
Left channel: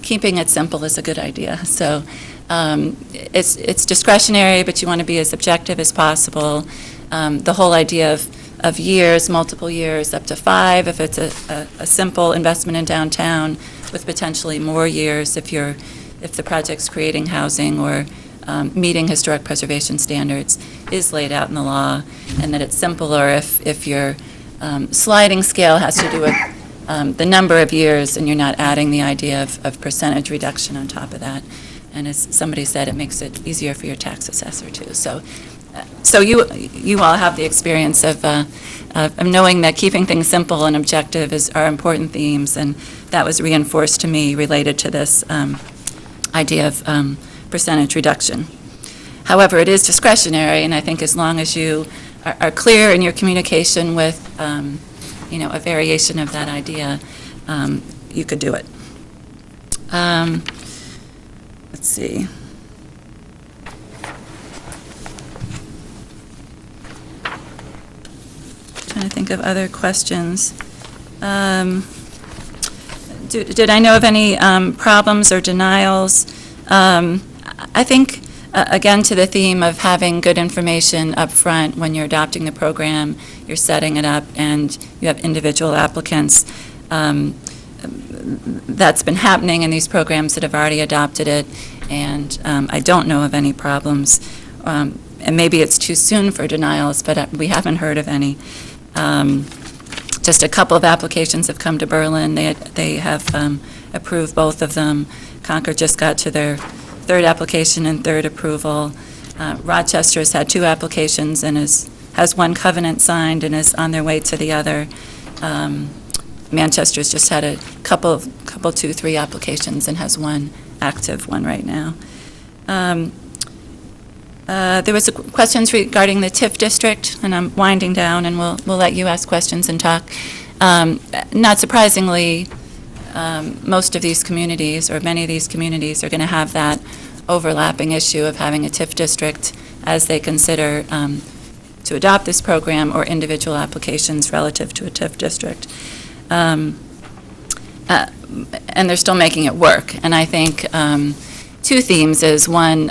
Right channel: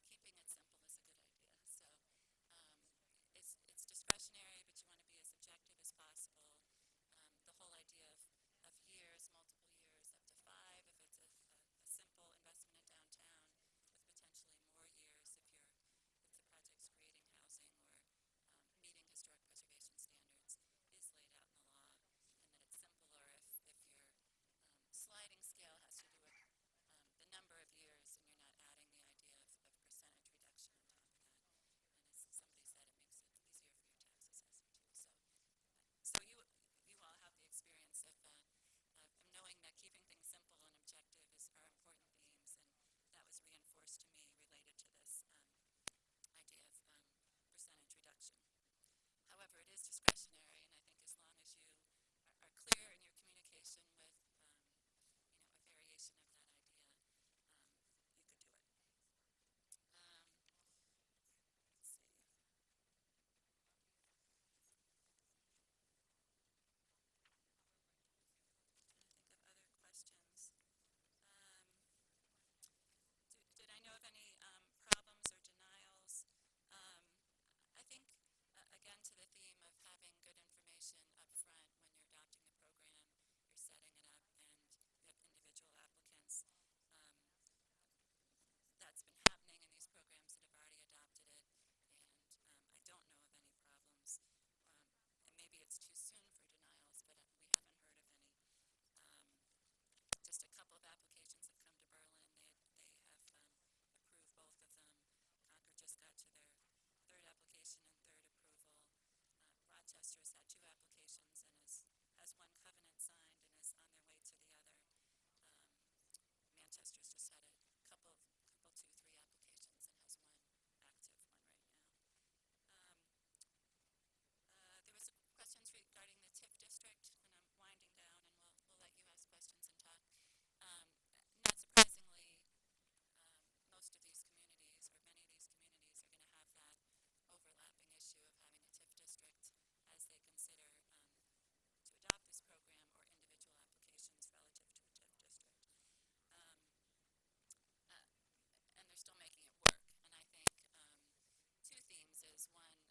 keeping it simple is a good idea. So it's discretionary, but you want to be as objective as possible. The whole idea of years, multiple years, up to 5 if it's a simple investment in downtown, with potentially more years if the project's creating housing or meeting historic preservation standards is laid out in the law, and that it's simpler if your sliding scale has to do with the number of years, and you're not adding the idea of percentage reduction on top of that. And as somebody said, it makes it easier for your tax assessor too. So you all have the experience of knowing that keeping things simple and objective are important themes, and that was reinforced to me related to this idea of percentage reduction. However, it is discretionary, and I think as long as you are clear in your communication with, a variation of that idea, you could do it. Let's see. Trying to think of other questions. Did I know of any problems or denials? I think, again, to the theme of having good information up front when you're adopting the program, you're setting it up, and you have individual applicants. That's been happening in these programs that have already adopted it, and I don't know of any problems. And maybe it's too soon for denials, but we haven't heard of any. Just a couple of applications have come to Berlin. They have approved both of them. Concord just got to their third application and third approval. Rochester has had 2 applications and has one covenant signed and is on their way to the other. Manchester's just had a couple, 2, 3 applications and has one active one right now. There was questions regarding the TIF district, and I'm winding down, and we'll let you ask questions and talk. Not surprisingly, most of these communities, or many of these communities, are going to have that overlapping issue of having a TIF district as they consider to adopt this program, or individual applications relative to a TIF district. And they're still making it work. And I think 2 themes is, one,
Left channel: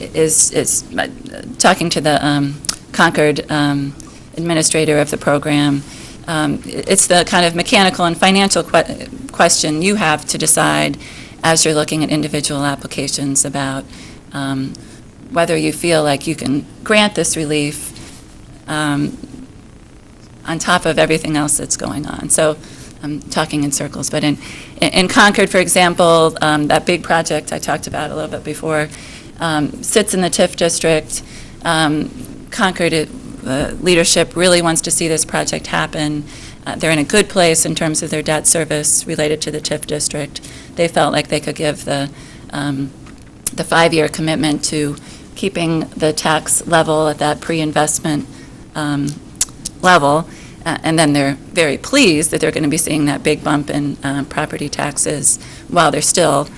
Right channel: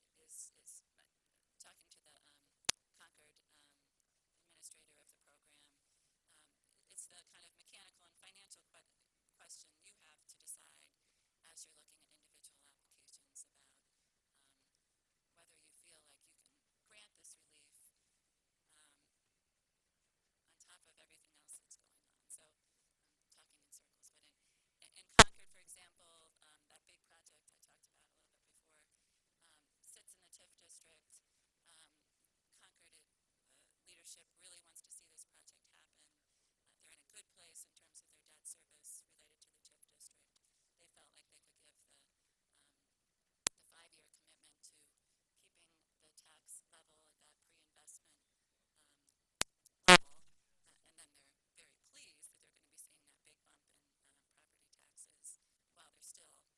is talking to the Concord administrator of the program. It's the kind of mechanical and financial question you have to decide as you're looking at individual applications about whether you feel like you can grant this relief on top of everything else that's going on. So I'm talking in circles, but in Concord, for example, that big project I talked about a little bit before sits in the TIF district. Concord leadership really wants to see this project happen. They're in a good place in terms of their debt service related to the TIF district. They felt like they could give the 5-year commitment to keeping the tax level at that pre-investment level, and then they're very pleased that they're going to be seeing that big bump in property taxes while they're still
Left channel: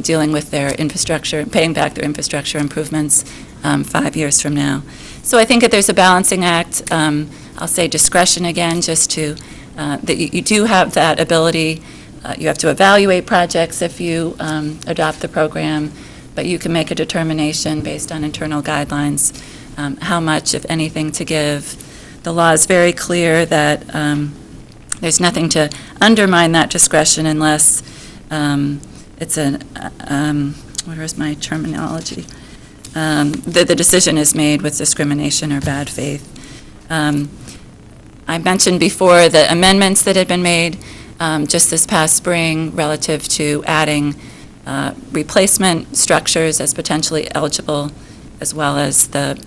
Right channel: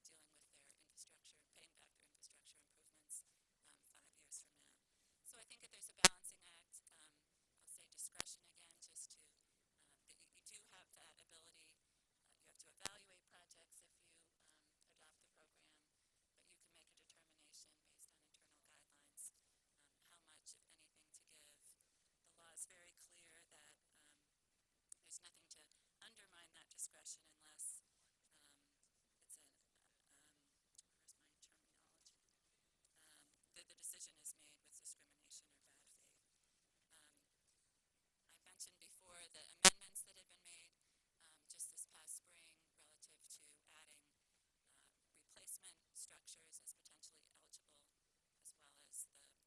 dealing with their infrastructure, paying back their infrastructure improvements 5 years from now. So I think that there's a balancing act. I'll say discretion again, just to, that you do have that ability. You have to evaluate projects if you adopt the program, but you can make a determination based on internal guidelines how much, if anything, to give. The law is very clear that there's nothing to undermine that discretion unless it's where is my terminology? The decision is made with discrimination or bad faith. I mentioned before the amendments that had been made just this past spring relative to adding replacement structures as potentially eligible, as well as the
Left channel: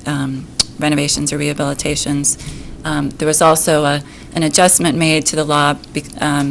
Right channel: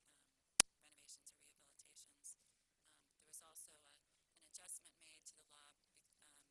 renovations or rehabilitations. There was also an adjustment made to the law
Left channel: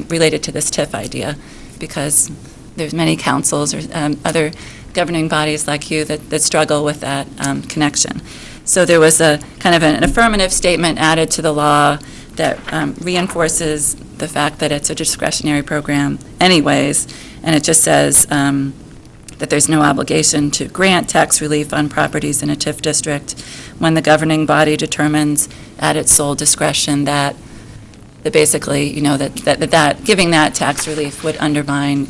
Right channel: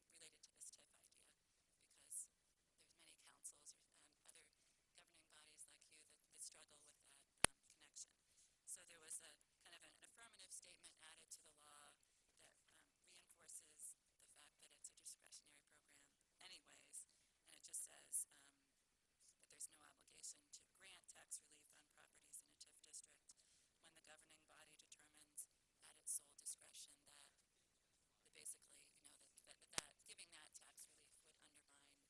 related to this TIF idea, because there's many councils or other governing bodies like you that struggle with that connection. So there was a kind of an affirmative statement added to the law that reinforces the fact that it's a discretionary program anyways, and it just says that there's no obligation to grant tax relief on properties in a TIF district when the governing body determines at its sole discretion that basically, that giving that tax relief would undermine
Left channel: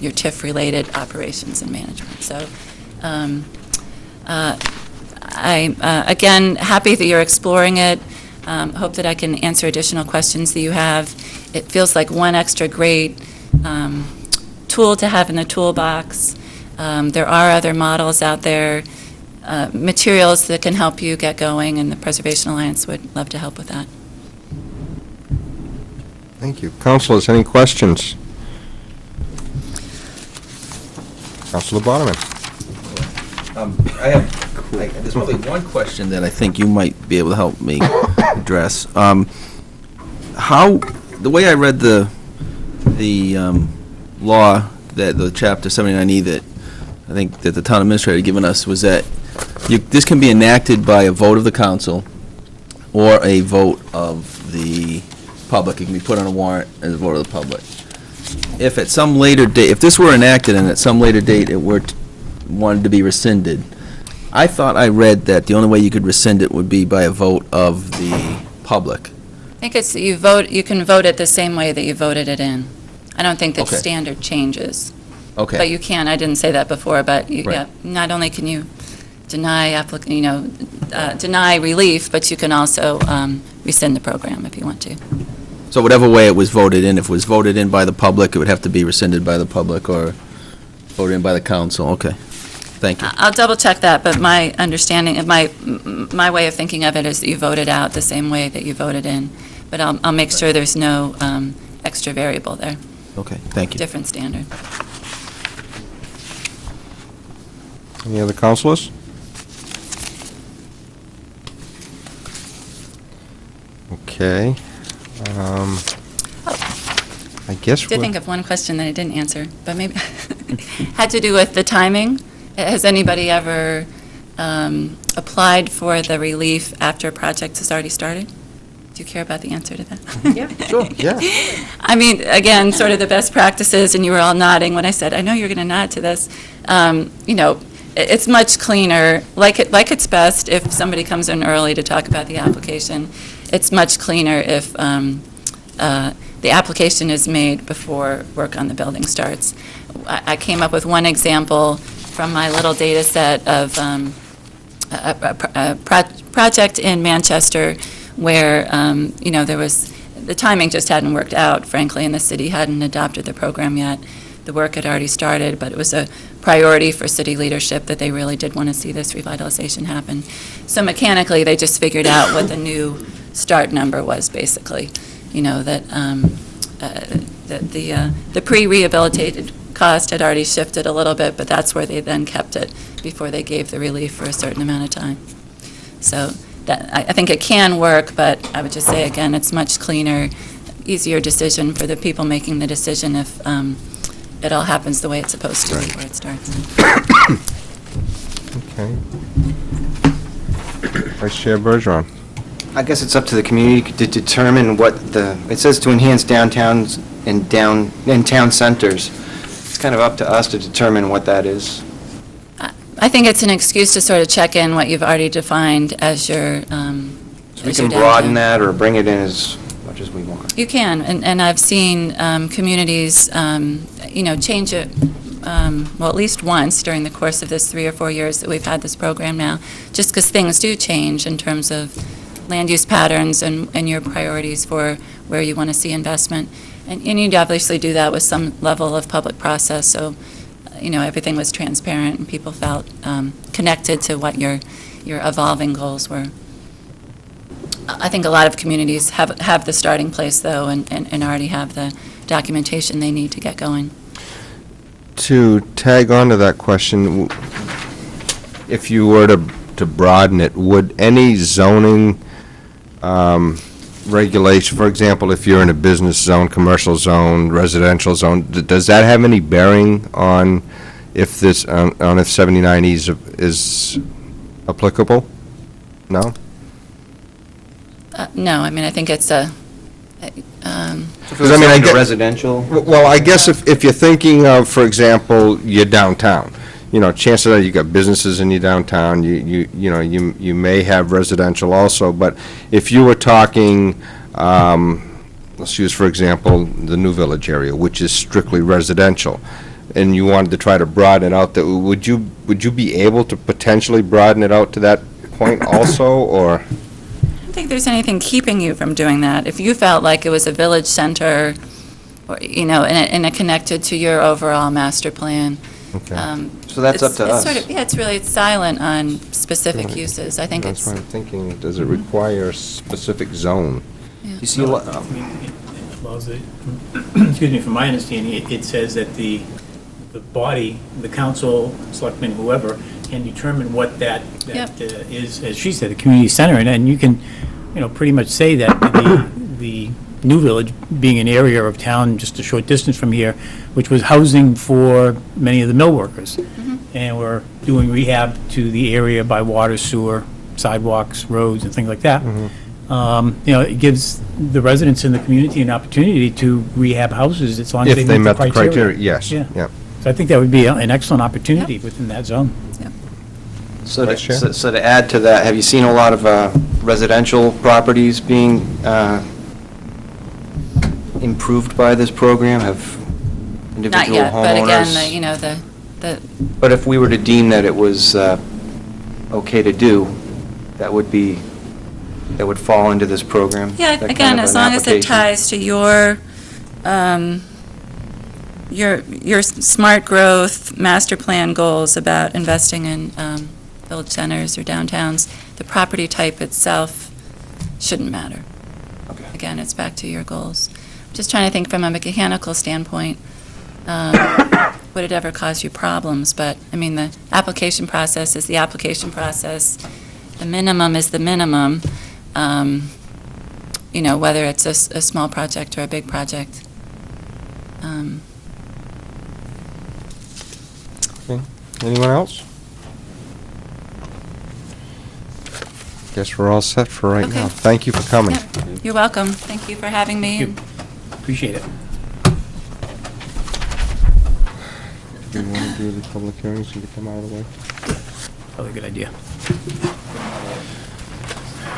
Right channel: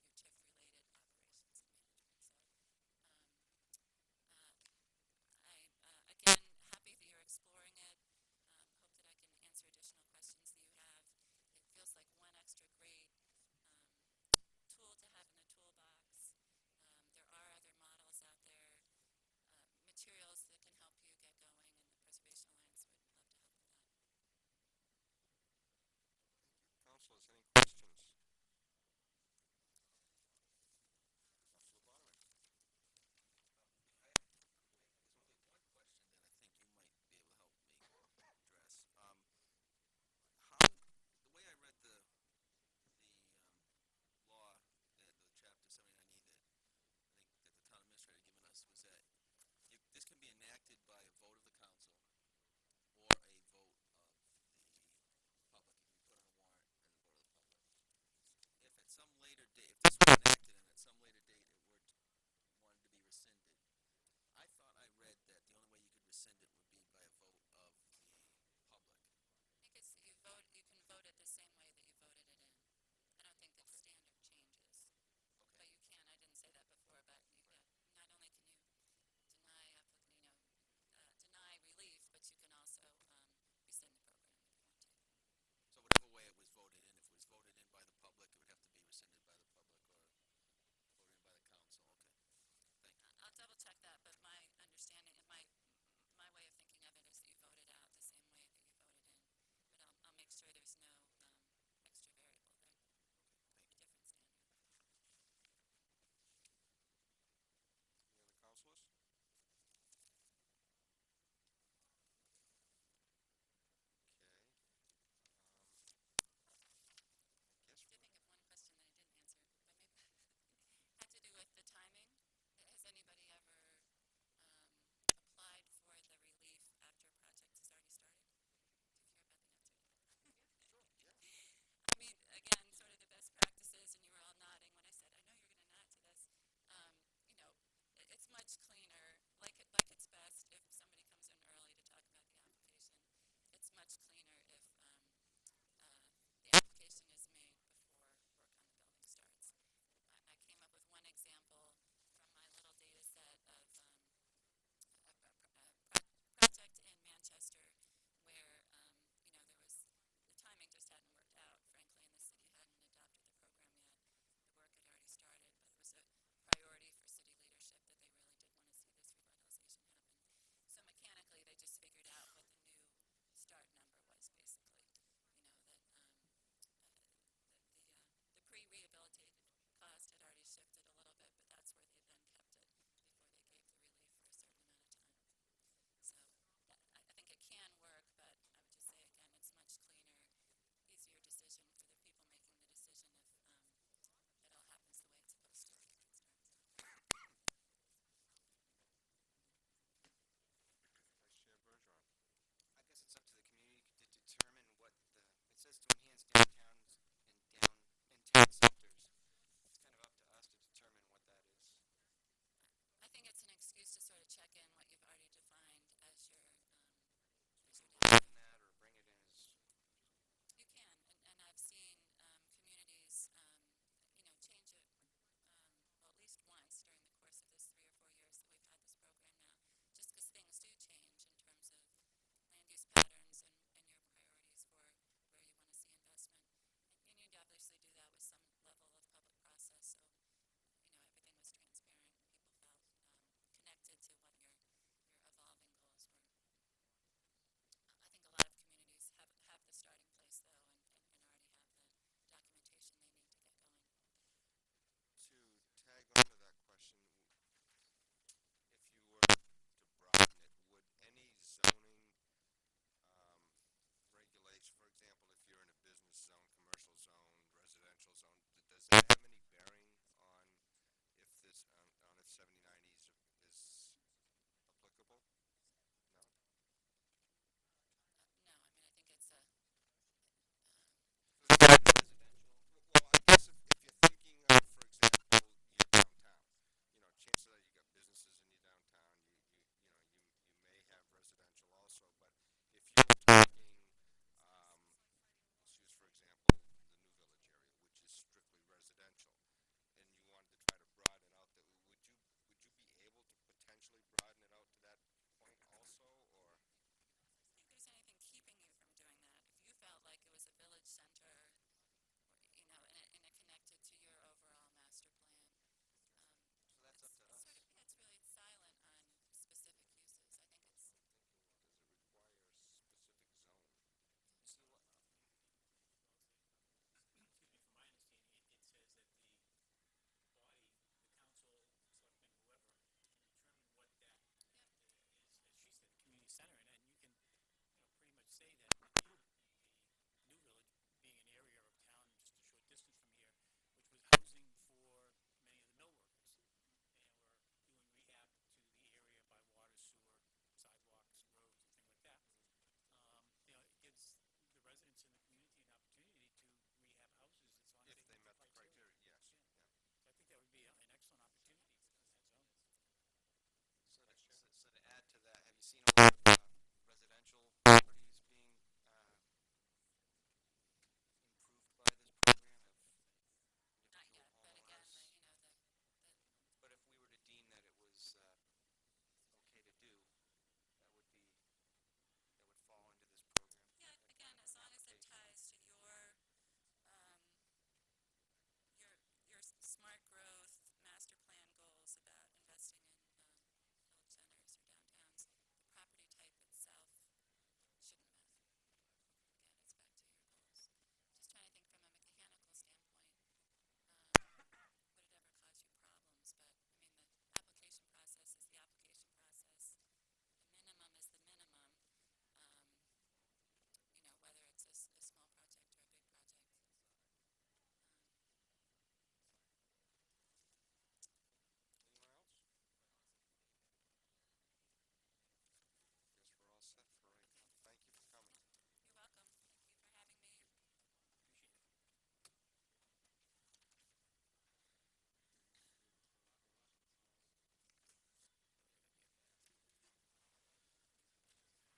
your TIF-related operations and management. So I'm, again, happy that you're exploring it. Hope that I can answer additional questions that you have. It feels like one extra great tool to have in the toolbox. There are other models out there, materials that can help you get going, and the Preservation Alliance would love to help with that. Thank you. Councilors, any questions? Councilor Bonerman. There's only one question that I think you might be able to help me address. The way I read the law, that the Chapter 79E that I think that the town administrator had given us, was that this can be enacted by a vote of the council or a vote of the public. It can be put on a warrant as a vote of the public. If at some later date, if this were enacted and at some later date it were wanted to be rescinded, I thought I read that the only way you could rescind it would be by a vote of the public. I think it's, you can vote it the same way that you voted it in. I don't think that Okay. standard changes. Okay. But you can, I didn't say that before, but Right. yeah, not only can you deny deny relief, but you can also rescind the program if you want to. So whatever way it was voted in, if it was voted in by the public, it would have to be rescinded by the public or voted in by the council. Okay. Thank you. I'll double check that, but my understanding, my way of thinking of it is that you voted out the same way that you voted in. But I'll make sure there's no extra variable there. Okay, thank you. Different standard. Any other councilors? Okay. I guess I did think of one question that I didn't answer, but maybe had to do with the timing. Has anybody ever applied for the relief after a project has already started? Do you care about the answer to that? Yeah. Sure, yeah. I mean, again, sort of the best practices, and you were all nodding when I said, I know you're going to nod to this. It's much cleaner, like it's best if somebody comes in early to talk about the application. It's much cleaner if the application is made before work on the building starts. I came up with one example from my little data set of a project in Manchester where, there was, the timing just hadn't worked out, frankly, and the city hadn't adopted the program yet. The work had already started, but it was a priority for city leadership that they really did want to see this revitalization happen. So mechanically, they just figured out what the new start number was, basically. That the pre-rehabilitated cost had already shifted a little bit, but that's where they then kept it before they gave the relief for a certain amount of time. So I think it can work, but I would just say, again, it's much cleaner, easier decision for the people making the decision if it all happens the way it's supposed to before it starts. Okay. Vice Chair Bergeron. I guess it's up to the community to determine what it says to enhance downtowns and town centers. It's kind of up to us to determine what that is. I think it's an excuse to sort of check in what you've already defined as your So we can broaden that or bring it in as much as we want. You can, and I've seen communities, change it, well, at least once during the course of this 3 or 4 years that we've had this program now, just because things do change in terms of land use patterns and your priorities for where you want to see investment. And you'd obviously do that with some level of public process, so everything was transparent and people felt connected to what your evolving goals were. I think a lot of communities have the starting place, though, and already have the documentation they need to get going. To tag on to that question, if you were to broaden it, would any zoning regulation, for example, if you're in a business zone, commercial zone, residential zone, does that have any bearing on if this, on if 79E is applicable? No? No, I mean, I think it's a... Because I get residential. Well, I guess if you're thinking of, for example, your downtown, chances are you got businesses in your downtown. You may have residential also. But if you were talking, let's use for example the New Village area, which is strictly residential, and you wanted to try to broaden it out, that would you be able to potentially broaden it out to that point also, or? I don't think there's anything keeping you from doing that. If you felt like it was a village center, or, and it connected to your overall master plan, Okay. So that's up to it's us. sort of, yeah, it's silent on specific Right. uses. I think That's it's, what I'm thinking. Does it require a specific zone? You see a lot, I mean, well, excuse me, from my understanding, it says that the body, the council, selectmen, whoever, can determine what that Yep. is, as she said, a community center, and you can, pretty much say that the New Village, being an area of town just a short distance from here, which was housing for many of the mill workers, and we're doing rehab to the area by water, sewer, sidewalks, roads, and things like that. It gives the residents in the community an opportunity to rehab houses as long as If they met the criteria, yes. Yeah. Yeah. So I think that would be an excellent opportunity within that zone. so Vice Chair? to add to that, have you seen a lot of residential properties being improved by this program? Have not individual yet, but again, homeowners? the But if we were to deem that it was okay to do, that would fall into this program? Yeah, that again, kind of as an long as it application? ties to your smart growth master plan goals about investing in village centers or downtowns, the property type itself shouldn't matter. Okay. Again, it's back to your goals. Just trying to think from a mechanical standpoint, would it ever cause you problems? But, I mean, the application process is the application process. The minimum is the minimum. Whether it's a small project or a big project. Okay. Anyone else? Guess we're all set for right Okay. now. Thank you for coming. Yep. You're welcome. Thank you for having me. Thank you. Appreciate it. Do you want to do the public hearings and get them out of the way? Probably a good idea.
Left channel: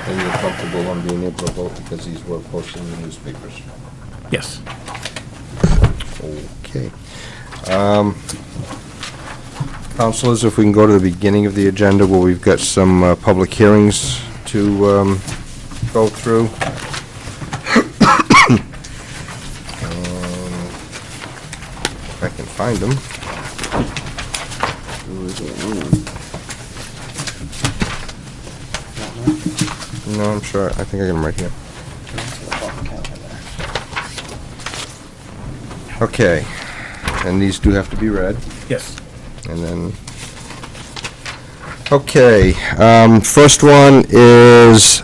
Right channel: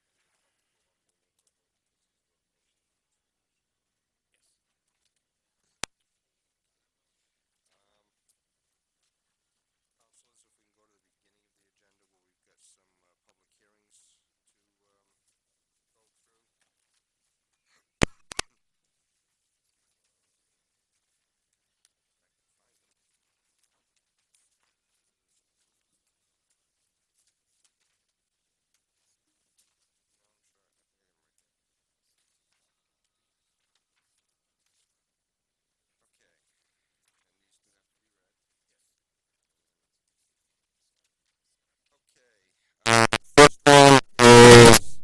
And you're comfortable on being able to vote because these were posted in the newspapers? Yes. Okay. Councilors, if we can go to the beginning of the agenda where we've got some public hearings to go through. If I can find them. No, I'm sure. I think I got them right here. Okay. And these do have to be read. Yes. And then, okay, first one is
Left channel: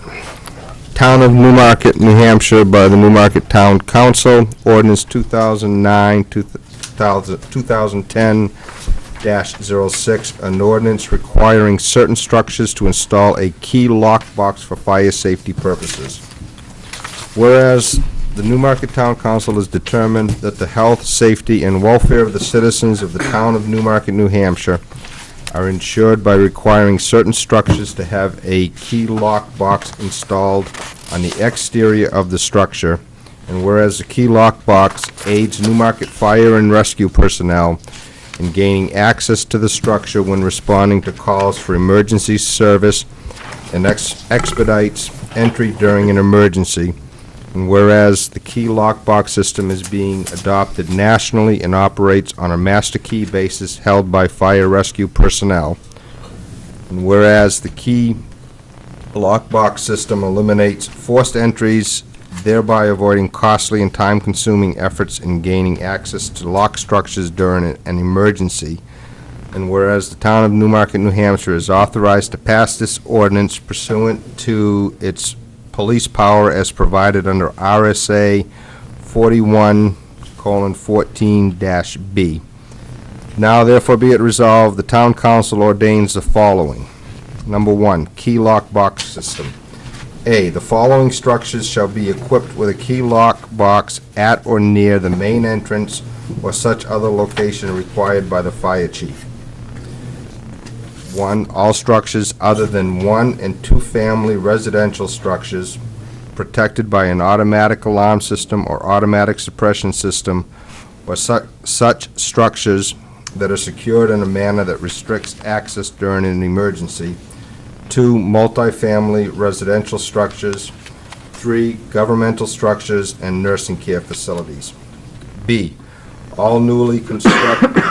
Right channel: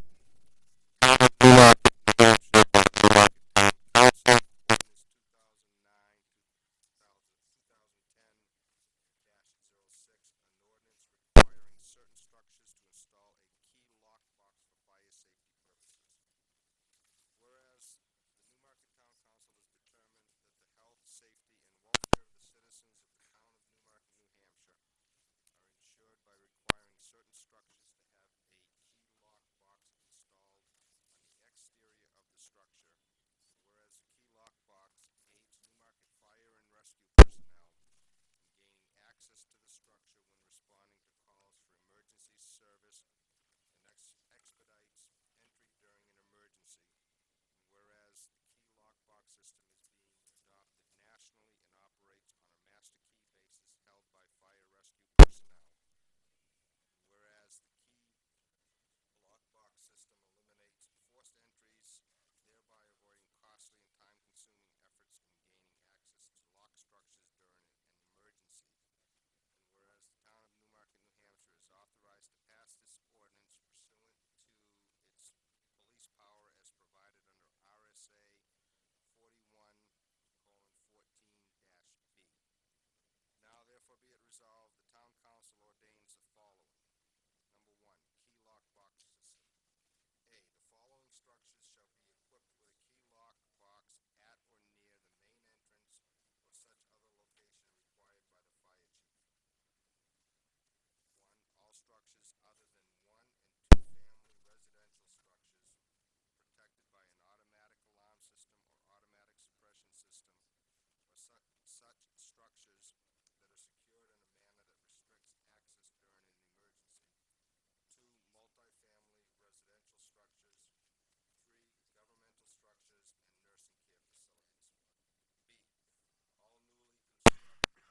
Town of Newmarket, New Hampshire, by the Newmarket Town Council, ordinance 2010-06, an ordinance requiring certain structures to install a key lockbox for fire safety purposes. Whereas the Newmarket Town Council has determined that the health, safety, and welfare of the citizens of the town of Newmarket, New Hampshire are ensured by requiring certain structures to have a key lock box installed on the exterior of the structure, and whereas the key lock box aids Newmarket fire and rescue personnel in gaining access to the structure when responding to calls for emergency service and expedites entry during an emergency, and whereas the key lockbox system is being adopted nationally and operates on a master key basis held by fire rescue personnel, and whereas the key lockbox system eliminates forced entries, thereby avoiding costly and time-consuming efforts in gaining access to lock structures during an emergency, and whereas the town of Newmarket, New Hampshire is authorized to pass this ordinance pursuant to its police power as provided under RSA 41:14-B. Now therefore be it resolved, the town council ordains the following. Number one, key lock box system. A, the following structures shall be equipped with a key lock box at or near the main entrance or such other location required by the fire chief. 1, all structures other than 1 and 2 family residential structures protected by an automatic alarm system or automatic suppression system, or such structures that are secured in a manner that restricts access during an emergency. 2, multifamily residential structures. 3, governmental structures and nursing care facilities. B, All newly constructed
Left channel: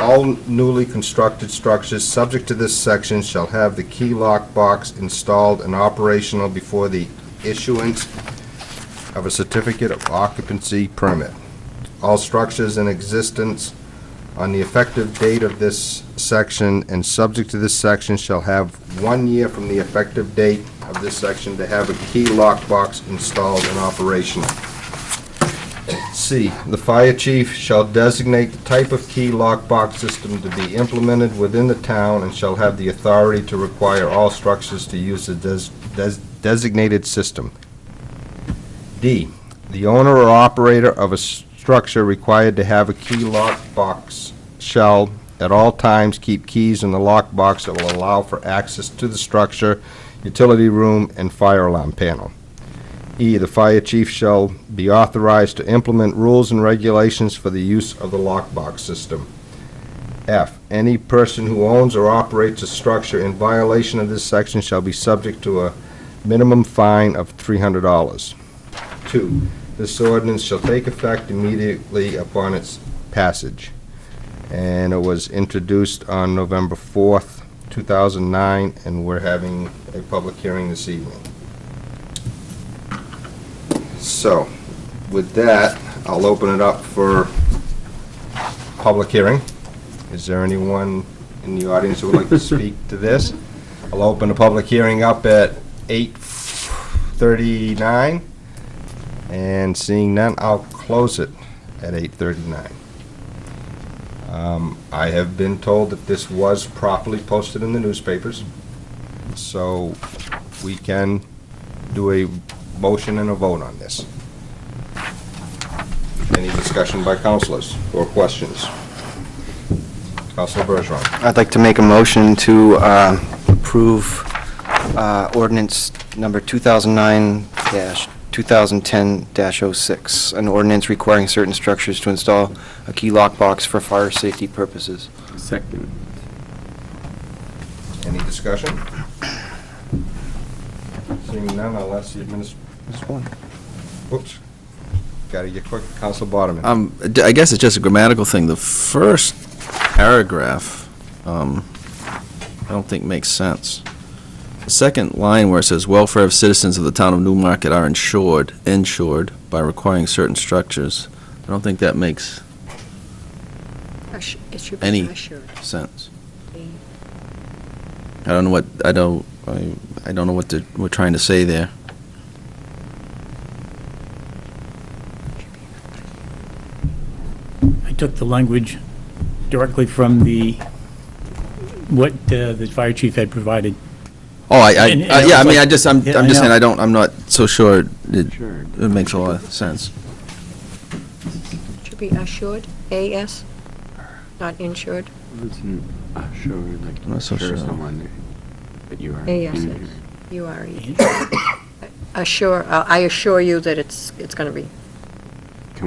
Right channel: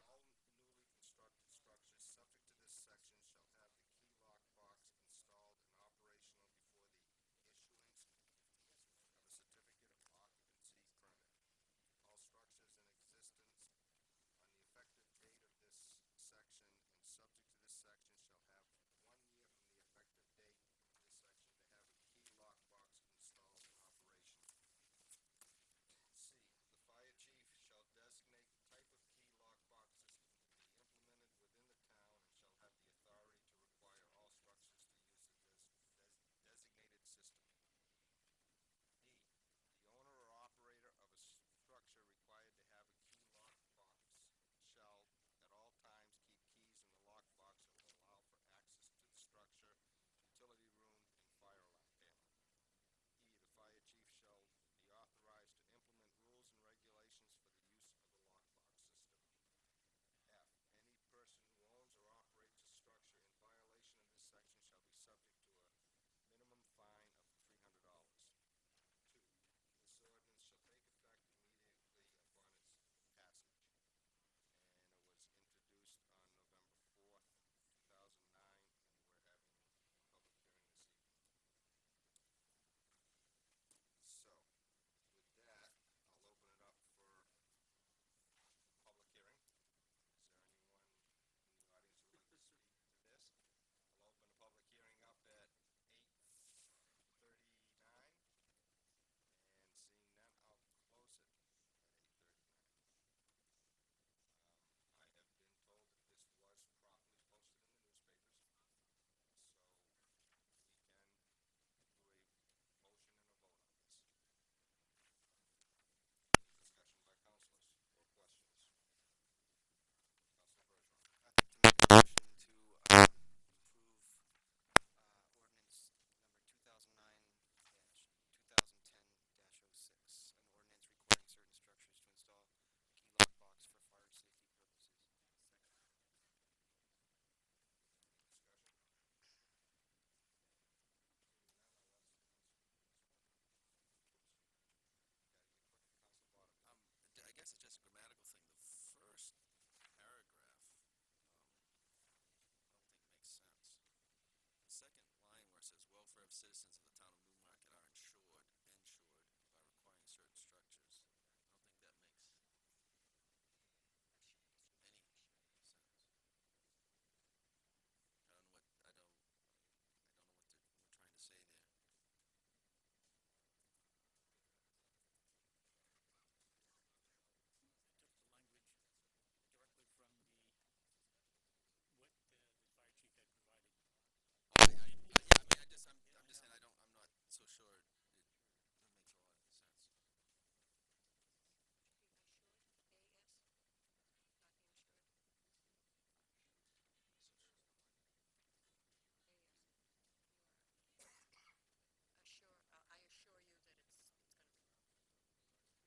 structures subject to this section shall have the key lock box installed and operational before the issuance of a certificate of occupancy permit. All structures in existence on the effective date of this section and subject to this section shall have 1 year from the effective date of this section to have a key lock box installed and operational. C, the fire chief shall designate the type of key lockbox system to be implemented within the town and shall have the authority to require all structures to use the designated system. D, the owner or operator of a structure required to have a key lockbox shall at all times keep keys in the lockbox that will allow for access to the structure, utility room, and fire alarm panel. E, the fire chief shall be authorized to implement rules and regulations for the use of the lockbox system. F, any person who owns or operates a structure in violation of this section shall be subject to a minimum fine of $300. 2, this ordinance shall take effect immediately upon its passage. And it was introduced on November 4th, 2009, and we're having a public hearing this evening. So, with that, I'll open it up for public hearing. Is there anyone in the audience who would like to speak to this? I'll open the public hearing up at 8:39, and seeing none, I'll close it at 8:39. I have been told that this was properly posted in the newspapers, so we can do a motion and a vote on this. Any discussion by councilors or questions? Councilor Bergeron. I'd like to make a motion to approve ordinance number 2009-2010-06, an ordinance requiring certain structures to install a key lockbox for fire safety purposes. Second. Any discussion? Seeing none, I'll ask the administrator. Whoops. Gotta get quick. Council Boderman. I guess it's just a grammatical thing. The first paragraph, I don't think makes sense. The second line where it says, welfare of citizens of the town of Newmarket are insured by requiring certain structures, I don't think that makes any sense. I don't know what, I don't know what we're trying to say there. I took the language directly from what the fire chief had provided. Oh, yeah, I mean, like- I'm just Yeah, I saying, know. I'm not so sure it makes a lot of sense. Should be assured, A-S, not insured, Assured, like, I'm not so assure sure. someone that you are. A-S-S, injured. U-R-E. Assure, I assure you that it's going to be.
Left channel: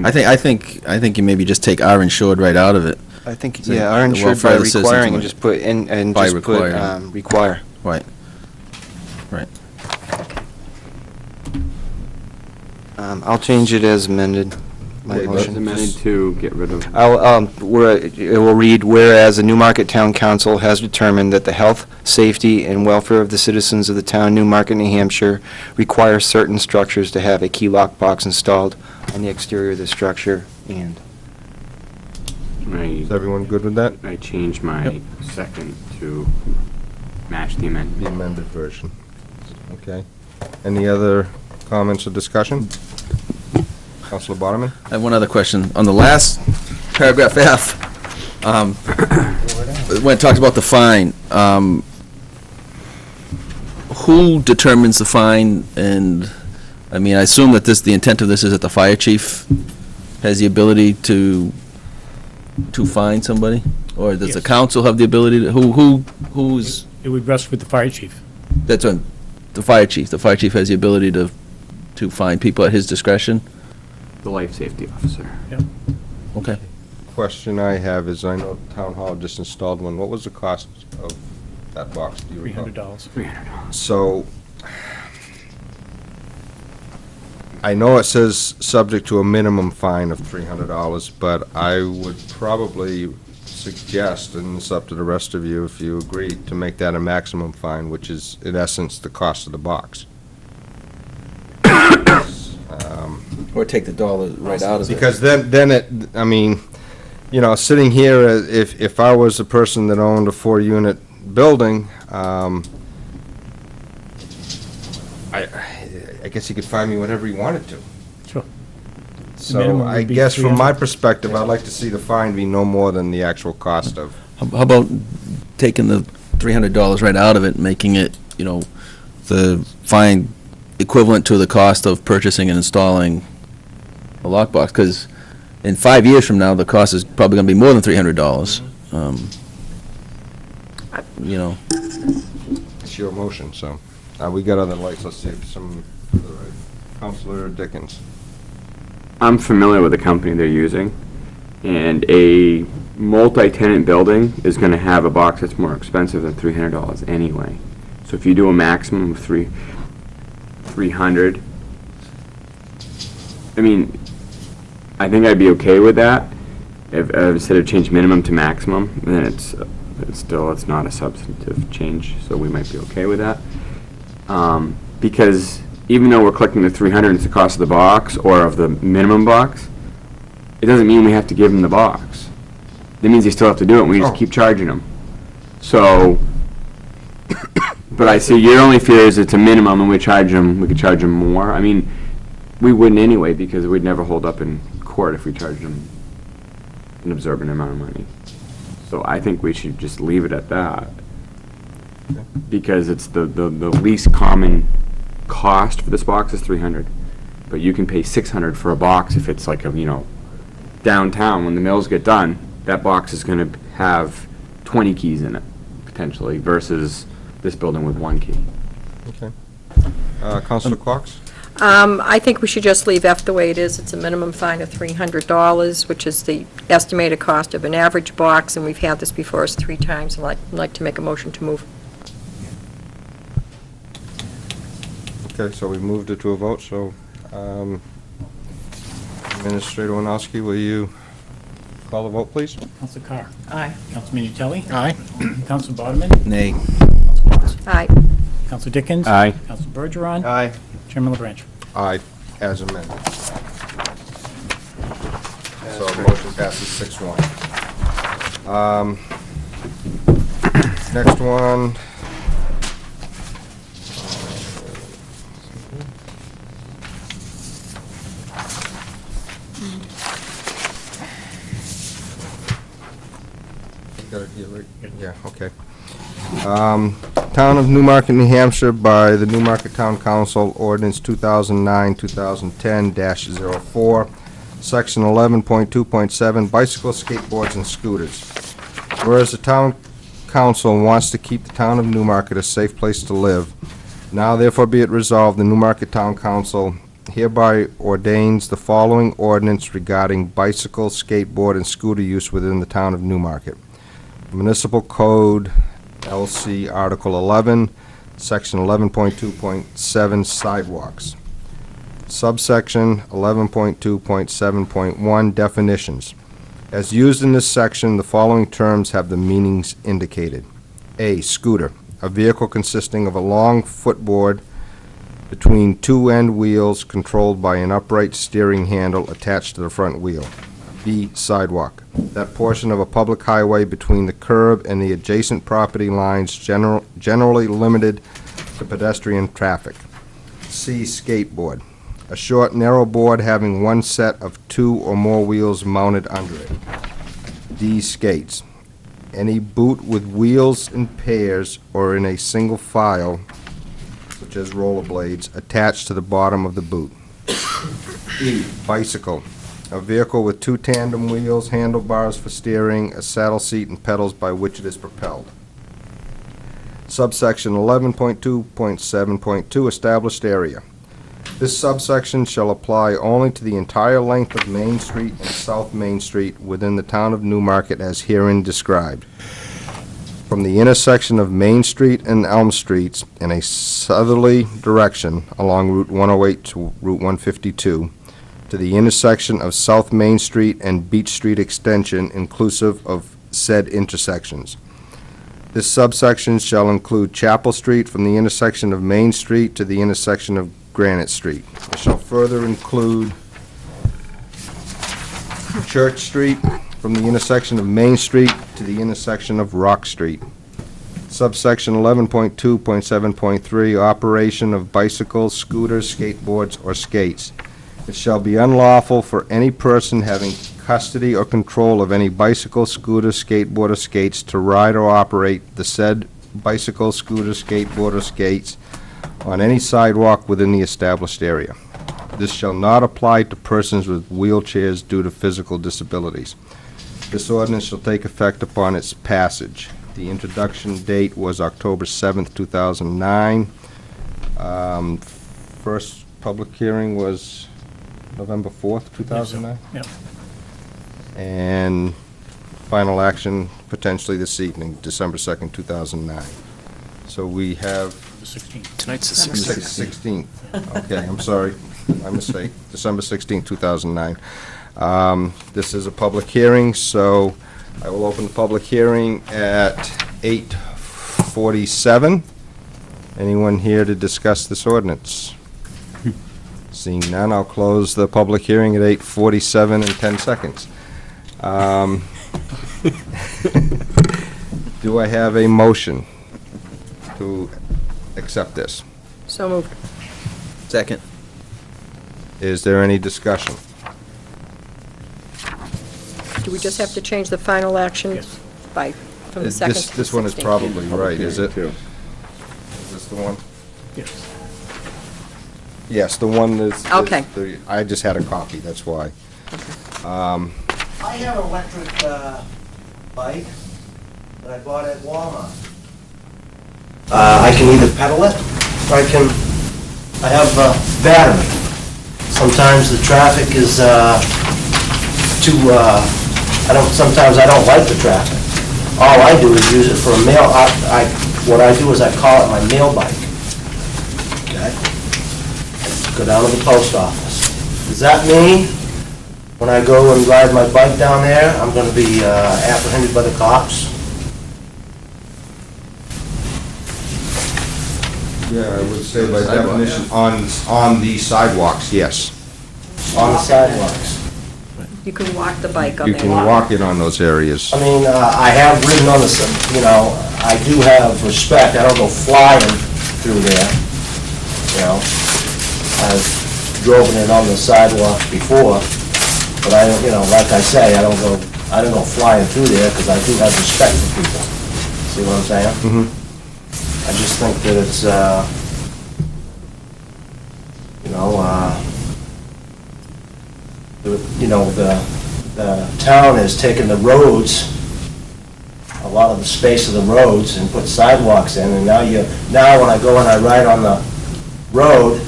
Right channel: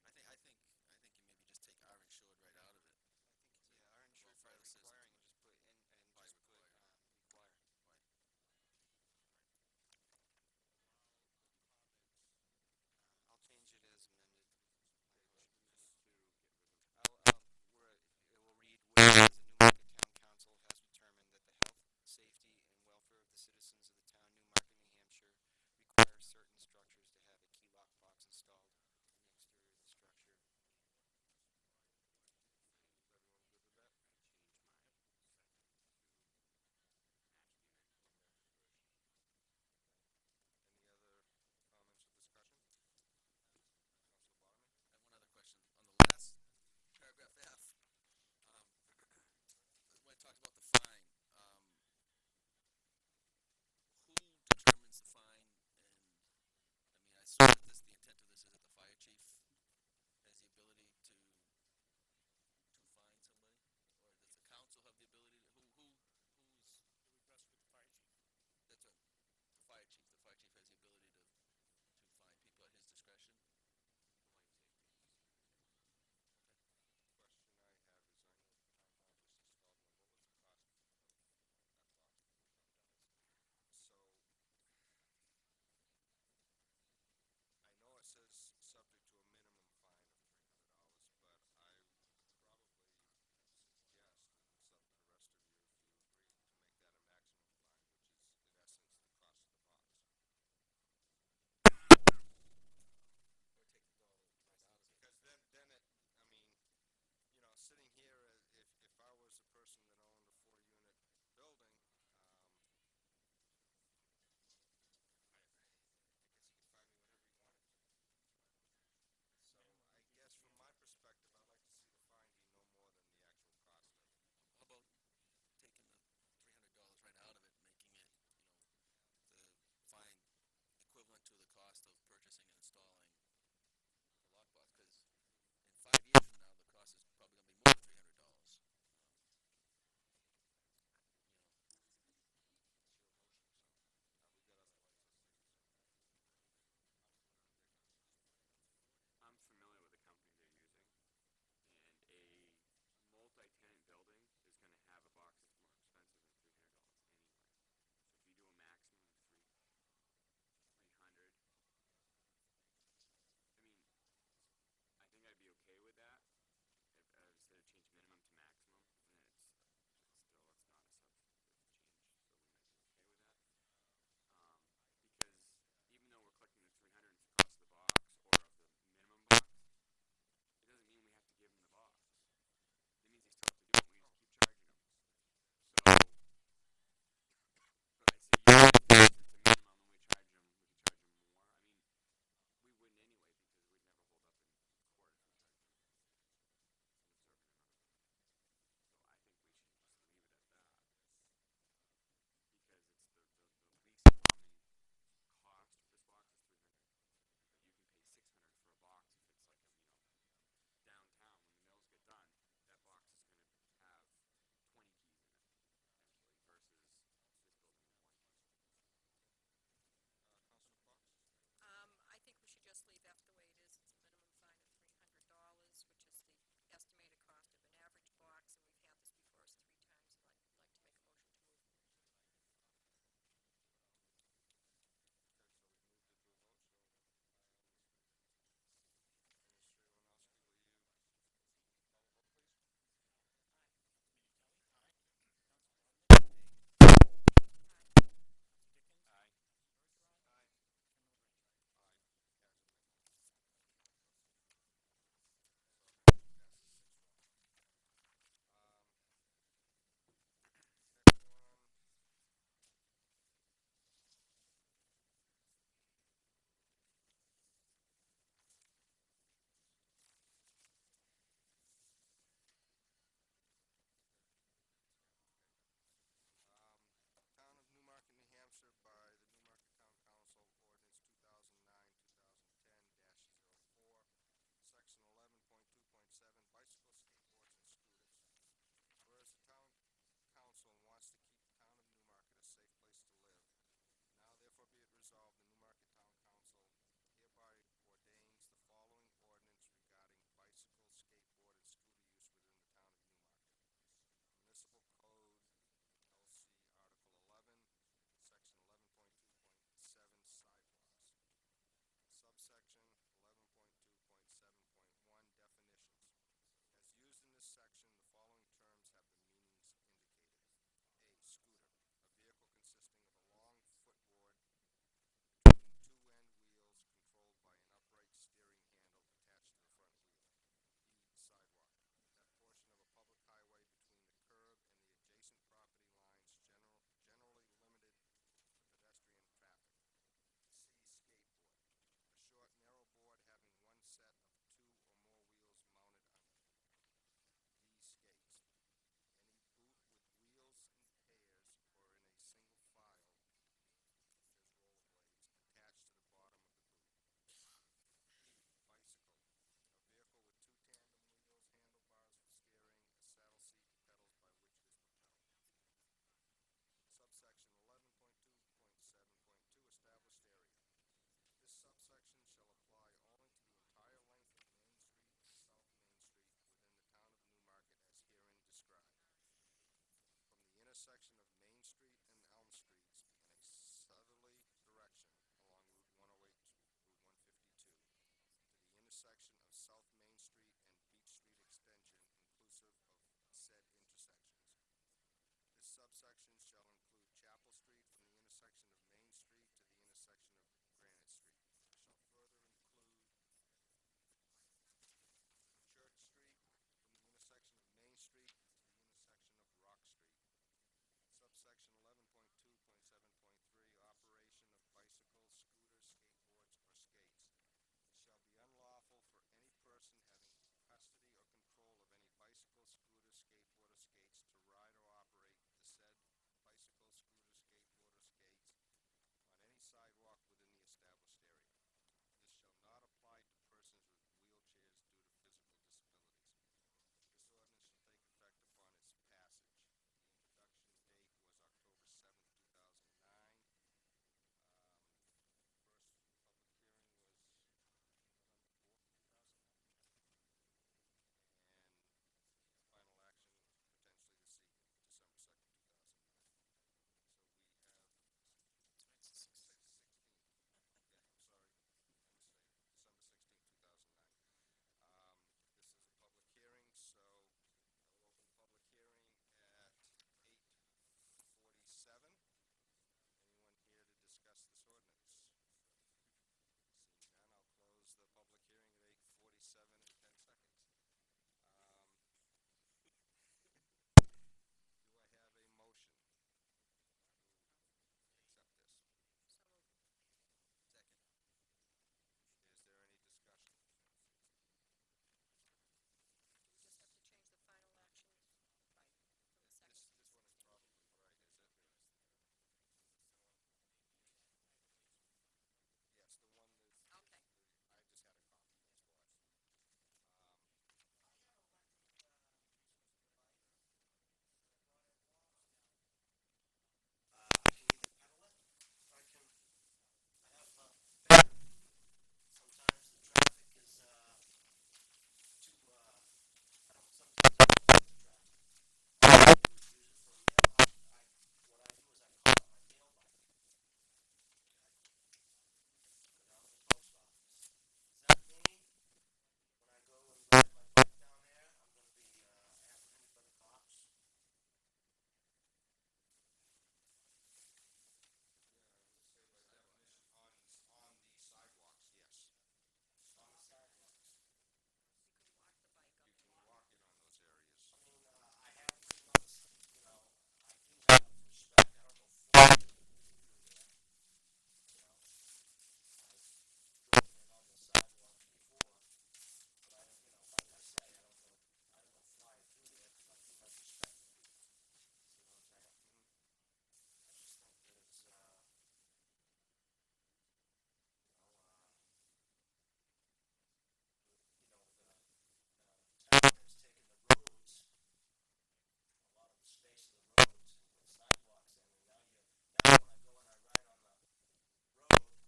I think you maybe just take "are insured" right out of it. I think, Say yeah, are the insured welfare by of the citizens requiring, of and the- just put in, and By just put, requiring. require. Right. Right. I'll change it as amended, my Okay, but- It's motion. amended to get rid of. It will read, whereas the Newmarket Town Council has determined that the health, safety, and welfare of the citizens of the town of Newmarket, New Hampshire require certain structures to have a key lockbox installed on the exterior of the structure, and Is everyone good with that? I changed my second to match the amendment. The amended version. Okay. Any other comments or discussion? Councilor Boderman? I have one other question. On the last paragraph F, when it talks about the fine, who determines the fine? And, I mean, I assume that the intent of this is that the fire chief has the ability to fine somebody? Or does the Yes. council have the ability to, who's, It would rest with the fire chief. that's on, the fire chief. The fire chief has the ability to fine people at his discretion? The life safety officer. Okay. Question I have is, I know Town Hall just installed one. What was the cost of that box? Do you recall? $300. So, I know it says subject to a minimum fine of $300, but I would probably suggest, and it's up to the rest of you if you agree, to make that a maximum fine, which is in essence the cost of the box. Or take the dollar right out of it. Because then it, I mean, you know, sitting here, if I was a person that owned a 4-unit building, I guess he could fine me whatever he wanted to. Sure. So minimum I would be guess from my 300. perspective, I'd like to see the fine be no more than the actual cost of. How about taking the $300 right out of it, making it, you know, the fine equivalent to the cost of purchasing and installing a lockbox? Because in 5 years from now, the cost is probably going to be more than $300. You know. It's your motion, so. We got other lights, let's see if some, Councilor Dickens. I'm familiar with the company they're using, and a multi-tenant building is going to have a box that's more expensive than $300 anyway. So if you do a maximum of 300, I mean, I think I'd be okay with that. If instead of change minimum to maximum, then it's not a substantive change, so we might be okay with that. Because even though we're collecting the 300, it's the cost of the box or of the minimum box, it doesn't mean we have to give them the box. That means they still have to do it, and we just keep charging them. So, but I see your only fear is it's a minimum, and we could charge them more. I mean, we wouldn't anyway, because we'd never hold up in court if we charged them an absorbent amount of money. So I think we should just leave it at that. Because it's the least common cost for this box is $300, but you can pay $600 for a box if it's like a, you know, downtown when the mills get done. That box is going to have 20 keys in it potentially versus this building with 1 key. Okay. Councilor Cox? I think we should just leave F the way it is. It's a minimum fine of $300, which is the estimated cost of an average box, and we've had this before us 3 times. I'd like to make a motion to move. Okay, so we moved it to a vote, so Administrator Winowski, will you call the vote, please? Council Carr. Aye. Council Minutelli. Aye. Council Bodeman. Nay. Council Cox. Aye. Council Dickens. Aye. Council Bergeron. Aye. Chairman LaBranche. Aye, as amended. So motion passes 6-1. Next one. Got it here, right? Yeah, okay. Town of Newmarket, New Hampshire, by the Newmarket Town Council, Ordinance 2009-2010-04, Section 11.2.7, bicycles, skateboards, and scooters. Whereas the Town Council wants to keep the town of Newmarket a safe place to live, now therefore be it resolved, the Newmarket Town Council hereby ordains the following ordinance regarding bicycle, skateboard, and scooter use within the town of Newmarket. Municipal Code, LC Article 11, Section 11.2.7, sidewalks. Subsection 11.2.7.1, definitions. As used in this section, the following terms have the meanings indicated. A, scooter, a vehicle consisting of a long footboard between 2 end wheels controlled by an upright steering handle attached to the front wheel. B, sidewalk, that portion of a public highway between the curb and the adjacent property lines generally limited to pedestrian traffic. C, skateboard, a short, narrow board having one set of 2 or more wheels mounted under it. D, skates, any boot with wheels in pairs or in a single file, such as rollerblades, attached to the bottom of the boot. E, bicycle, a vehicle with 2 tandem wheels, handlebars for steering, a saddle seat, and pedals by which it is propelled. Subsection 11.2.7.2, established area. This subsection shall apply only to the entire length of Main Street and South Main Street within the town of Newmarket as herein described. from the intersection of Main Street and Elm Streets in a southerly direction along Route 108 to Route 152 to the intersection of South Main Street and Beach Street Extension inclusive of said intersections. This subsection shall include Chapel Street from the intersection of Main Street to the intersection of Granite Street. It shall further include Church Street from the intersection of Main Street to the intersection of Rock Street. Subsection 11.2.7.3, operation of bicycles, scooters, skateboards, or skates. It shall be unlawful for any person having custody or control of any bicycle, scooter, skateboard, or skates to ride or operate the said bicycle, scooter, skateboard, or skates on any sidewalk within the established area. This shall not apply to persons with wheelchairs due to physical disabilities. This ordinance shall take effect upon its passage. The introduction date was October 7th, 2009. First public hearing was November 4th, 2009? Yep. And final action potentially this evening, December 2nd, 2009. So we have... The 16th. Tonight's the 16th. Okay, I'm sorry, my mistake. December 16th, 2009. This is a public hearing, so I will open the public hearing at 8:47. Anyone here to discuss this ordinance? Seeing none, I'll close the public hearing at 8:47 and 10 seconds. Do I have a motion to accept this? So moved. Second. Is there any discussion? Do we just have to change the final action Yes. by, from the second to the This one is 16th? probably right, is it? Is this the one? Yes. Yes, the one that's... Okay. I just had a copy, that's why. I have an electric bike that I bought at Walmart. I can either pedal it, or I have a battery. Sometimes the traffic is sometimes I don't like the traffic. All I do is use it for a mail, what I do is I call it my mail bike. Okay? Go down to the post office. Does that mean when I go and ride my bike down there, I'm gonna be apprehended by the cops? Yeah, I would say by definition, on the sidewalks, yes. On the sidewalks? You can walk the bike up You there. can walk it on those areas. I mean, I have ridden on the, I do have respect, I don't go flying through there, I've driven it on the sidewalk before, but I don't, like I say, I don't go flying through there because I do have respect for people. See what I'm saying? Mm-hmm. I just think that it's, the town has taken the roads, a lot of the space of the roads, and put sidewalks in, and now when I go and I ride on the road,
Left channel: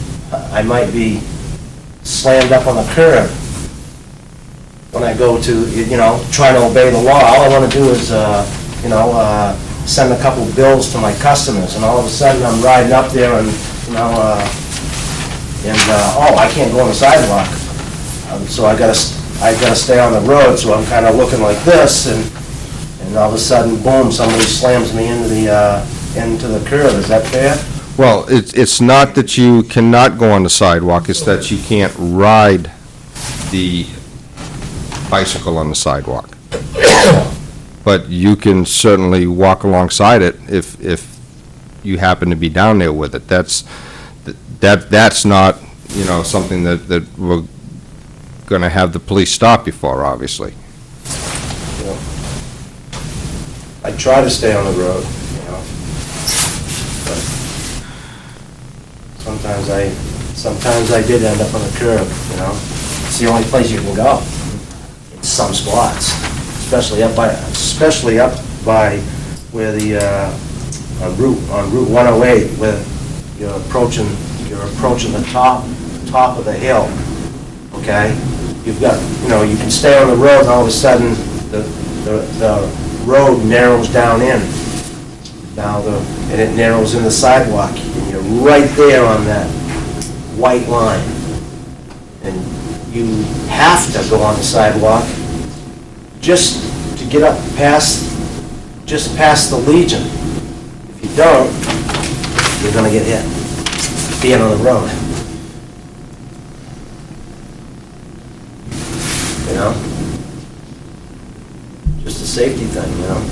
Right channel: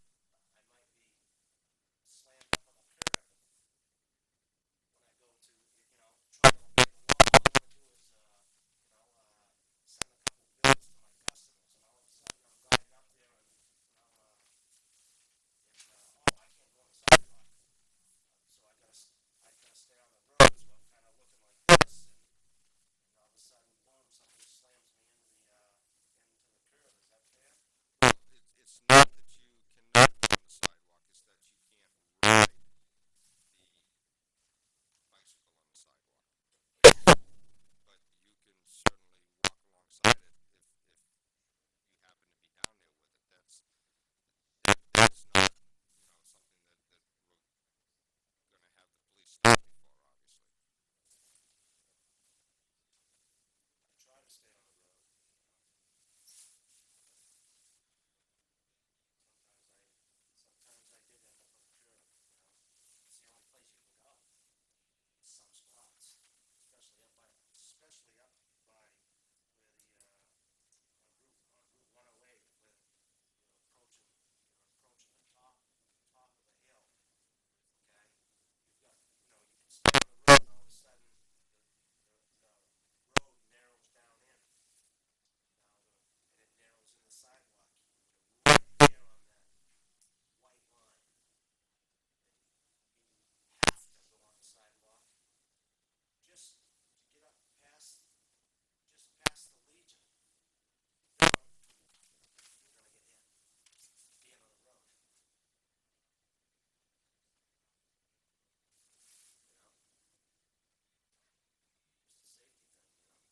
I might be slammed up on the curb when I go to, trying to obey the law. All I want to do is, send a couple bills to my customers, and all of a sudden I'm riding up there and, I can't go on the sidewalk. So I gotta stay on the road, so I'm kind of looking like this, and all of a sudden, boom, somebody slams me into the curb. Is that fair? Well, it's not that you cannot go on the sidewalk, it's that you can't ride the bicycle on the sidewalk. But you can certainly walk alongside it if you happen to be down there with it. That's not, something that we're going to have the police stop you for, obviously. I try to stay on the road, but sometimes I did end up on the curb, It's the only place you can go. In some spots, especially up by where the on Route 108, where you're approaching the top of the hill. Okay, you've got, you can stay on the road, and all of a sudden the road narrows down in, And it narrows in the sidewalk, and you're right there on that white line. And you have to go on the sidewalk just to get up just past the Legion. If you don't, you're gonna get hit, being on the road. You know? Just a safety thing, you know?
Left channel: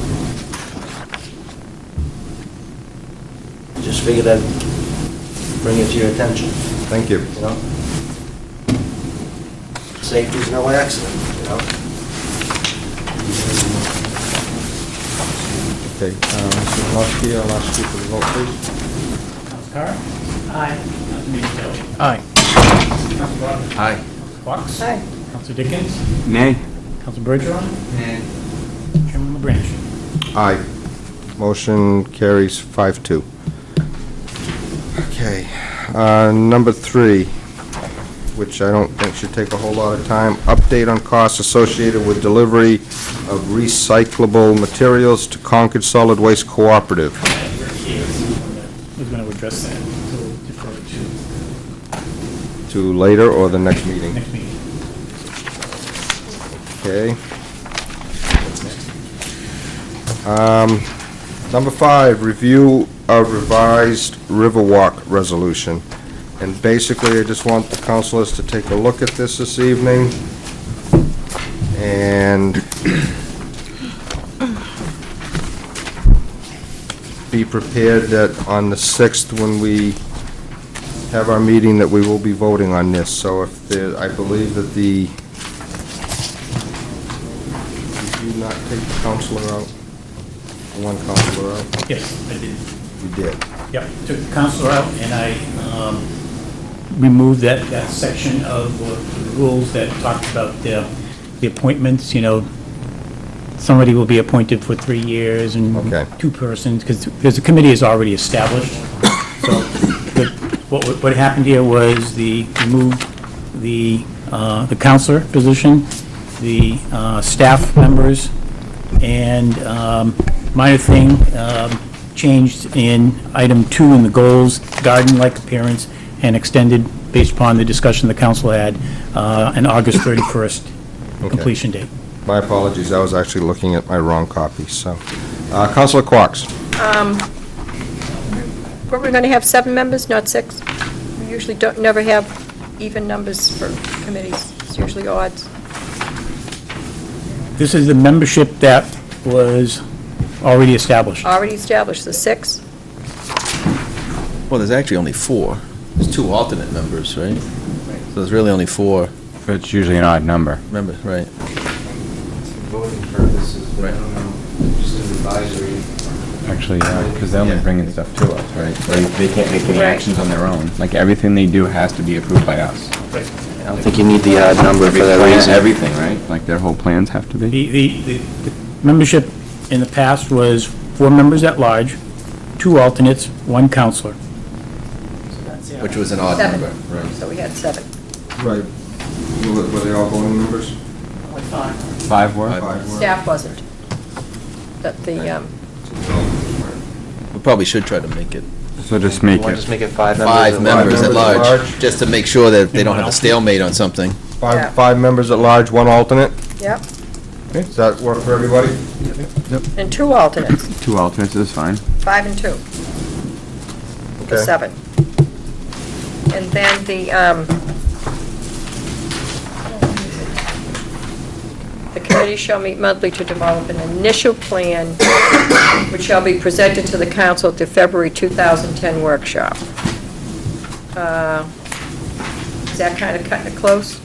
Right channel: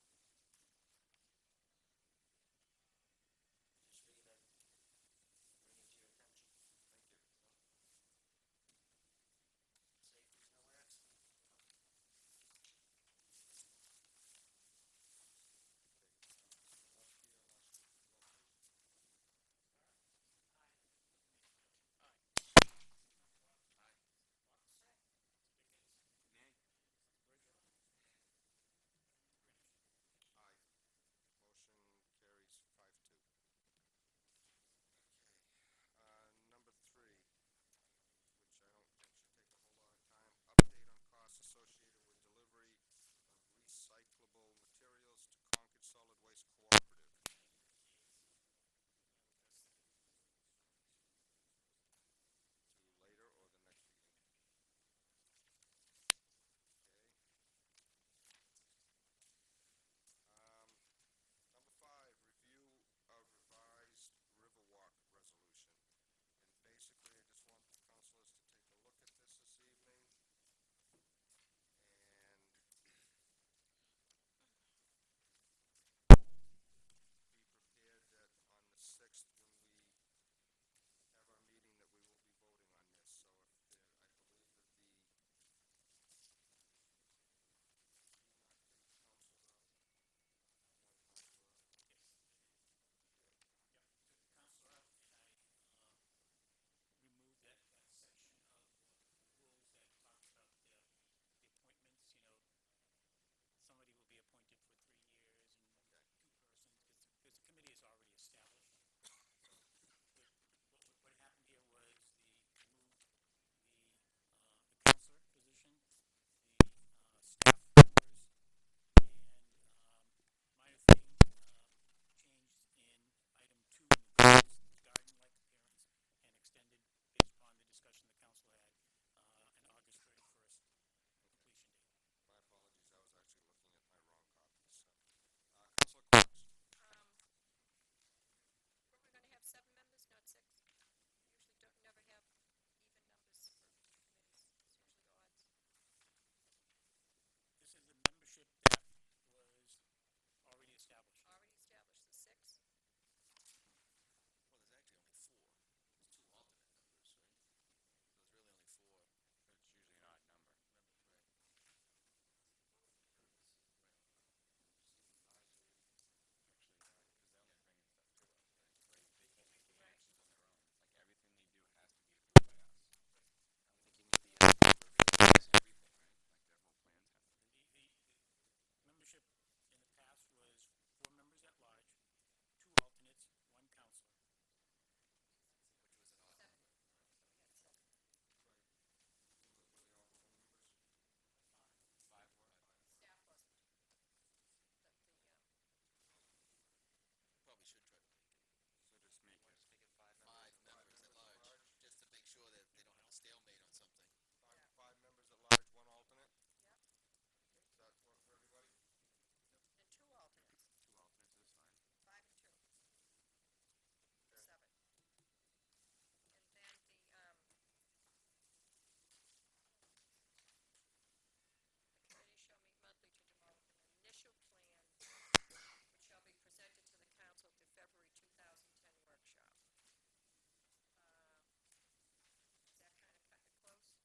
Just figured I'd bring it to your attention, Thank you. you know? Safety's no accident, you know? Okay, Mr. Malowski, I'll ask you for the vote, please. Council Carr? Aye. Council Minipelli? Aye. Council Biden? Aye. Council Fox? Aye. Council Dickens? Nay. Council Bergeron? Nay. Chairman LaBranch? Aye. Motion carries 5-2. Okay, number 3, which I don't think should take a whole lot of time. Update on costs associated with delivery of recyclable materials to Concord Solid Waste Cooperative. Who's going to address that? So we'll defer To later or the next meeting? next meeting. Okay. Number 5, review of revised Riverwalk resolution. And basically, I just want the councilors to take a look at this evening and be prepared that on the 6th, when we have our meeting, that we will be voting on this. So if there, I believe that did you not take the counselor out? One counselor out? Yes, I did. You did. Yep, took the counselor out, and I removed that section of the rules that talked about the appointments, you know, somebody will be appointed for 3 years and Okay. 2 persons, because the committee is already established. So what happened here was removed the counselor position, the staff members, and minor thing, changed in item 2 in the goals, garden-like appearance, and extended based upon the discussion the council had, an August 31st completion date. My apologies, I was actually looking at my wrong copy, so. Counselor Quox. We're going to have 7 members, not 6. We usually never have even numbers for committees. It's usually odds. This is the membership that was already established. Already established, the 6. Well, there's actually only 4. There's 2 alternate members, right? So there's really only 4 But it's usually an odd number. members, right? Voting purposes, Right. just an advisory. Actually, yeah, because they're only Yeah. bringing stuff to us, right? They can't make any Right. actions on their own. Like, everything they do has to be approved by us. I don't think you need the odd number for that reason. Everything, right? Like, their whole plans have to be? The membership in the past was 4 members at large, 2 alternates, 1 counselor. Which was an odd 7. number, right? So we had 7. Right. Were they all voting members? 5 were? Staff wasn't. We probably should try to make it So just make Want to it, just make it 5 members? 5 members at members at large, large. just to make sure that they don't have a stalemate on something. Yeah. Five members at large, 1 alternate? Yep. Does that work for everybody? And 2 alternates, 2 alternates is fine. 5 and 2. For Okay. 7. And then the committee shall meet monthly to develop an initial plan which shall be presented to the council at the February 2010 workshop. Is that kind of cutting it close?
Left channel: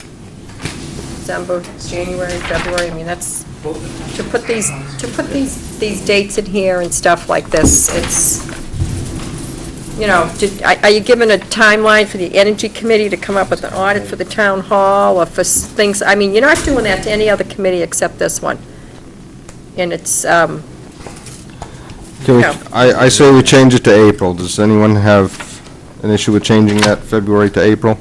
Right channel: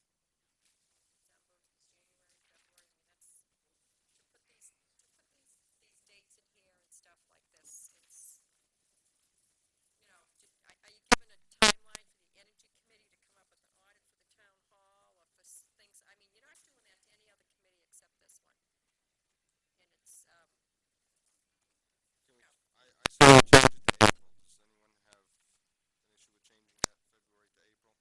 December, January, February, I mean, that's, to put these dates in here and stuff like this, it's, you know, are you given a timeline for the Energy Committee to come up with an audit for the town hall, or for things, I mean, you're not doing that to any other committee except this one. And it's, Can we, No. I say we change it to April. Does anyone have an issue with changing that February to April?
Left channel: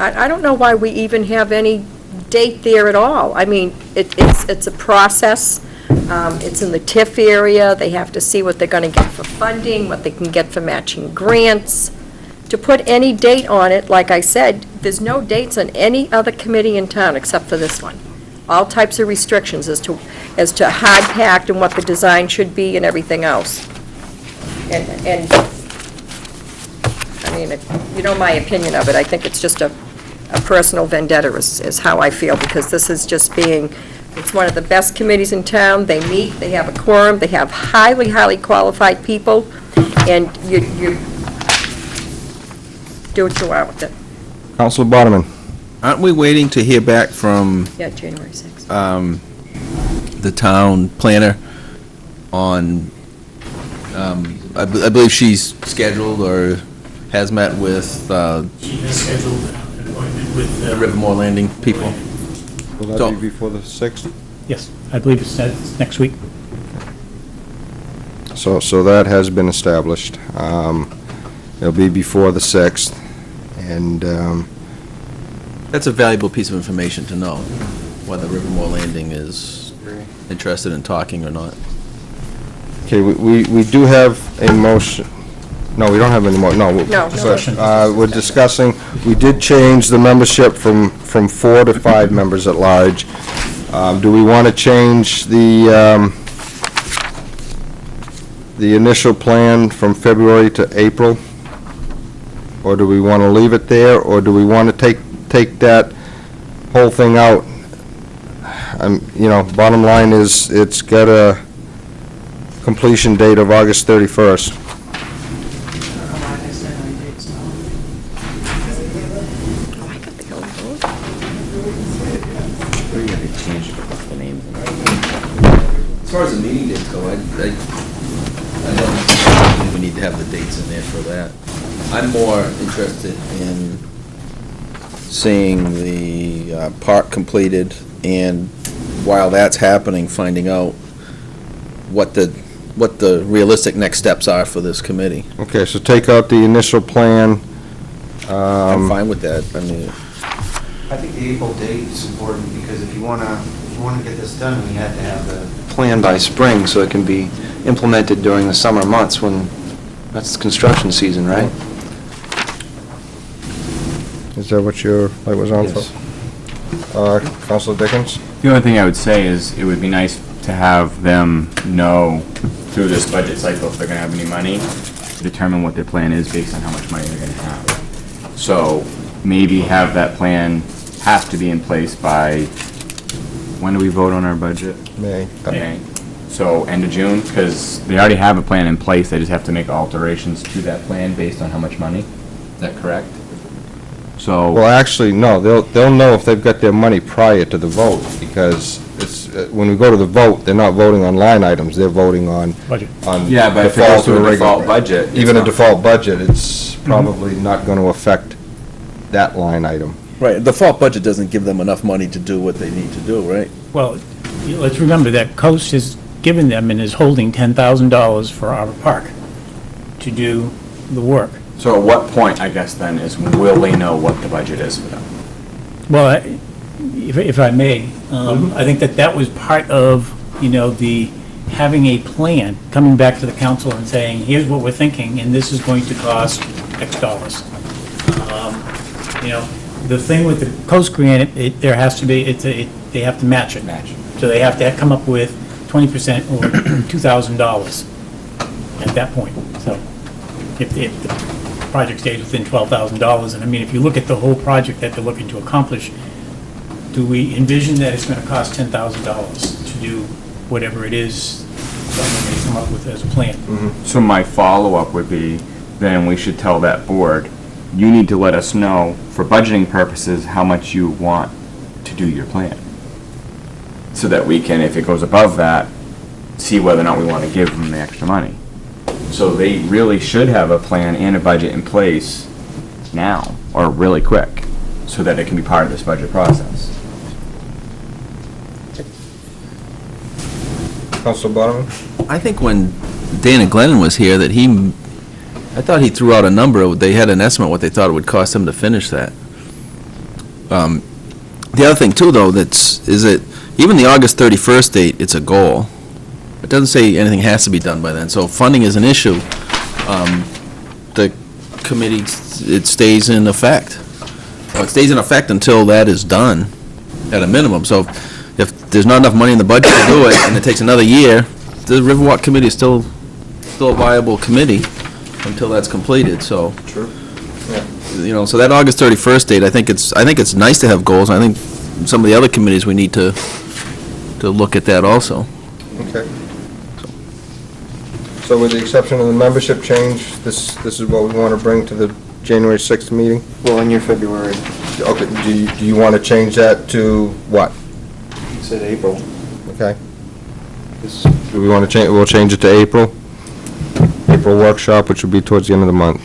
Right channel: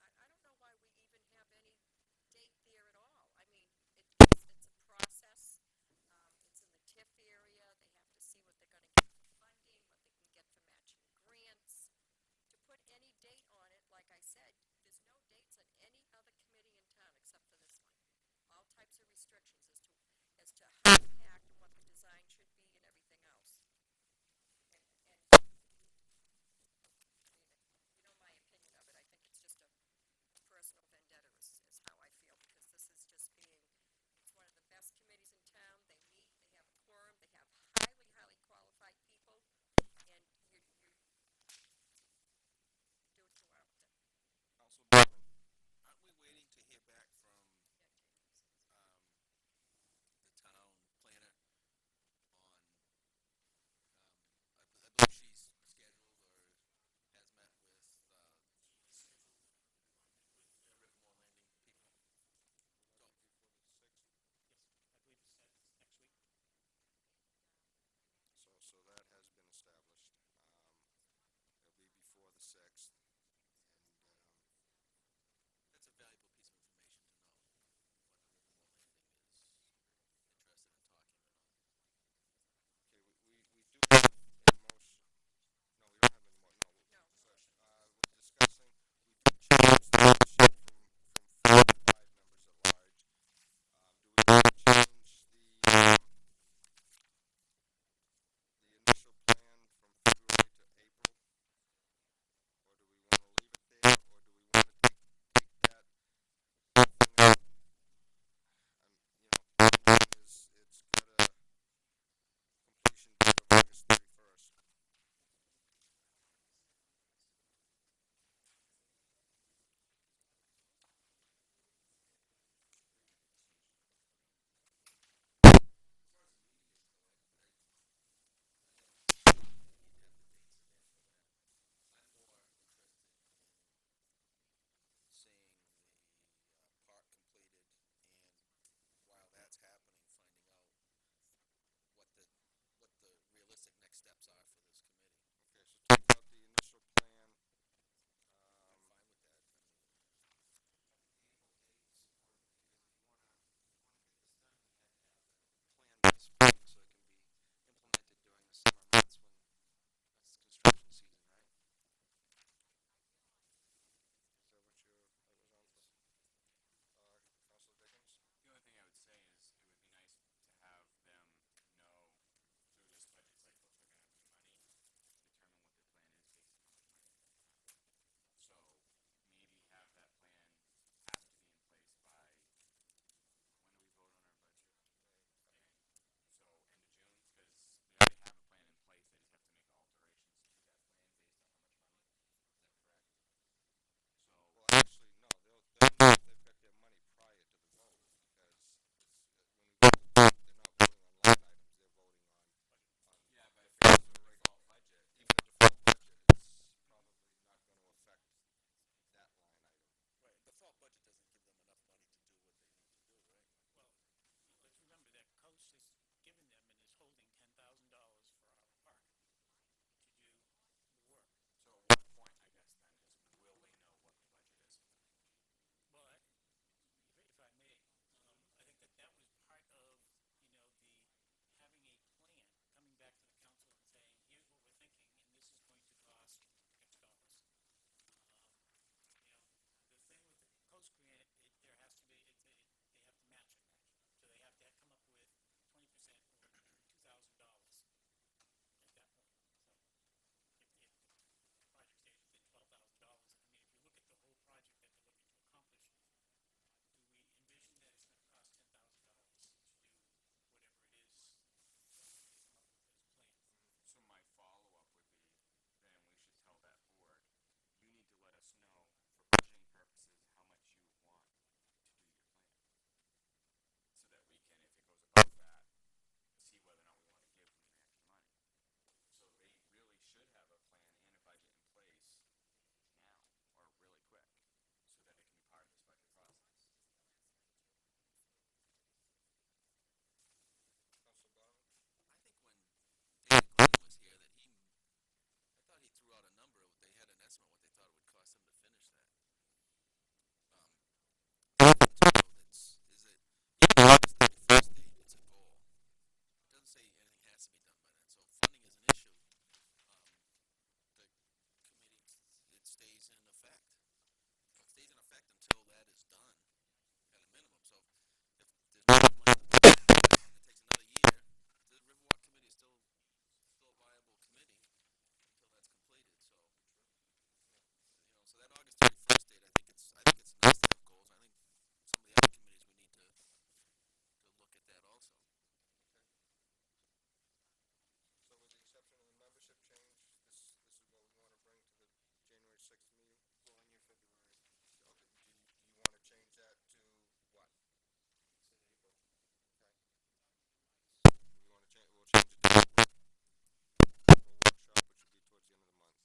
I don't know why we even have any date there at all. I mean, it's a process. It's in the TIF area. They have to see what they're going to get for funding, what they can get for matching grants. To put any date on it, like I said, there's no dates on any other committee in town except for this one. All types of restrictions as to hard packed and what the design should be and everything else. And I mean, you know my opinion of it. I think it's just a personal vendetta is how I feel, because this is just being, it's one of the best committees in town. They meet, they have a quorum, they have highly, highly qualified people, and you do what you want with it. Councilor Bodeman. Aren't we waiting to hear back from Yeah, January 6th. the town planner on, I believe she's scheduled or has met with She has scheduled an appointment with the Rivermore Landing people? Will So- that be before the 6th? Yes, I believe it's next week. So that has been established. It'll be before the 6th, and That's a valuable piece of information to know, whether Rivermore Landing is interested in talking or not. okay, we do have a motion. No, we don't have any more, no. No. We're discussing, we did change the membership from 4 to 5 members at large. Do we want to change the initial plan from February to April? Or do we want to leave it there, or do we want to take that whole thing out? You know, bottom line is, it's got a completion date of August 31st. As far as the meeting dates go, I don't think we need to have the dates in there for that. I'm more interested in seeing the park completed, and while that's happening, finding out what the realistic next steps are for this committee. Okay, so take out the initial plan. I'm fine with that. I mean, I think the April date is important, because if you want to get this done, we have to have the plan by spring, so it can be implemented during the summer months when, that's construction season, right? Is that what your light was on for? Yes. Councilor Dickens? The only thing I would say is it would be nice to have them know through this budget cycle if they're gonna have any money, to determine what their plan is based on how much money they're gonna have. So maybe have that plan have to be in place by, when do we vote on our budget? May. May. So end of June, because they already have a plan in place, they just have to make alterations to that plan based on how much money. Is that correct? So. Well, actually, no, they'll know if they've got their money prior to the vote, because it's, when we go to the vote, they're not voting on line items, they're voting on. Budget. On Yeah, but if it default goes to a or regular. default budget, it's Even a not- default budget, it's probably not going to affect that line item. right, the default budget doesn't give them enough money to do what they need to do, right? Well, let's remember that Coast has given them and is holding $10,000 for our park to do the work. So at what point, I guess then, will they know what the budget is for them? Well, if I may, I think that was part of, the having a plan, coming back to the council and saying, here's what we're thinking, and this is going to cost X dollars. The thing with the Coast Grant, there has to be, they have to match it. So they have to come up with 20% or $2,000 at that point. So if the project stays within $12,000, and I mean, if you look at the whole project that they're looking to accomplish, do we envision that it's going to cost $10,000 to do whatever it is that they come up with as a plan? So my follow-up would be, then we should tell that board, you need to let us know, for budgeting purposes, how much you want to do your plan. So that we can, if it goes above that, see whether or not we want to give them the extra money. So they really should have a plan and a budget in place now, or really quick, so that it can be part of this budget process. Councilor Bodeman? I think when Dana Glennon was here, I thought he threw out a number, they had an estimate what they thought it would cost them to finish that. The other thing too, though, is that even the August 31st date, it's a goal. It doesn't say anything has to be done by then, so if funding is an issue, the committee, it stays in effect. Well, it stays in effect until that is done, at a minimum. So if there's not enough money in the budget to do it, and it takes another year, the Riverwalk Committee is still a viable committee until that's completed, so. True. You know, so that August 31st date, I think it's nice to have goals, and I think some of the other committees, we need to look at that also. Okay. So with the exception of the membership change, this is what we want to bring to the January 6th meeting? Well, in your February. Okay, do you want to change that to what? You said April. Okay. Do we want to change, we'll change it to April? April workshop, which will be towards the end of the month.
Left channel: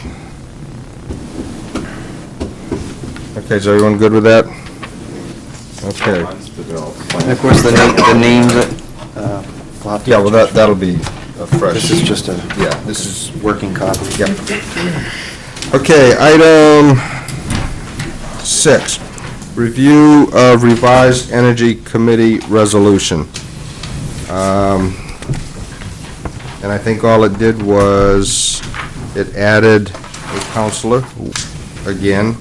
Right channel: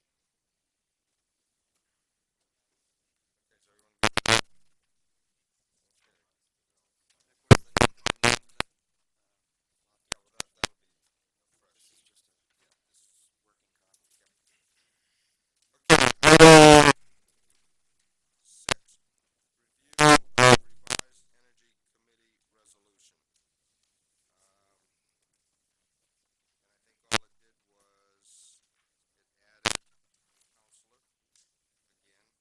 Okay, is everyone good with that? Okay. And of course, the name that, we'll have to. Yeah, well, that'll be a fresh. This is just a. Yeah, this is, working copy. yep. Okay, item 6, review of revised energy committee resolution. And I think all it did was, it added a counselor, again,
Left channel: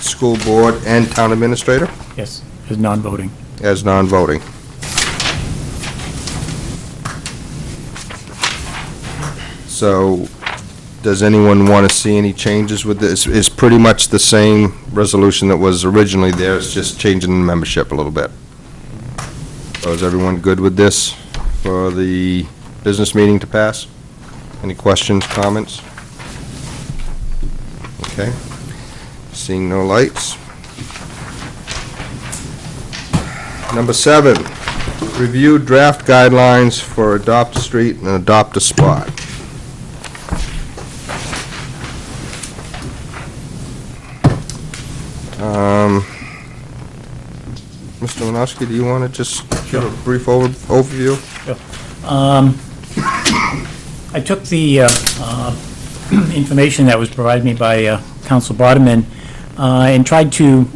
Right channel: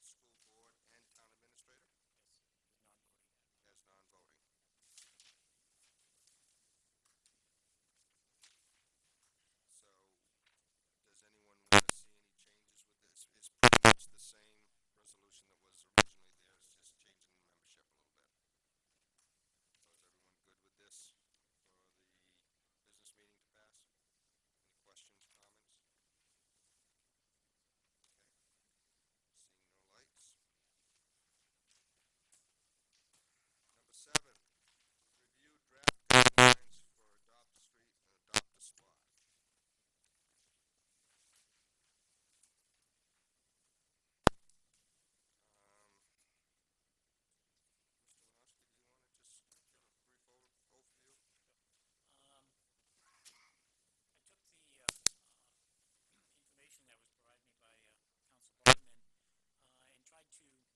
school board, and town administrator Yes, as non-voting. as non-voting. So, does anyone want to see any changes with this? It's pretty much the same resolution that was originally there, it's just changing the membership a little bit. So is everyone good with this for the business meeting to pass? Any questions, comments? Okay. Seeing no lights. Number 7, review draft guidelines for adopt a street and adopt a spot. Mr. Manosky, do you want to just give a brief overview? I took the information that was provided me by Council Bodeman and tried to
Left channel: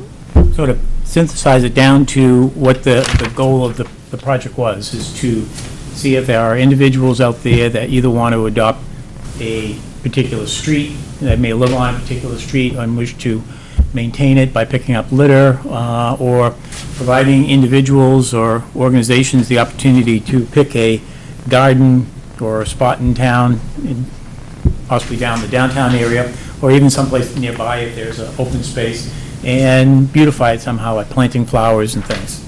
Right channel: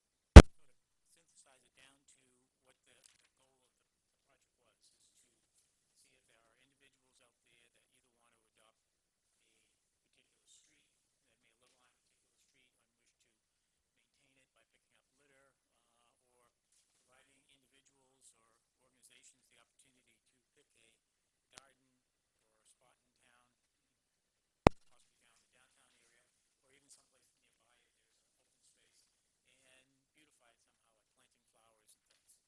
sort of synthesize it down to what the goal of the project was, is to see if there are individuals out there that either want to adopt a particular street, that may live on a particular street and wish to maintain it by picking up litter, or providing individuals or organizations the opportunity to pick a garden or a spot in town, possibly down the downtown area, or even someplace nearby if there's an open space, and beautify it somehow, like planting flowers and things.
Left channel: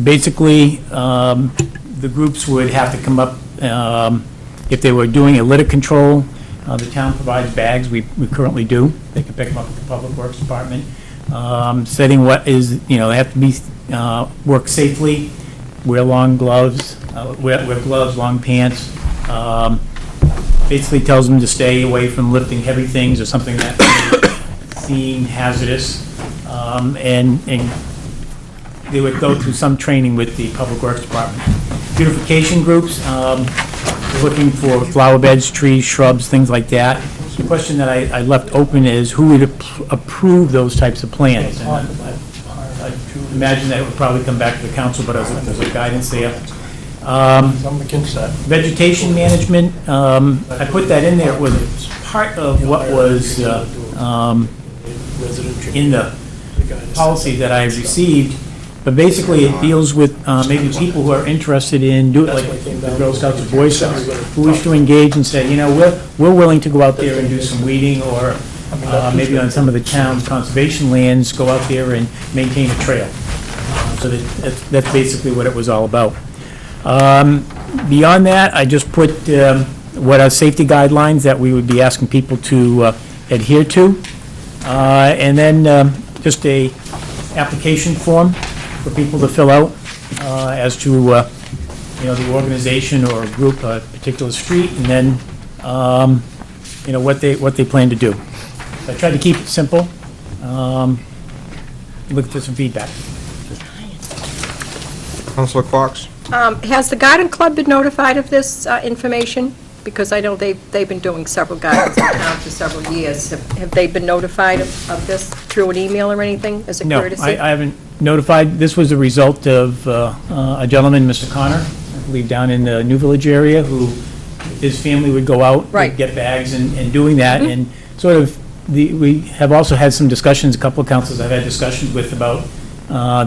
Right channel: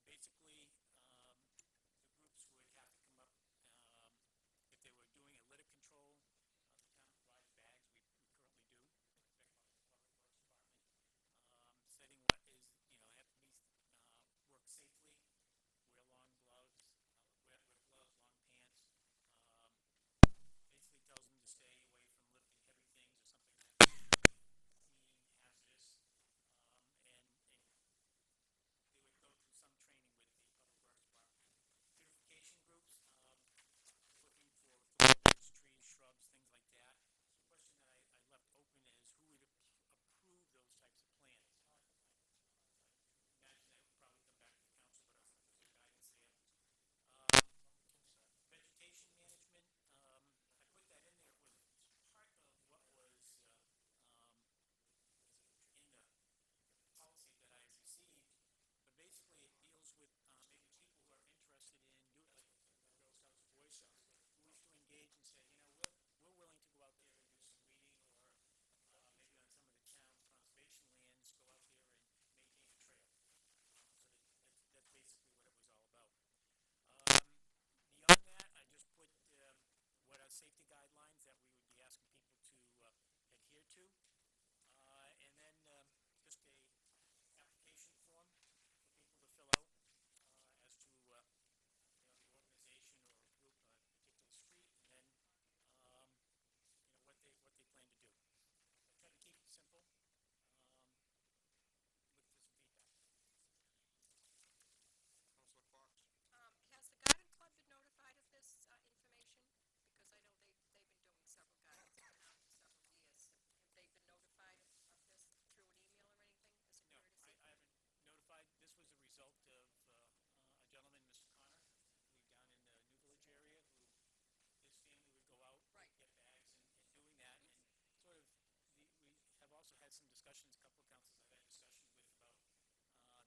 Basically, the groups would have to come up, if they were doing a litter control, the town provides bags, we currently do. They can pick them up at the Public Works Department. Setting what is, they have to be, work safely, wear long gloves, wear gloves, long pants. Basically tells them to stay away from lifting heavy things or something that may seem hazardous. And they would go through some training with the Public Works Department. Beautification groups, looking for flower beds, trees, shrubs, things like that. The question that I left open is who would approve those types of plans? And I imagine that it would probably come back to the council, but there's a guidance there. Vegetation management, I put that in there. It was part of what was in the policy that I received. But basically, it deals with maybe people who are interested in doing, like the Girl Scouts or Boy Scouts, who wish to engage and say, we're willing to go out there and do some weeding, or maybe on some of the town's conservation lands, go out there and maintain a trail. So that's basically what it was all about. Beyond that, I just put what are safety guidelines that we would be asking people to adhere to, and then just a application form for people to fill out as to the organization or a group, a particular street, and then what they plan to do. So I tried to keep it simple. Look for some feedback. Councilor Fox? Has the garden club been notified of this information? Because I know they've been doing several gardens in town for several years. Have they been notified of this through an email or anything as a courtesy? No, I haven't notified. This was a result of a gentleman, Mr. Connor, believe down in the New Village area, who, his family would go out, Right. would get bags and doing that, and sort of, we have also had some discussions, a couple of councils I've had discussions with about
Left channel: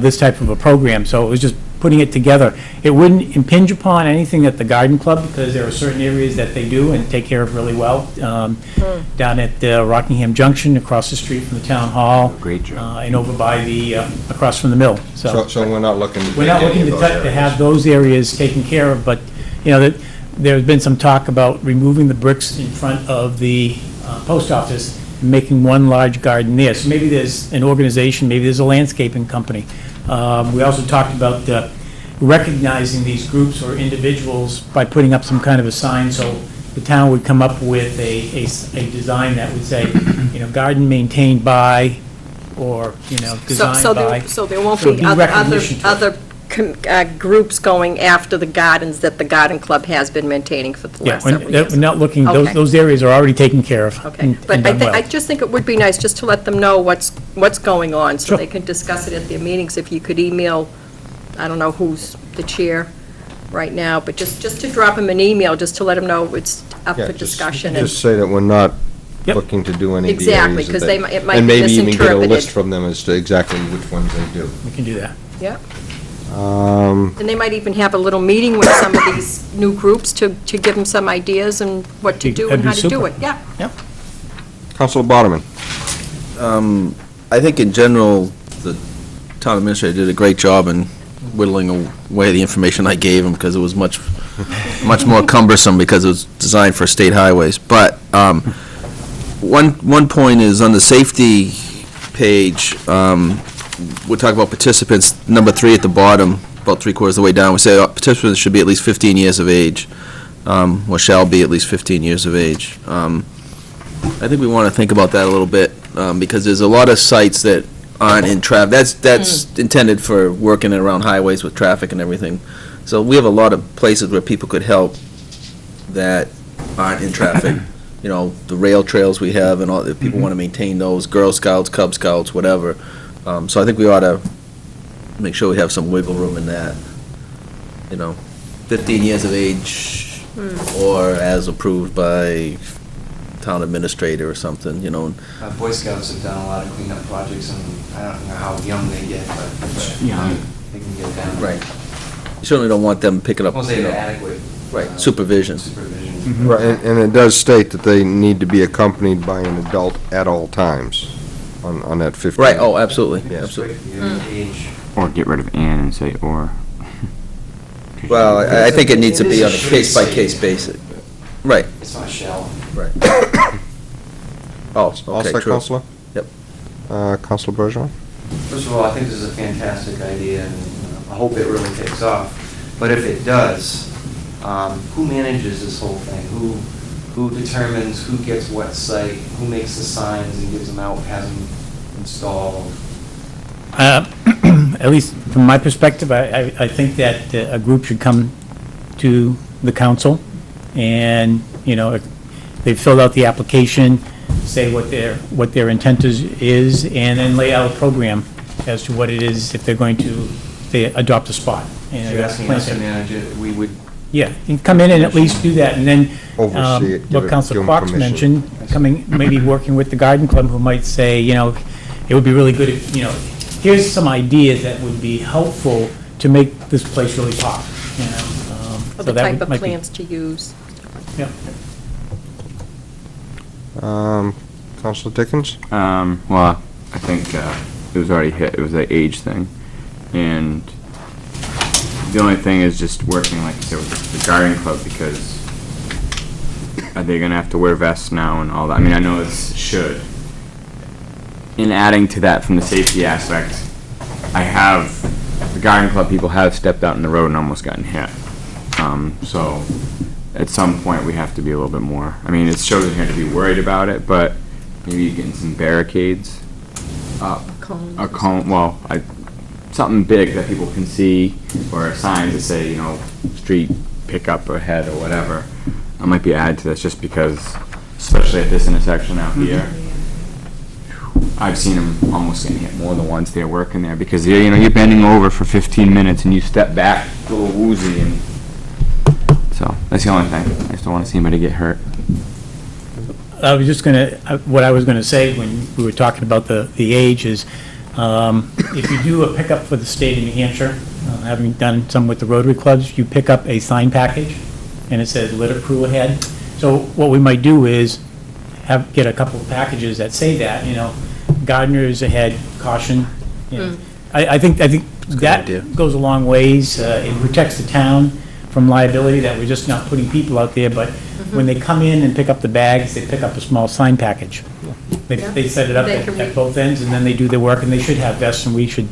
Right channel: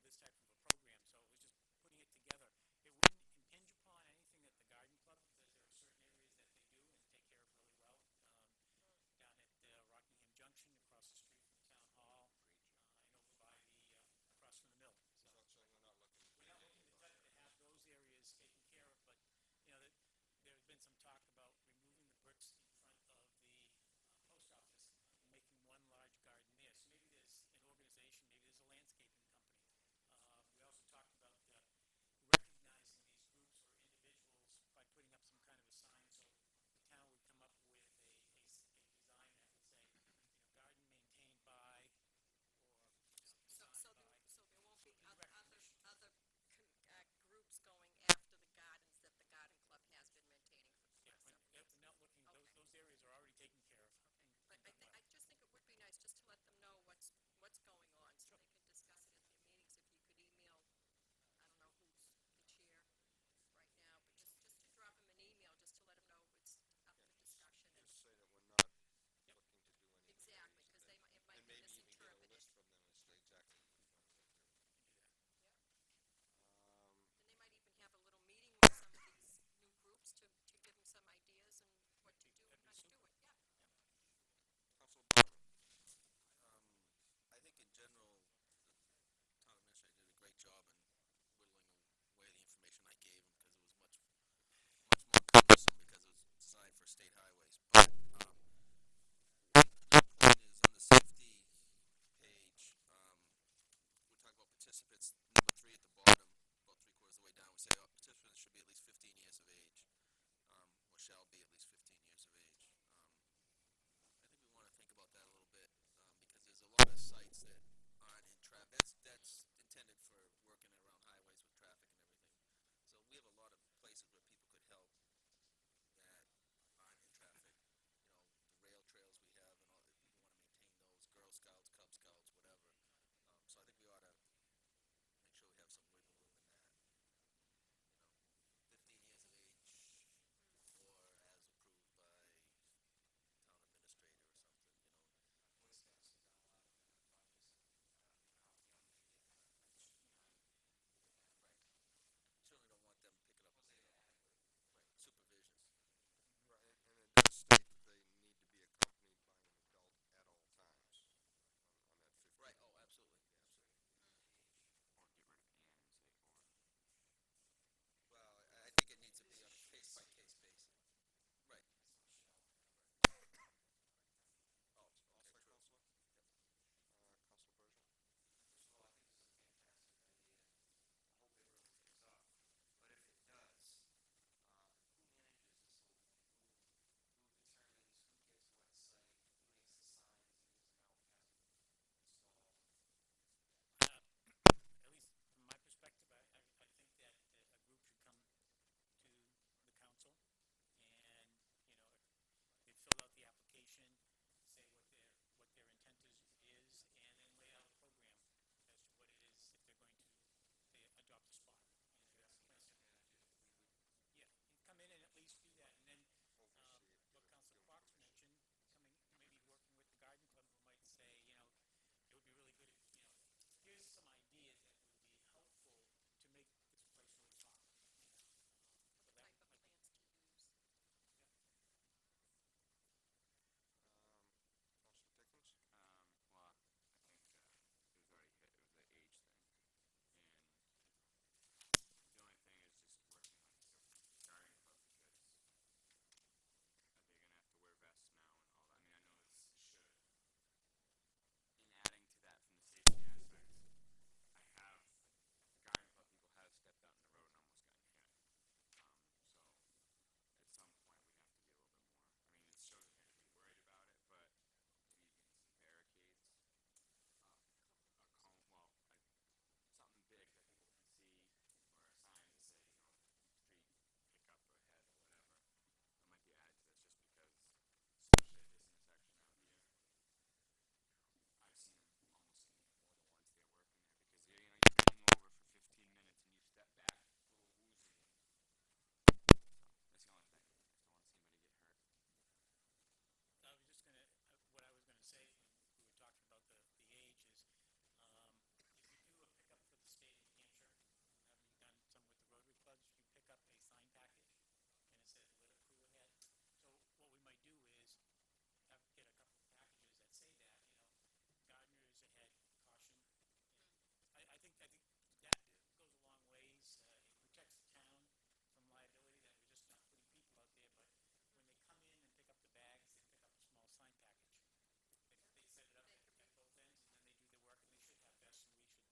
this type of a program, so it was just putting it together. It wouldn't impinge upon anything at the garden club, because there are certain areas that they do and take care of really well. Down at Rockingham Junction, across the street from the town hall. Great job. And over by the, across from the mill, so. So we're not looking to We're not take any looking of to those to have areas. those areas taken care of, but, you know, there's been some talk about removing the bricks in front of the post office and making one large garden there. So maybe there's an organization, maybe there's a landscaping company. We also talked about recognizing these groups or individuals by putting up some kind of a sign, so the town would come up with a design that would say, you know, garden maintained by, or, you know, designed by. So there won't So be it'd be recognition to it. other groups going after the gardens that the garden club has been maintaining for the Yeah, last several we're years? not looking, Okay. those areas are already taken care of. Okay, and but done well. I just think it would be nice just to let them know what's going on, so Sure. they can discuss it at their meetings. If you could email, I don't know who's the chair right now, but just to drop them an email, just to let them know it's up Yeah, for just- discussion. Just say that we're not Yep. looking to do any of the Exactly, areas that 'cause they... it might And be maybe even get a misinterpreted. list from them as to exactly which ones they do. We can do that. Yeah, Um, and they might even have a little meeting with some of these new groups to give them some ideas and what to do and That'd be how to do super. it, yeah. Councilor Boderman. I think in general, the town administrator did a great job in whittling away the information I gave him, because it was much more cumbersome, because it was designed for state highways. But one point is on the safety page, we talk about participants, number 3 at the bottom, about 3/4 of the way down, we say participants should be at least 15 years of age, or shall be at least 15 years of age. I think we want to think about that a little bit, because there's a lot of sites that aren't in traffic. That's intended for working around highways with traffic and everything. So we have a lot of places where people could help that aren't in traffic. You know, the rail trails we have, and all, if people want to maintain those, Girl Scouts, Cub Scouts, whatever. So I think we ought to make sure we have some wiggle room in that. You know, 15 years of age, or as approved by town administrator or something, you know. Boy Scouts have done a lot of cleanup projects, and I don't know how young they get, but they can get down. Right. You certainly don't want them picking up, Once they have adequate right, supervision. supervision. Right, and it does state that they need to be accompanied by an adult at all times on that 15. Right, oh, absolutely, yeah, absolutely. Age. Or get rid of "and" and say "or." Well, I think it needs to be on a case-by-case basis. Right, It's not shall. right. Oh, All okay, set, true. Counselor? Yep. Councilor Bergeron? First of all, I think this is a fantastic idea, and I hope it really takes off. But if it does, who manages this whole thing? Who determines who gets what site? Who makes the signs and gives them out, has them installed? At least from my perspective, I think that a group should come to the council, and, you know, if they've filled out the application, say what their intent is, and then lay out a program as to what it is, if they're going to, they adopt a spot. And You're asking us to plant it. manage it, we would. Yeah, you can come in and at least do that, and then, Oversee it, give what it- Councilor give 'em Fox permission. mentioned, coming, maybe working with the garden club, who might say, you know, it would be really good if, you know, here's some ideas that would be helpful to make this place really pop, you know. Or so the that type would- of might be- plants to use. Yeah. Councilor Dickens? Well, I think it was already hit. It was the age thing, and the only thing is just working, like you said, with the garden club, because are they going to have to wear vests now and all that? I mean, I know it should. In adding to that, from the safety aspect, the garden club people have stepped out in the road and almost gotten hit. So at some point, we have to be a little bit more. I mean, it shows here to be worried about it, but maybe getting some barricades up. A cone, well, something big that people can see, or signs that say, you know, street pickup ahead or whatever. I might be added to this just because, especially at this intersection out here, I've seen them almost getting hit more than once. They're working there because you're bending over for 15 minutes and you step back a little woozy, and So that's the only thing. I just don't want to see anybody get hurt. I was just gonna, what I was gonna say when we were talking about the age is, if you do a pickup for the state of New Hampshire, having done some with the Rotary clubs, you pick up a sign package, and it says litter crew ahead. So what we might do is get a couple of packages that say that, gardeners ahead, caution. I think that goes a long ways. It protects the town from liability, that we're just not putting people out there, but when they come in and pick up the bags, they pick up a small sign package. They set it up at both ends, and then they do their work, and they should have vests, and we should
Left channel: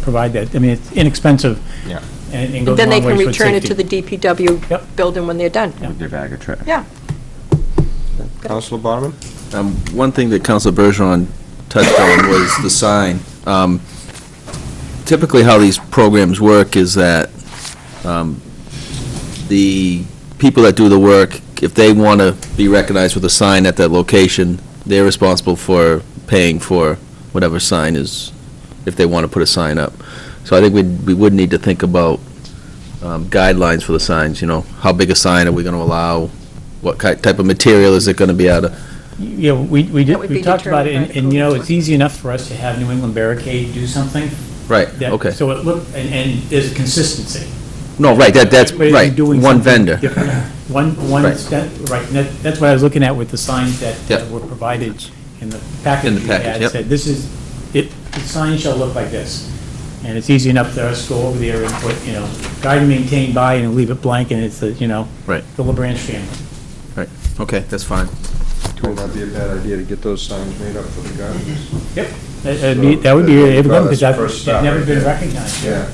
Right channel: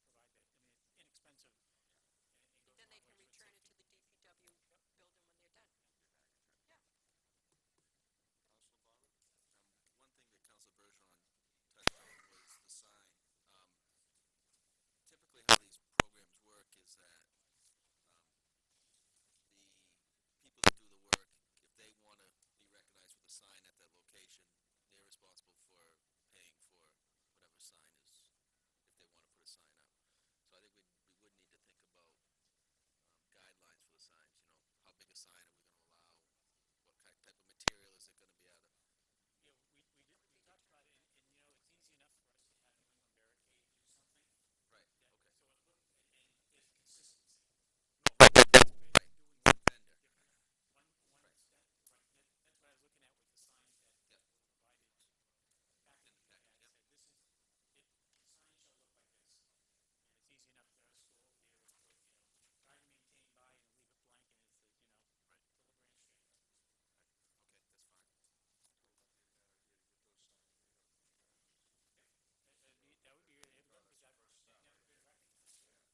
provide that. I mean, it's inexpensive. Yeah. And goes a Then they long can ways for return it to safety. the DPW building when they're done. With their bag of trash. Yeah. Councilor Barman? One thing that Councilor Bergeron touched on was the sign. Typically, how these programs work is that the people that do the work, if they want to be recognized with a sign at that location, they're responsible for paying for whatever sign is, if they want to put a sign up. So I think we would need to think about guidelines for the signs, how big a sign are we going to allow? What type of material is it going to be out of? Yeah, we talked about it, and it's easy enough for us to have New England Barricade do something. Right, that- okay. So it looked, and there's a consistency. No, right, that's, Everybody's right, doing one something vendor. different. One, Right. right, and that's what I was looking at with the signs that Yep. were provided in the package. In the we package, had. yep. Said, the sign shall look like this. And it's easy enough for us to go over there and put, guide and maintain by, and leave it blank, and it's, Right. the LaBranch family. Right, okay, that's fine. Would not be a bad idea to get those signs made up for the gardeners. Yep. That would be really good, because That's the first step, it's never right been there. recognized. Yeah.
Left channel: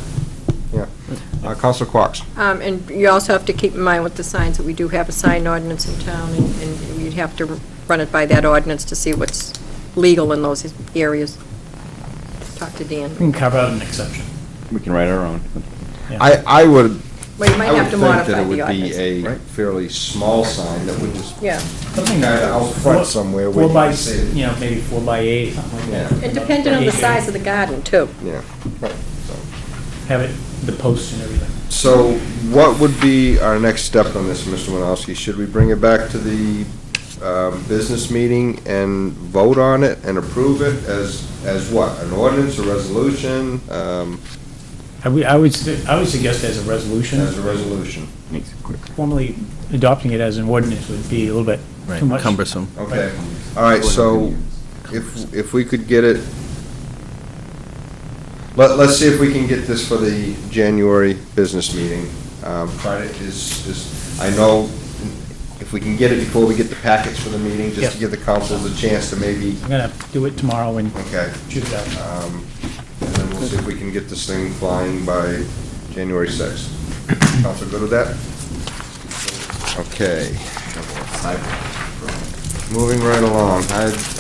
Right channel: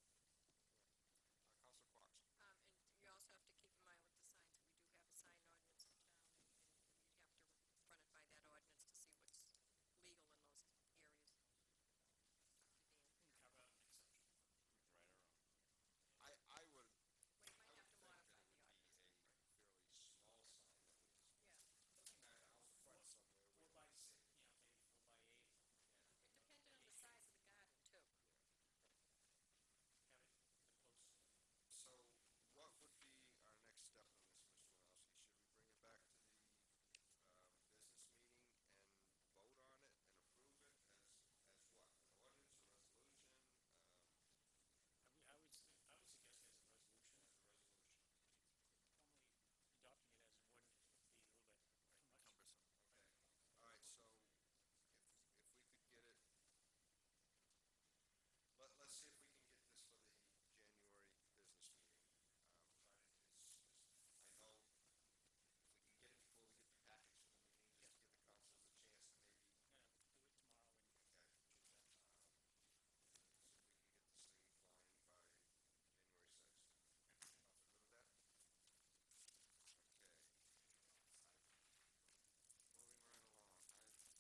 Councilor Quox? And you also have to keep in mind with the signs that we do have a sign ordinance in town, and we'd have to run it by that ordinance to see what's legal in those areas. Talk to Dan. We can carve out an exception. We can write our own. I would, Well, you might I would have to think modify that it the would be ordinance. a fairly small sign that would just Yeah. kind of out front somewhere where 4 you by, can see it. maybe 4 by 8, something like that. And depending on the size of the garden, too. Yeah, right. Have it, the posts and everything. So what would be our next step on this, Mr. Winowski? Should we bring it back to the business meeting and vote on it and approve it as what? An ordinance, a resolution? I would suggest as a resolution. As a resolution. Makes it quicker. Formally adopting it as an ordinance would be a little bit too much. Cumbersome. Okay. All right, so if we could get it, let's see if we can get this for the January business meeting. Try to, I know if we can get it before we get the packets for the meeting, just to Yep. give the councils a chance to maybe, I'm gonna do it tomorrow and okay. shoot it out. And then we'll see if we can get this thing flying by January 6th. Council good with that? Okay. Moving right along,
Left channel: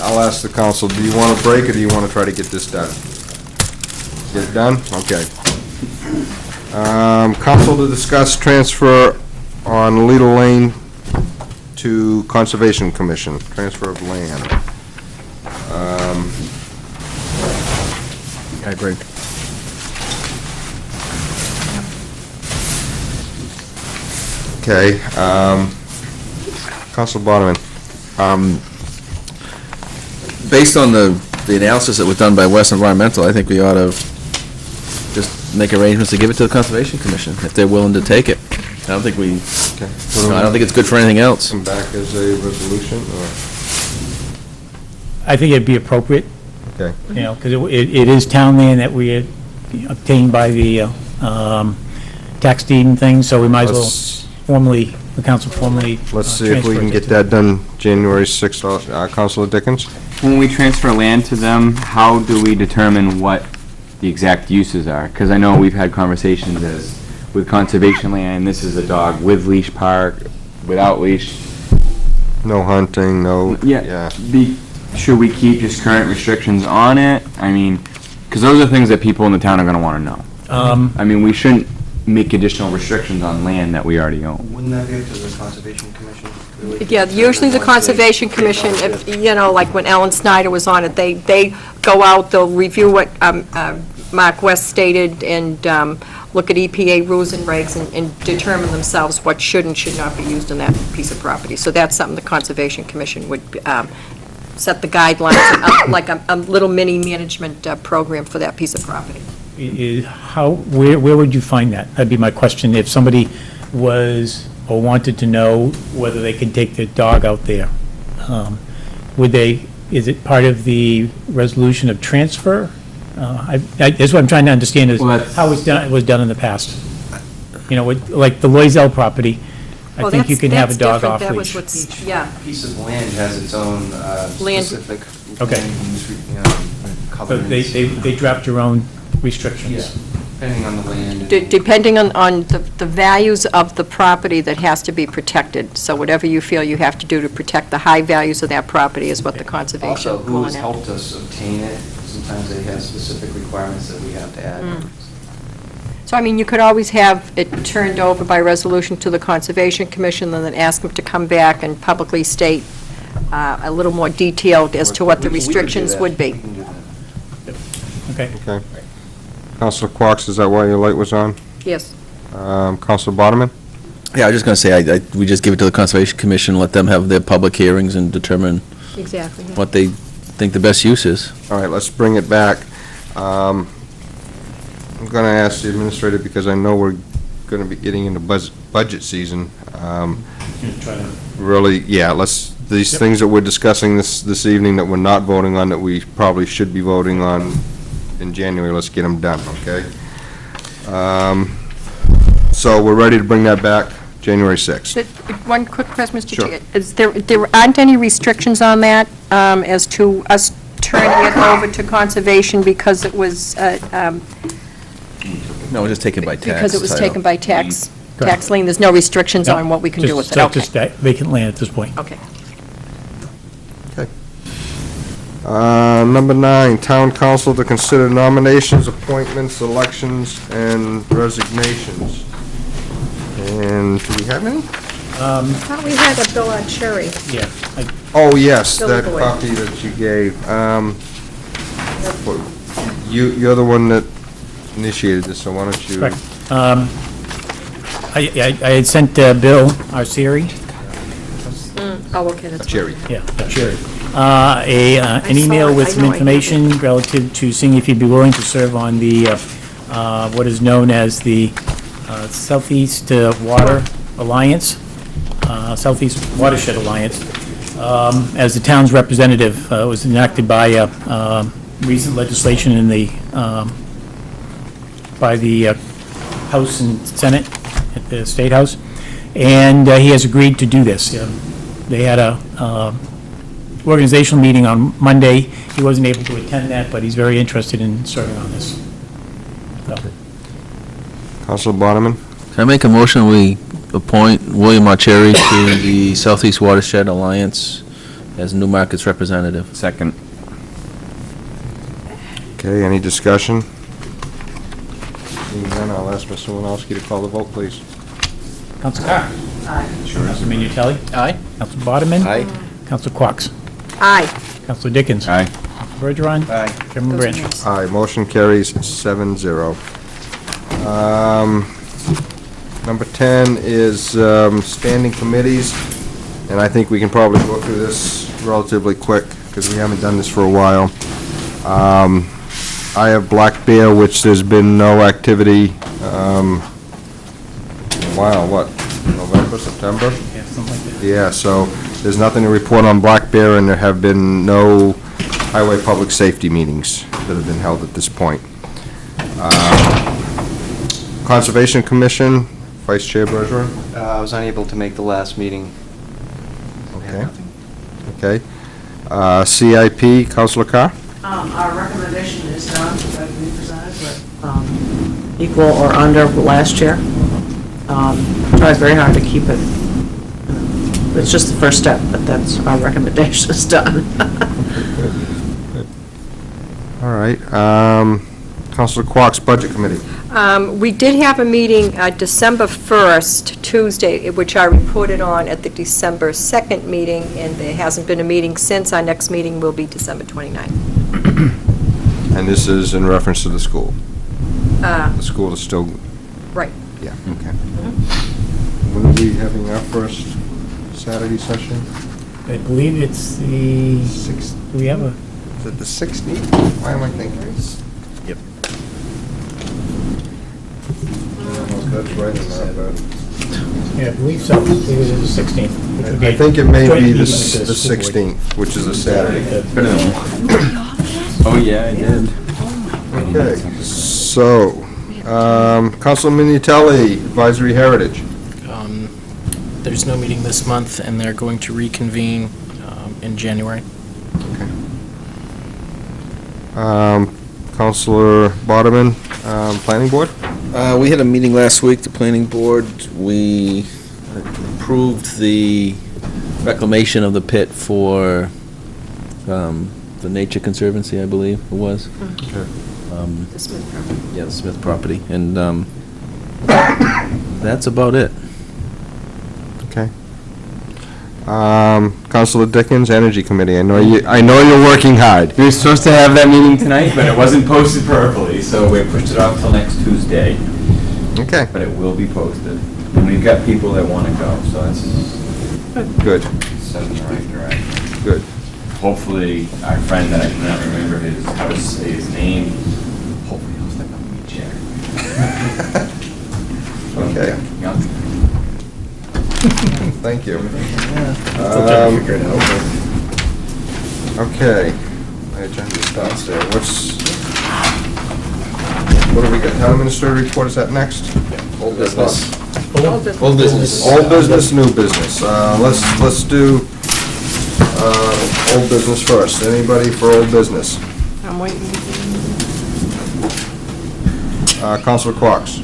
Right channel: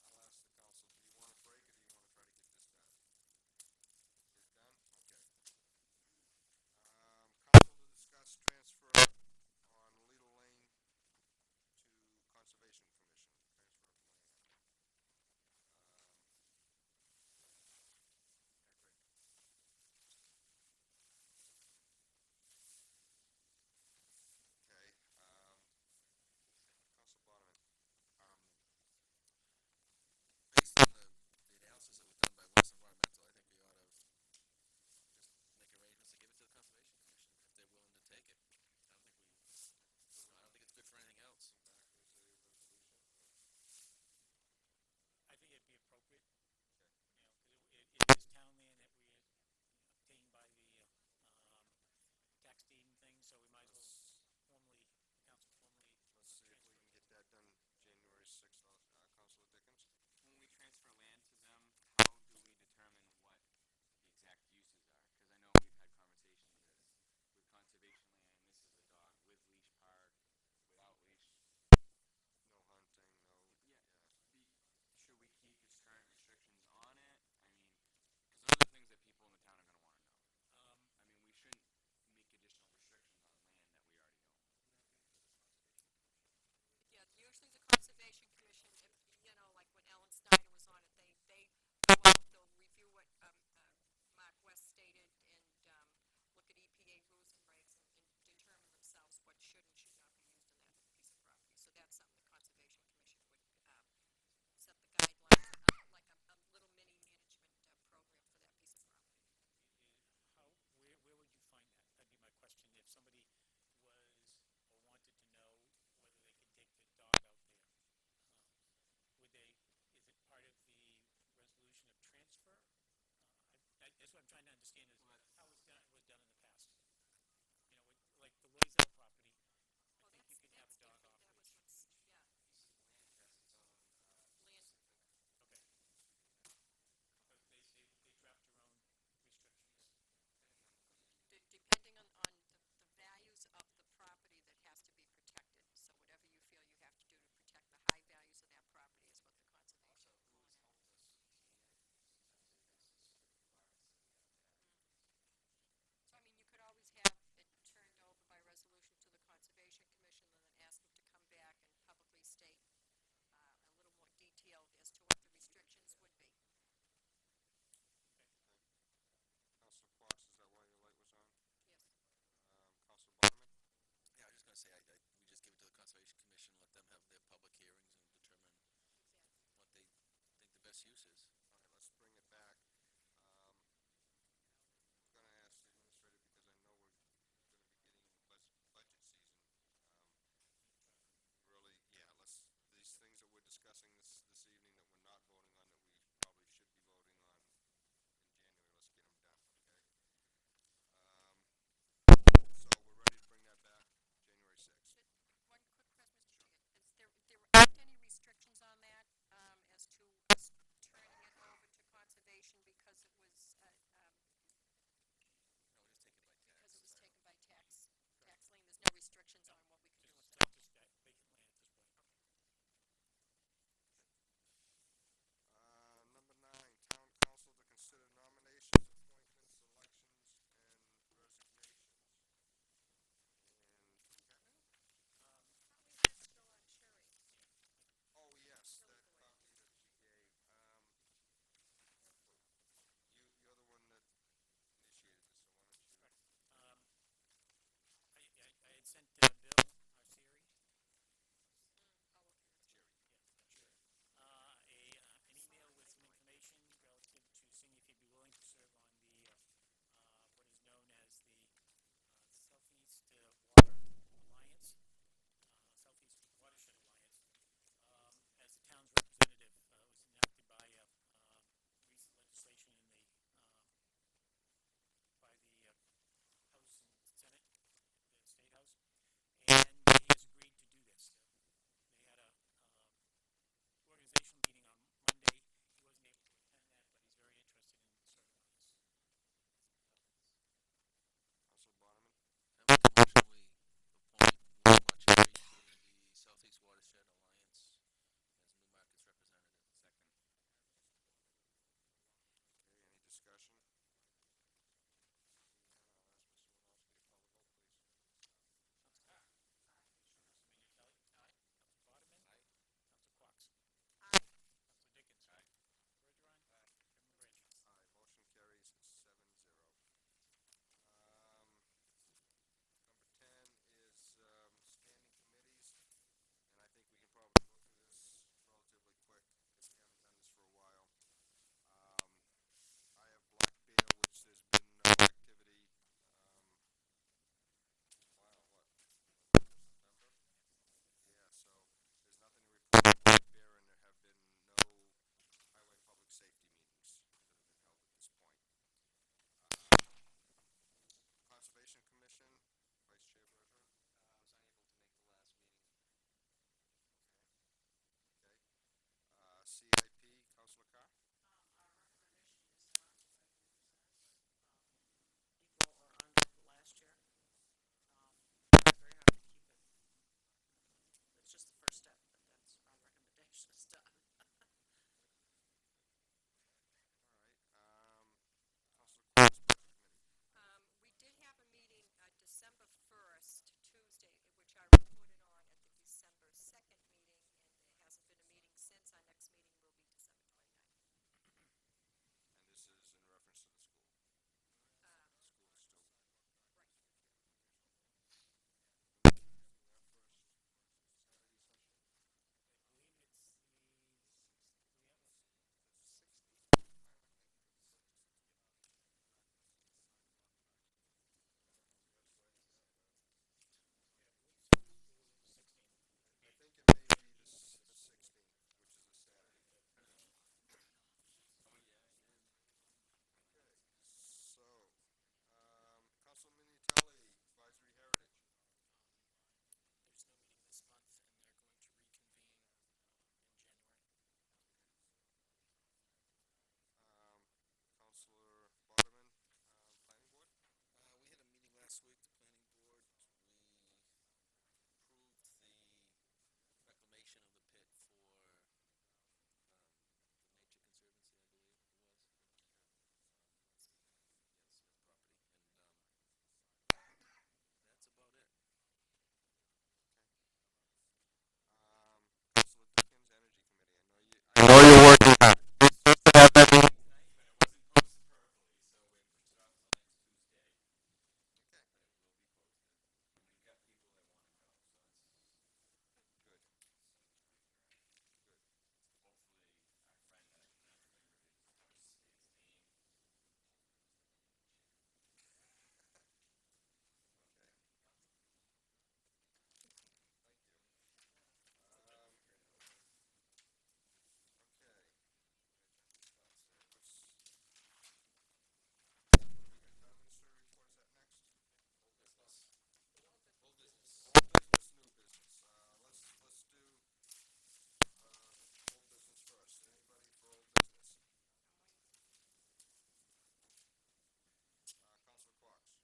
I'll ask the council, do you want a break or do you want to try to get this done? Get it done? Okay. Council to discuss transfer on Little Lane to Conservation Commission, transfer of land. I agree. Okay, Council Bonneman. Based on the analysis that was done by West Environmental, I think we ought to just make arrangements to give it to the Conservation Commission, if they're willing to take it. I don't think I don't think it's good for anything else. Come back as a resolution, or? I think it'd be appropriate, Okay. because it is town land that we had obtained by the tax deed and things, so we might as well formally, the council formally. Let's see if we transfer can it get to- that done January 6th. Councilor Dickens? When we transfer land to them, how do we determine what the exact uses are? Because I know we've had conversations as with conservation land, this is a dog with leash park, without leash. No hunting, no, Yeah. Should we keep just current restrictions on it? I mean, because those are things that people in the town are going to want to know. I mean, we shouldn't make additional restrictions on land that we already own. Wouldn't that be up to the Conservation Commission? really? Yeah, usually the Conservation Commission, if, like when Alan Snyder was on it, they go out, they'll review what Mark West stated, and look at EPA rules and regs and determine themselves what should and should not be used on that piece of property. So that's something the Conservation Commission would set the guidelines, like a little mini management program for that piece of property. Where would you find that? That'd be my question. If somebody was or wanted to know whether they could take their dog out there, is it part of the resolution of transfer? That's what I'm trying to understand is how it was done in the past. You know, like the Loisel property, I think you can have a dog off leash. Yeah. Piece of land has its own specific Okay. land use, But covenants. they dropped your own restrictions. Yeah, depending on the land. Depending on the values of the property that has to be protected. So whatever you feel you have to do to protect the high values of that property is what the conservation. Also, who has will helped us obtain it, sometimes they have specific requirements that we have to add. So, I mean, you could always have it turned over by resolution to the Conservation Commission, and then ask them to come back and publicly state a little more detailed as to what the restrictions would be. Okay. Okay. Counselor Quox, is that why your light was on? Yes. Counselor Bodeman? Yeah, I was just going to say, we just give it to the Conservation Commission, let them have their public hearings and determine Exactly. Yeah. what they think the best use is. All right, let's bring it back. I'm going to ask the administrator, because I know we're going to be getting into budget season. Really, yeah, these things that we're discussing this evening that we're not voting on, that we probably should be voting on in January, let's get them done, okay? So we're ready to bring that back January 6th. One quick question, Mr. Sure. Chair. Is there aren't any restrictions on that as to us turning it over to conservation because it was, No, it was just taken by tax. because it was title. taken by tax Correct. lien? There's no restrictions No, on what we can do with it? So Okay. just vacant land at this point. Okay. Number 9, Town Council to consider nominations, appointments, elections, and resignations. And do we have any? I thought we had a bill on Cherry. Yeah. Oh, yes, Bill that Boyd. copy that you gave. You're the one that initiated this, so why don't you? Correct. I had sent Bill Arcieri, Oh, okay, that's. Jerry. yeah, Arcieri, an email with some information relative to seeing if he'd be willing to serve on the, what is known as the Southeast Water Alliance, Southeast Watershed Alliance, as the town's representative. It was enacted by recent legislation in the, by the House and Senate at the State House, and he has agreed to do this. They had a organizational meeting on Monday. He wasn't able to attend that, but he's very interested in serving on this. So, Councilor Bodeman? Can I make a motion, we appoint William Arcieri to the Southeast Watershed Alliance as Newmarket's representative? Second. Okay, any discussion? Seeing none, I'll ask Mr. Winowski to call the vote, please. Council Carr. Aye. Council Minutелli. Aye. Council Bodeman. Aye. Council Quox. Aye. Council Dickens. Aye. Bergeron. Aye. Chairman Branch. Aye, motion carries 7-0. Number 10 is standing committees, and I think we can probably go through this relatively quick, because we haven't done this for a while. I have Black Bear, which there's been no activity, wow, what, November, September? Yeah, something like that. Yeah, so there's nothing to report on Black Bear, and there have been no highway public safety meetings that have been held at this point. Conservation Commission, Vice Chair Bergeron? I was unable to make the last meeting. Okay. Okay. CIP, Councilor Carr? Our recommendation is done, that we presented, but equal or under last year. Tried very hard to keep it. It's just the first step, but that's, our recommendation is done. All right. Councilor Quox, Budget Committee. We did have a meeting December 1st, Tuesday, which I reported on at the December 2nd meeting, and there hasn't been a meeting since. Our next meeting will be December 29th. And this is in reference to the school? Uh, The school is still, Right. yeah, okay. When are we having our first Saturday session? I believe it's the, do we have a? Is it the 16th? Why am I thinking? Yep. That's right in there, but. Yeah, I believe so. I believe it is the 16th. which would be I think it may joint be the meeting with the school board. 16th, which is a Saturday. Oh, yeah, I did. Okay, so, Council Minutелli, Advisory Heritage. There's no meeting this month, and they're going to reconvene in January. Councilor Bodeman, Planning Board? We had a meeting last week, the planning board. We approved the reclamation of the pit for the Nature Conservancy, I believe it was. Okay. The Smith property. Yeah, the Smith property. And that's about it. Okay. Councilor Dickens, Energy Committee, I know you're working hard. We were supposed to have that meeting tonight, but it wasn't posted properly, so we pushed it off till next Tuesday. Okay. But it will be posted. And we've got people that want to go, so that's Good, set in the right direction. good. Hopefully, our friend that I cannot remember how to say his name, hopefully he'll step up and be chair. Okay. Yeah. Thank you. Still trying to figure it out. Okay, my agenda starts there. What do we got? Town Administrator report, is that next? Old business. Old business. Old business. Old business, new business. Let's do old business first. Anybody for old business? I'm waiting. Councilor Quox.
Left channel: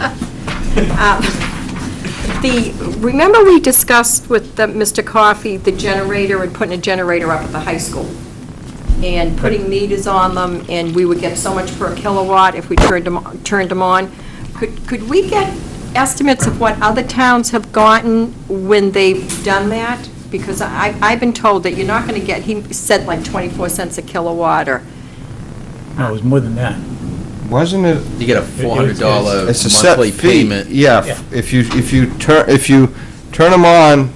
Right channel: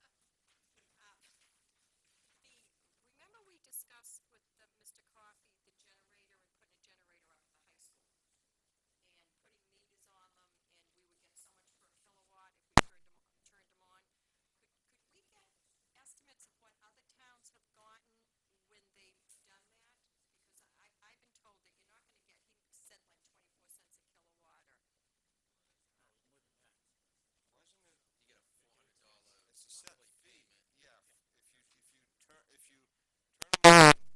Remember we discussed with Mr. Coffey, the generator and putting a generator up at the high school? And putting meters on them, and we would get so much per kilowatt if we turned them on. Could we get estimates of what other towns have gotten when they've done that? Because I've been told that you're not going to get, he said like 24 cents a kilowatt, or, No, it was more than that. Wasn't it? You get a $400 It's a set monthly fee. payment. Yeah, if you turn them on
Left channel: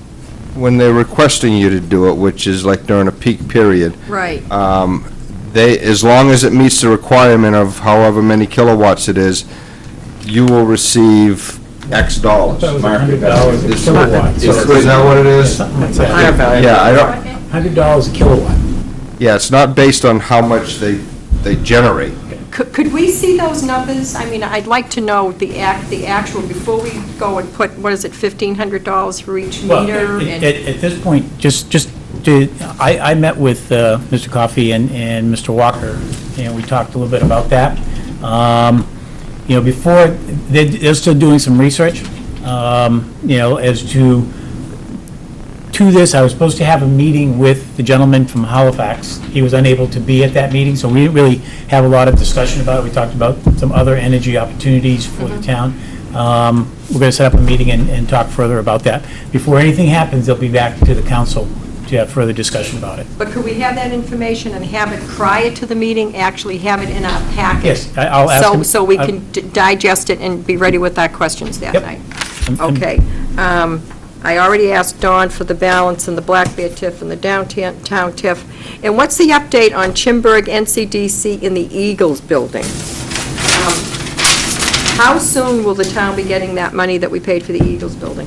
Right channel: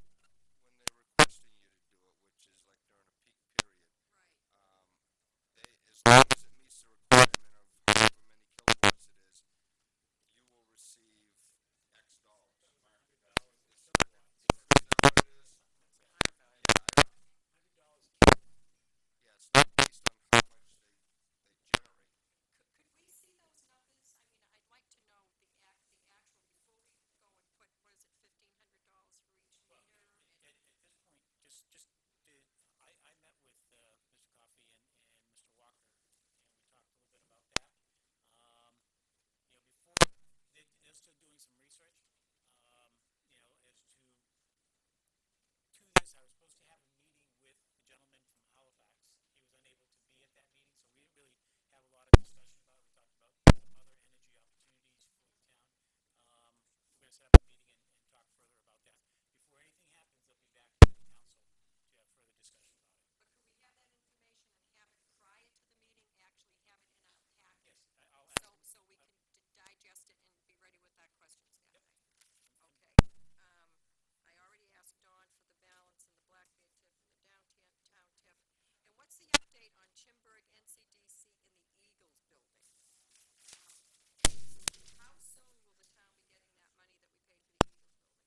when they're requesting you to do it, which is like during a peak period. right. As long as it meets the requirement of however many kilowatts it is, you will receive X dollars. That was Market $100 value. a kilowatt. Is that what it is? Something like that. Yeah, I don't, $100 a kilowatt. yeah, it's not based on how much they generate. Could we see those numbers? I mean, I'd like to know the actual, before we go and put, what is it, $1,500 for each Well, meter? at this point, I met with Mr. Coffey and Mr. Walker, and we talked a little bit about that. Before, they're still doing some research, as to this. I was supposed to have a meeting with the gentleman from Halifax. He was unable to be at that meeting, so we didn't really have a lot of discussion about it. We talked about some other energy opportunities for the town. We're going to set up a meeting and talk further about that. Before anything happens, they'll be back to the council to have further discussion about it. But could we have that information and have it prior to the meeting, actually have it in our packet? Yes, I'll ask him. So we can digest it and be ready with our questions that Yep. night. I'm- Okay. I already asked Dawn for the balance in the Black Bear TIF and the downtown TIF. And what's the update on Chimberg, NCDC, in the Eagles building? How soon will the town be getting that money that we paid for the Eagles building?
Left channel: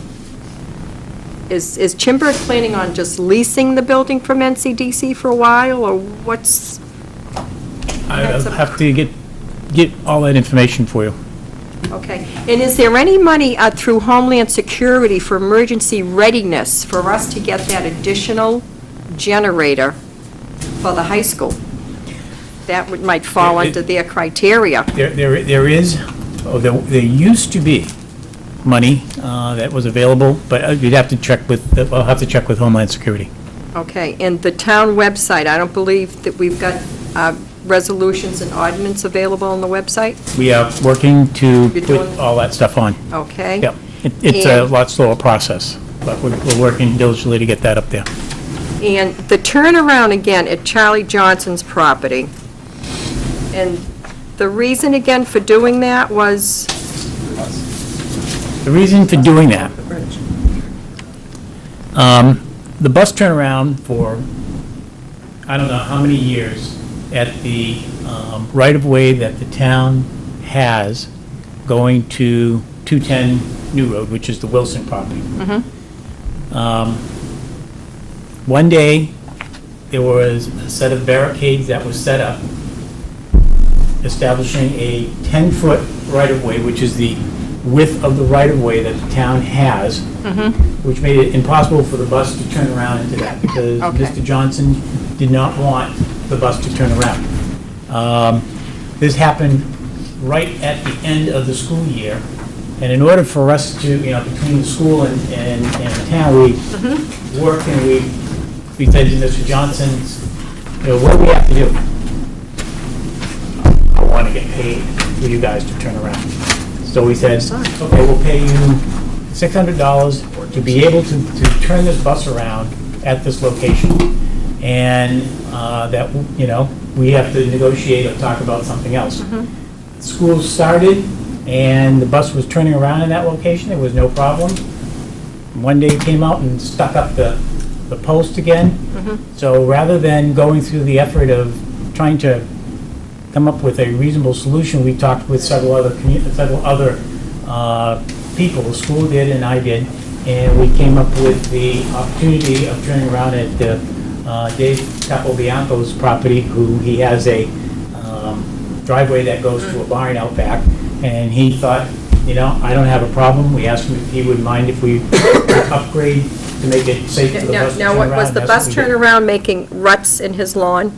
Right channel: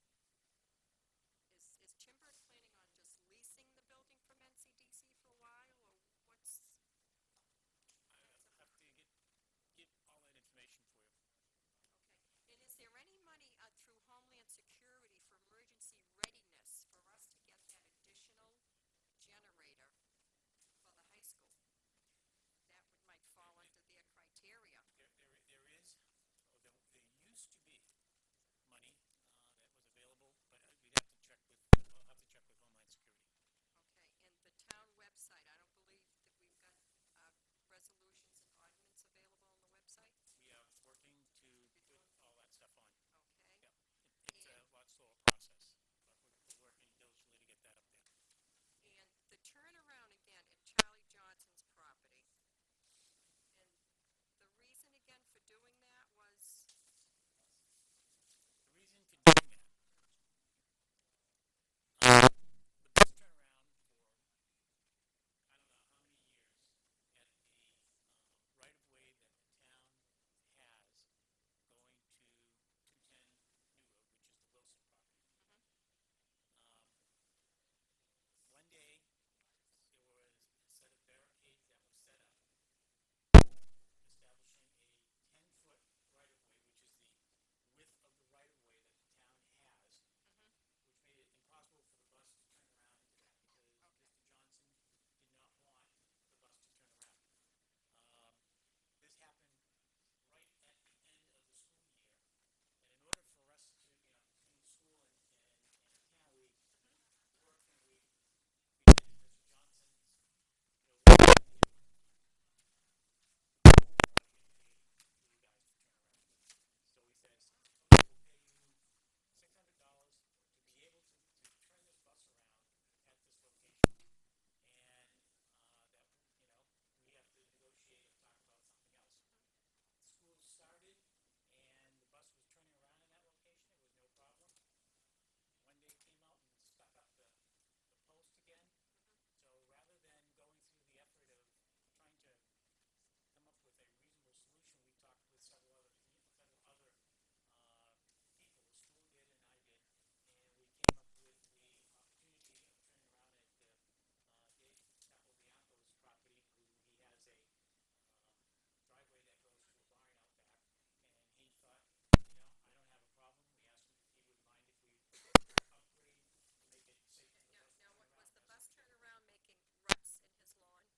Is Chimberg planning on just leasing the building from NCDC for a while, or what's? I'll have to get all that information for you. Okay. And is there any money through Homeland Security for emergency readiness for us to get that additional generator for the high school? That might fall under their criteria. There is, there used to be money that was available, but you'd have to check with, I'll have to check with Homeland Security. Okay. And the town website, I don't believe that we've got resolutions and ordinance available on the website? We are working to You're put doing- all that stuff on. Okay. Yep. It's a And- lot slower process, but we're working diligently to get that up there. And the turnaround again at Charlie Johnson's property, and the reason again for doing that was, The reason for doing that, the bus turnaround for, I don't know how many years, at the right-of-way that the town has going to 210 New Road, which is the Wilson property. One day, there was a set of barricades that was set up, establishing a 10-foot right-of-way, which is the width of the right-of-way that the town has, which made it impossible for the bus to turn around into that, because Mr. Johnson did not want the bus to turn around. This happened right at the end of the school year, and in order for us to, between the school and the town, we worked and we said to Mr. Johnson, what do we have to do? I want to get paid for you guys to turn around. So we said, okay, we'll pay you $600 to be able to turn this bus around at this location. And that, we have to negotiate or talk about something else. School started, and the bus was turning around in that location. There was no problem. One day it came out and stuck up the post again. So rather than going through the effort of trying to come up with a reasonable solution, we talked with several other people. The school did and I did, and we came up with the opportunity of turning around at Dave Capobianco's property, who he has a driveway that goes to a barn out back, and he thought, I don't have a problem. We asked him if he would mind if we upgrade to make it safe for the bus to turn around. now, was the bus turnaround making ruts in his lawn?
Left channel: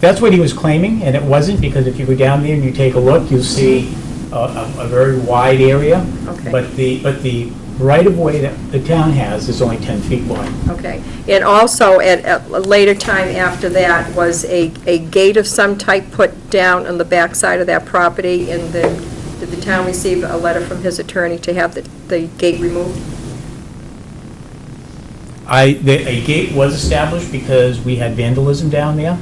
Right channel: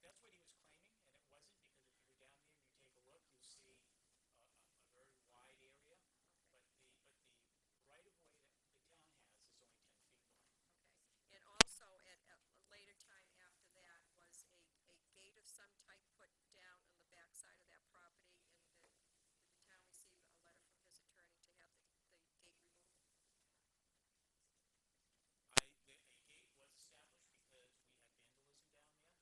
That's what he was claiming, and it wasn't, because if you go down there and you take a look, you'll see a very wide area. Okay. But the right-of-way that the town has is only 10 feet wide. Okay. And also, at a later time after that, was a gate of some type put down on the back side of that property, and then did the town receive a letter from his attorney to have the gate removed? A gate was established because we had vandalism down there.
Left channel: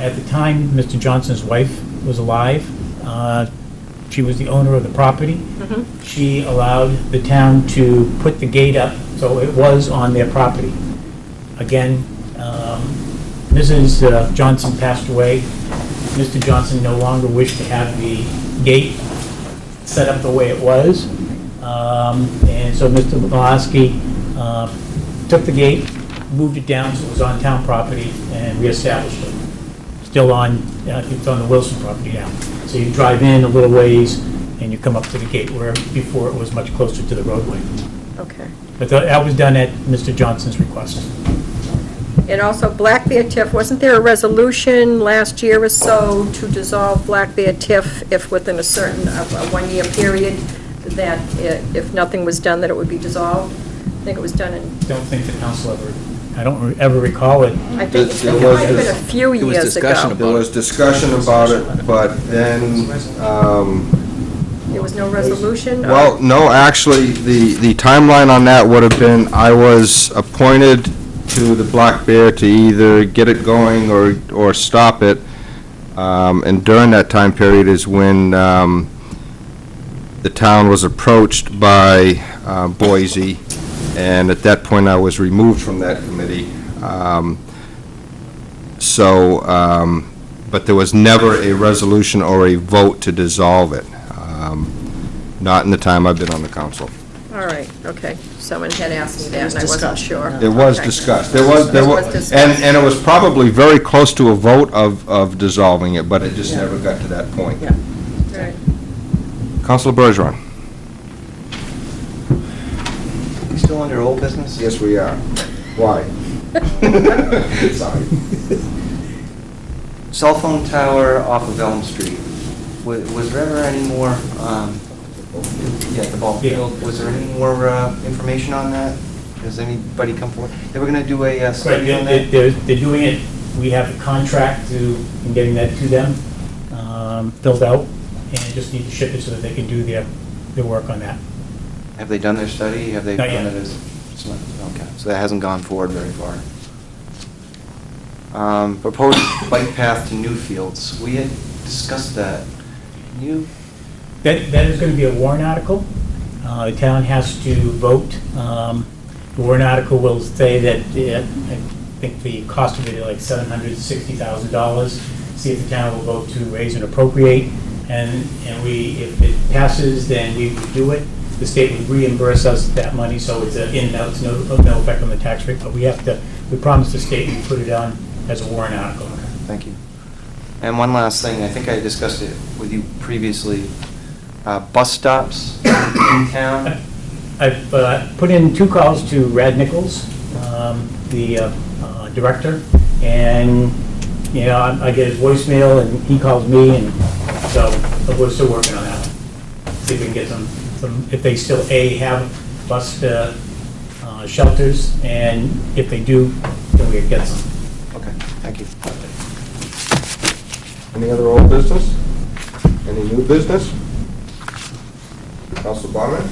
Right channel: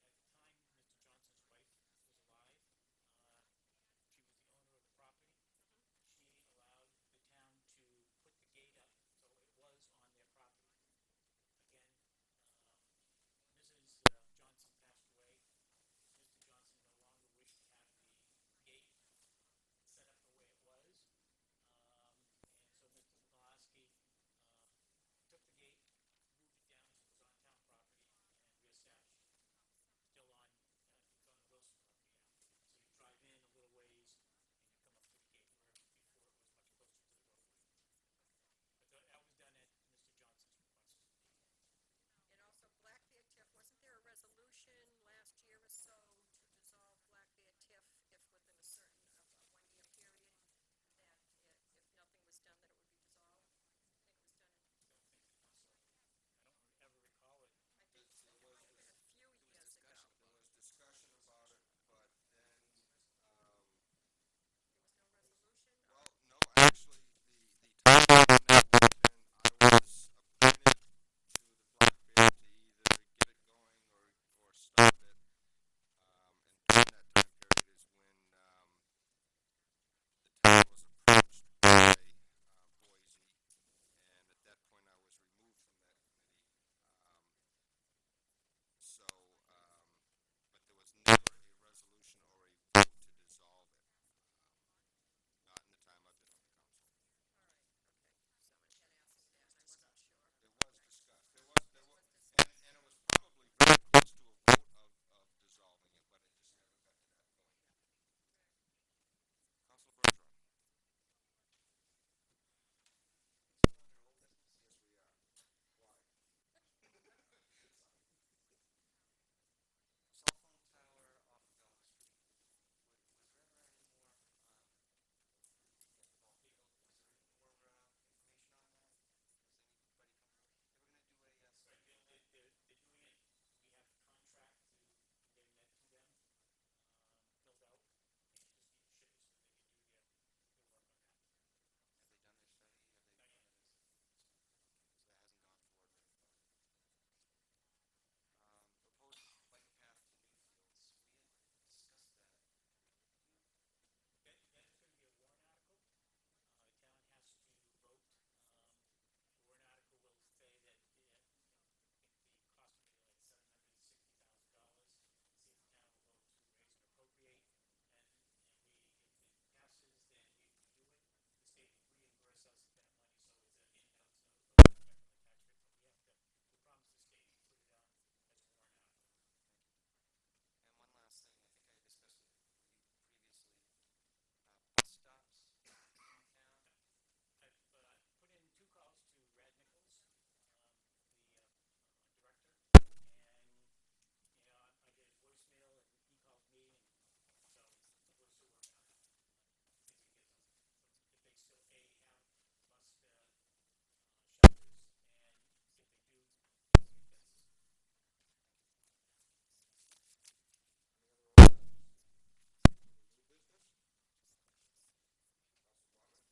At the time, Mr. Johnson's wife was alive. She was the owner of the property. She allowed the town to put the gate up, so it was on their property. Again, Mrs. Johnson passed away. Mr. Johnson no longer wished to have the gate set up the way it was. And so Mr. Malasky took the gate, moved it down so it was on town property, and reestablished it. Still on, it's on the Wilson property now. So you drive in a little ways, and you come up to the gate, where before it was much closer to the roadway. Okay. But that was done at Mr. Johnson's request. And also, Black Bear TIF, wasn't there a resolution last year or so to dissolve Black Bear TIF if within a certain, a one-year period, that if nothing was done, that it would be dissolved? I think it was done in... Don't think the council I don't ever recall it. I think it might have been a few years ago. There was discussion about it, but then, There was no resolution? well, no, actually, the timeline on that would have been, I was appointed to the Black Bear to either get it going or stop it, and during that time period is when the town was approached by Boise, and at that point I was removed from that committee. But there was never a resolution or a vote to dissolve it, not in the time I've been on the council. All right, okay. Someone had asked me that, and I wasn't sure. It was discussed. There was, and it was probably very close to a vote of dissolving it, but it just never got to that point. Yeah. Right. Councilor Bergeron. You still under old business? Yes, we are. Why? Sorry. Cell phone tower off of Elm Street. Was there ever any more, the ball field, was there any more information on that? Has anybody come forward? They were going to do a study on that? They're doing it. We have a contract in getting that to them, filled out, and just need to ship it so that they can do their work on that. Have they done their study? Have they Not done yet. it as? Okay, so that hasn't gone forward very far. Proposed bike path to Newfields. We had discussed that. Can you? That is going to be a warrant article. The town has to vote. The warrant article will say that, I think the cost of it is like $760,000. See if the town will vote to raise and appropriate. And if it passes, then we would do it. The state would reimburse us that money, so it's in and out, it's no effect on the tax rate. But we promise the state we put it on as a warrant article. Thank you. And one last thing, I think I discussed it with you previously. Bus stops in town. I've put in 2 calls to Rad Nichols, the director, and I get his voicemail and he calls me, and so we're still working on that one. See if we can get some if they still have bus shelters, and if they do, then we can get some. Okay, thank you. Any other old business? Any new business? Council Barman?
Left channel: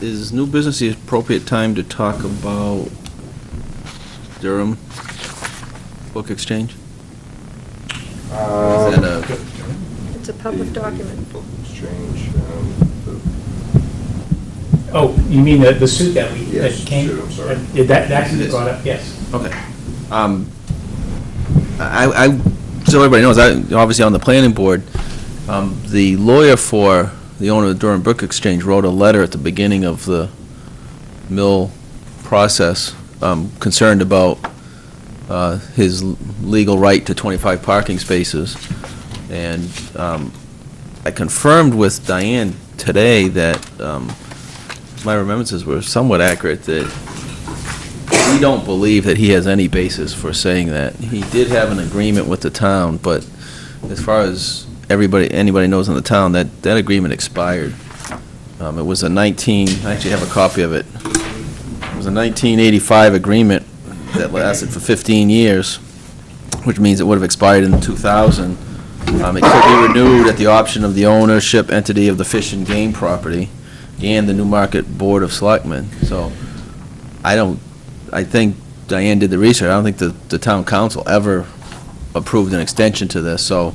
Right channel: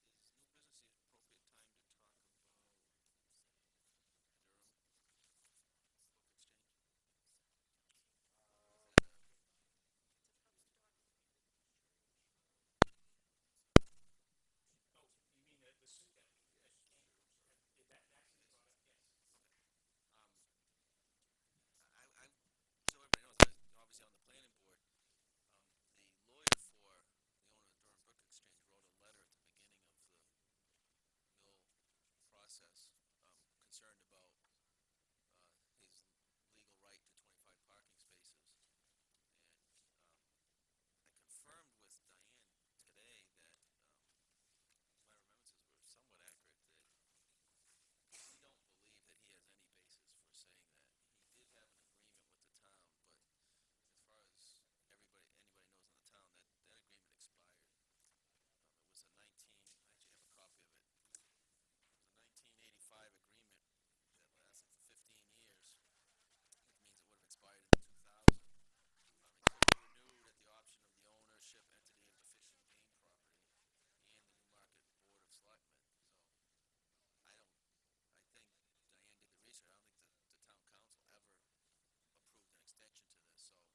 Is new business the appropriate time to talk about Durham Book Exchange? Is that a... It's a public document. Book Exchange. Oh, you mean the suit that we that Yes, came? suit, I'm sorry. That can be brought up, yes. Okay. I so everybody knows, obviously on the planning board, the lawyer for the owner of the Durham Brook Exchange wrote a letter at the beginning of the mill process, concerned about his legal right to 25 parking spaces. And I confirmed with Diane today that my remembrances were somewhat accurate, that we don't believe that he has any basis for saying that. He did have an agreement with the town, but as far as anybody knows in the town, that agreement expired. It was I actually have a copy of it. It was a 1985 agreement that lasted for 15 years, which means it would have expired in 2000. It could be renewed at the option of the ownership entity of the Fish and Game property and the Newmarket Board of Selectmen. So I think Diane did the research. I don't think the town council ever approved an extension to this. So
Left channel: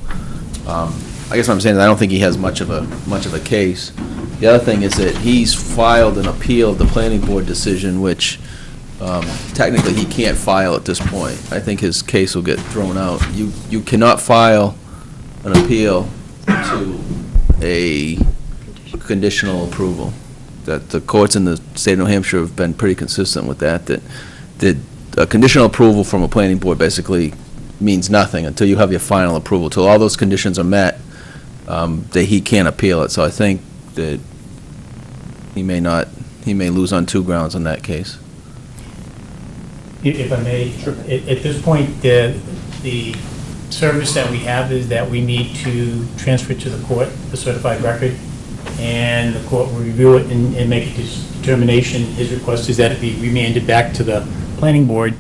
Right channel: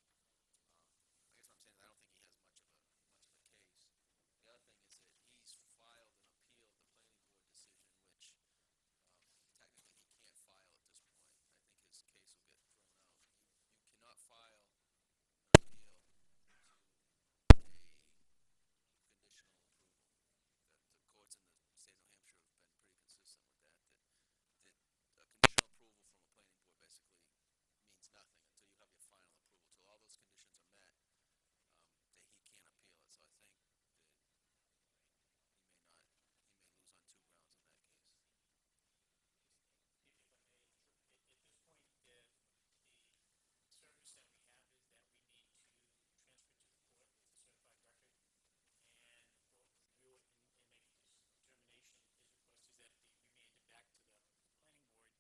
I guess what I'm saying is I don't think he has much of a case. The other thing is that he's filed an appeal of the planning board decision, which technically he can't file at this point. I think his case will get thrown out. You cannot file an appeal to a conditional approval. That the courts in the state of New Hampshire have been pretty consistent with that a conditional approval from a planning board basically means nothing until you have your final approval. Till all those conditions are met, that he can't appeal it. So I think that he may lose on 2 grounds on that case. If I may, at this point, the service that we have is that we need to transfer to the court the certified record, and the court will review it and make a determination. His request is that it be remanded back to the planning board,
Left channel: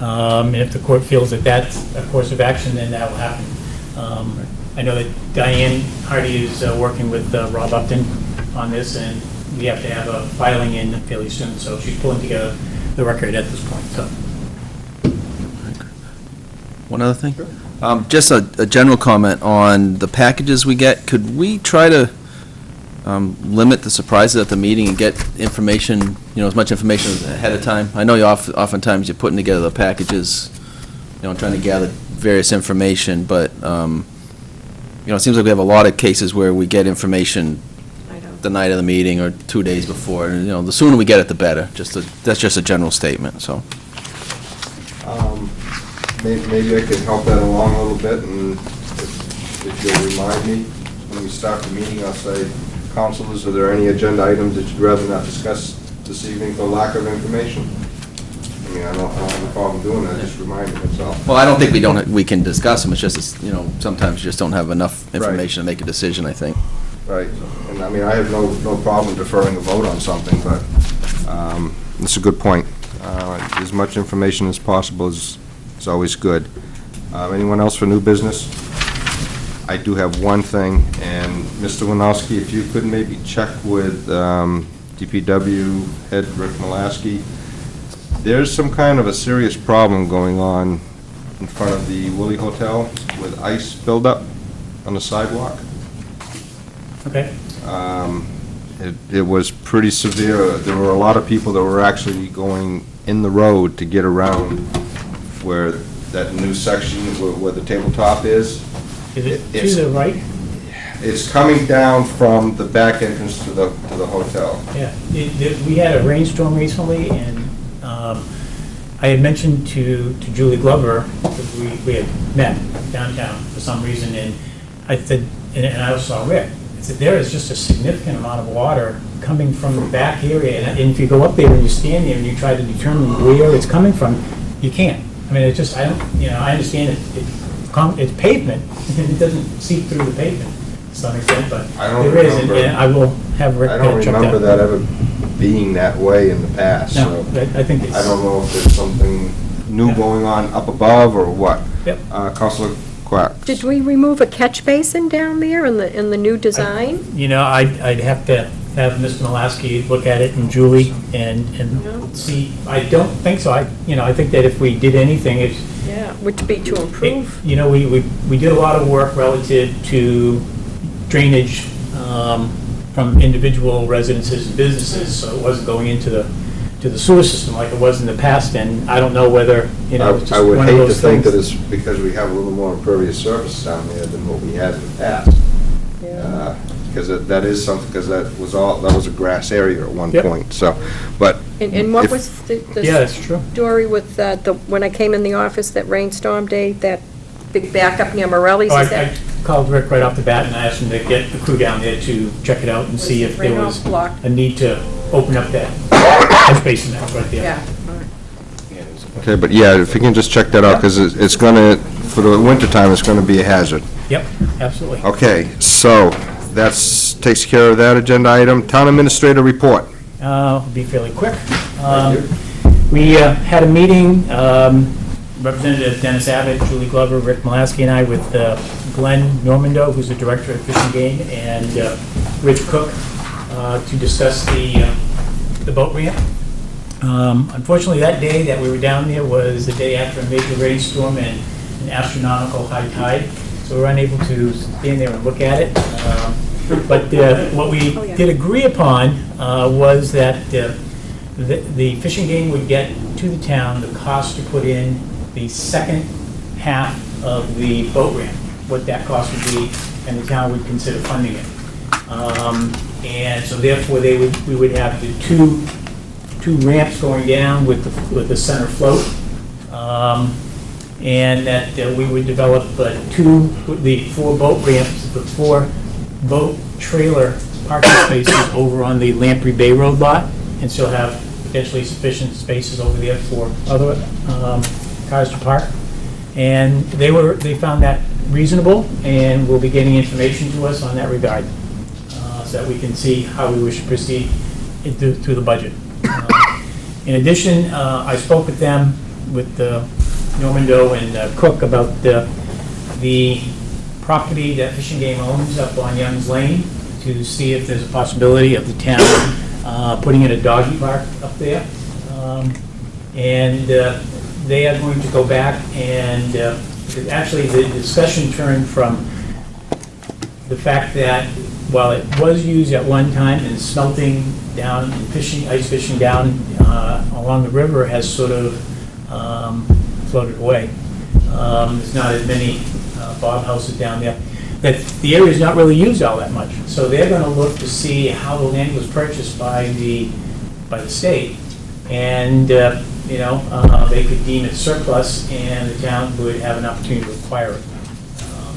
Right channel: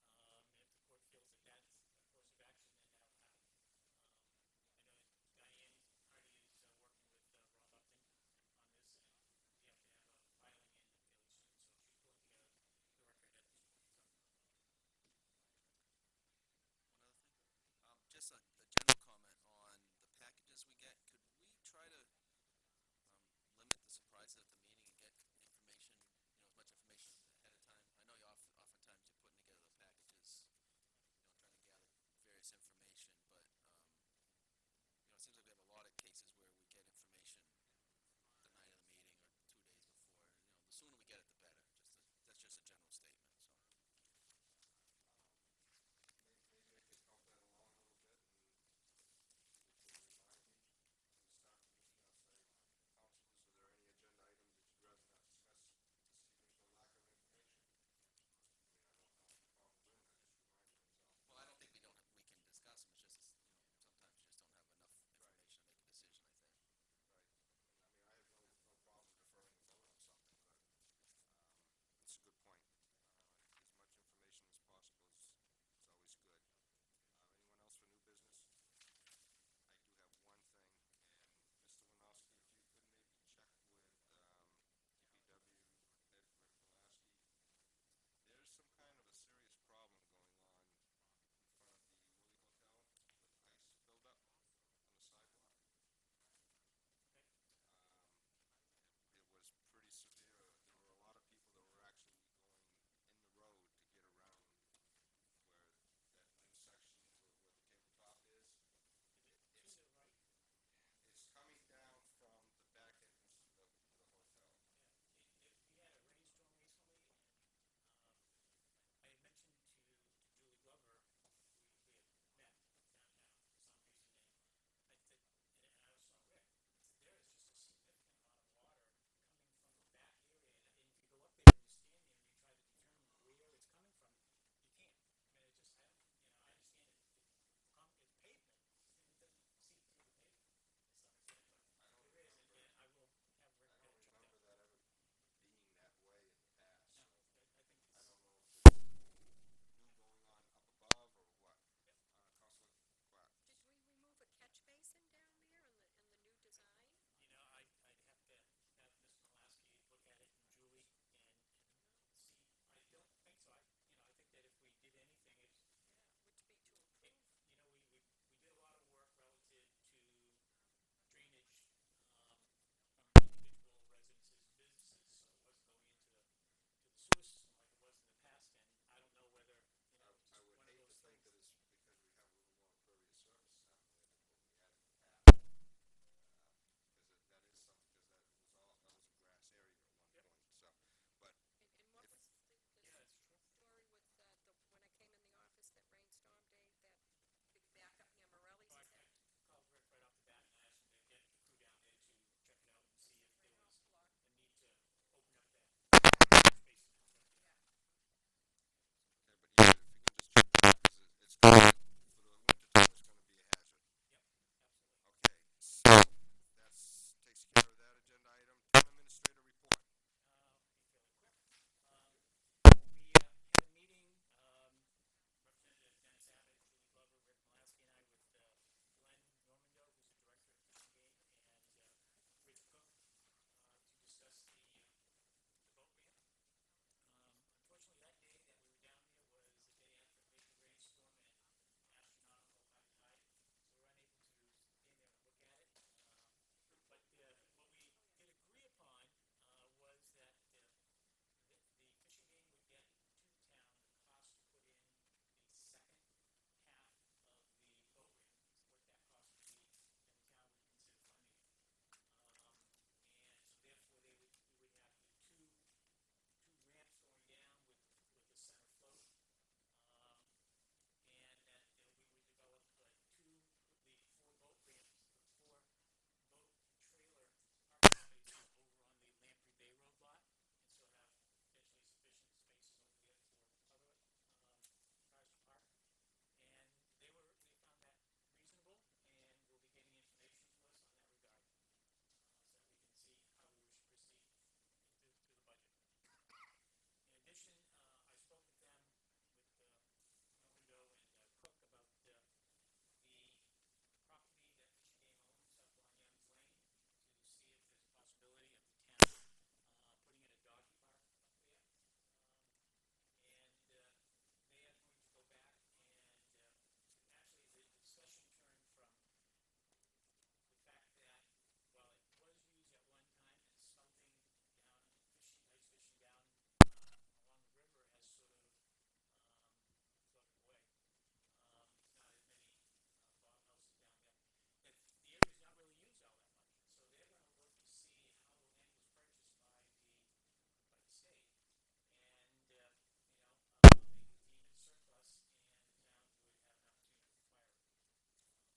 and if the court feels that that's a course of action, then that will happen. I know that Diane Hardy is working with Rob Upton on this, and we have to have a filing in fairly soon, so she's pulling together the record at this point. So. One other thing? Just a general comment on the packages we get. Could we try to limit the surprises at the meeting and get information, as much information ahead of time? I know oftentimes you're putting together the packages, trying to gather various information, but, it seems like we have a lot of cases where we get information the night of the meeting or 2 days before. And, the sooner we get it, the better. That's just a general statement, so. Maybe I could help that along a little bit, and if you'll remind me, when we start the meeting, I'll say, councilors, are there any agenda items that you'd rather not discuss this evening for lack of information? I mean, I don't have a problem doing that, just reminding myself. Well, I don't think we can discuss them. It's just, sometimes you just don't have enough information to make a decision, I think. Right, and I mean, I have no problem deferring a vote on something, but it's a good point. As much information as possible is always good. Anyone else for new business? I do have one thing, and Mr. Winowski, if you could maybe check with DPW head Rick Mulaski. There's some kind of a serious problem going on in front of the Willie Hotel with ice buildup. on the sidewalk. Okay. It was pretty severe. There were a lot of people that were actually going in the road to get around where that new section where the tabletop is. Is it It's- to the right? It's coming down from the back entrance to the hotel. Yeah. We had a rainstorm recently, and I had mentioned to Julie Glover, because we had met downtown for some reason, and I said, and I also saw Rick, I said, there is just a significant amount of water coming from the back area, and if you go up there and you stand there and you try to determine where it's coming from, you can't. I mean, it's just, I understand it's pavement, and it doesn't seep through the pavement to some extent, but I don't there is, remember- and I will have Rick I don't check that. remember that ever being that way in the past, No, so I think it's. I don't know if there's something new going on up above or what. Yep. Councilor Quack. Did we remove a catch basin down there in the new design? You know, I'd have to have Mr. Malasky look at it and Julie and see. I don't think so. I think that if we did anything, it's. Yeah, would be to improve. You know, we did a lot of work relative to drainage from individual residences and businesses, so it wasn't going into the sewer system like it was in the past, and I don't know whether, it's just I would one of hate to those think things. that it's because we have a little more impervious surface down there than what we had in the past. Because that is something, because that was a grass area at one Yep. point, so, but. And what if- was the Yeah, that's true. story with when I came in the office that rainstorm day, that big backup near Morelli's? Oh, Is that I called Rick right off the bat and I asked him to get the crew down there to check it out and see if there Right was off block. a need to open up that catch basin that's right there. Yeah. Okay, but yeah, if you can just check that out, because it's gonna, for the wintertime, it's gonna be a hazard. Yep, absolutely. Okay, so takes care of that agenda item. Town administrator report. I'll be fairly quick. We had a meeting, Representative Dennis Abbott, Julie Glover, Rick Malasky, and I with Glenn Normando, who's the director of Fish and Game, and Rich Cook to discuss the boat ramp. Unfortunately, that day that we were down there was the day after a major rainstorm and an astronomical high tide, so we were unable to stand there and look at it. But what we did agree upon was that the Fish and Game would get to the town the cost to put in the second half of the boat ramp, what that cost would be, and the town would consider funding it. And so therefore, we would have the two ramps going down with the center float, and that we would develop the 4 boat ramps, the 4 boat trailer parking spaces over on the Lamprey Bay Road lot, and still have potentially sufficient spaces over there for other cars to park. And they found that reasonable, and will be getting information to us on that regard, so that we can see how we wish to proceed through the budget. In addition, I spoke with them, with Normando and Cook, about the property that Fish and Game owns up on Young's Lane, to see if there's a possibility of the town putting in a doggy park up there. And they are going to go back and, actually the discussion turned from the fact that while it was used at one time in smelting down and ice fishing down along the river, has sort of floated away. There's not as many bob houses down there. That the area is not really used all that much. So they're going to look to see how the land was purchased by the state, and they could deem it surplus, and the town would have an opportunity to acquire it.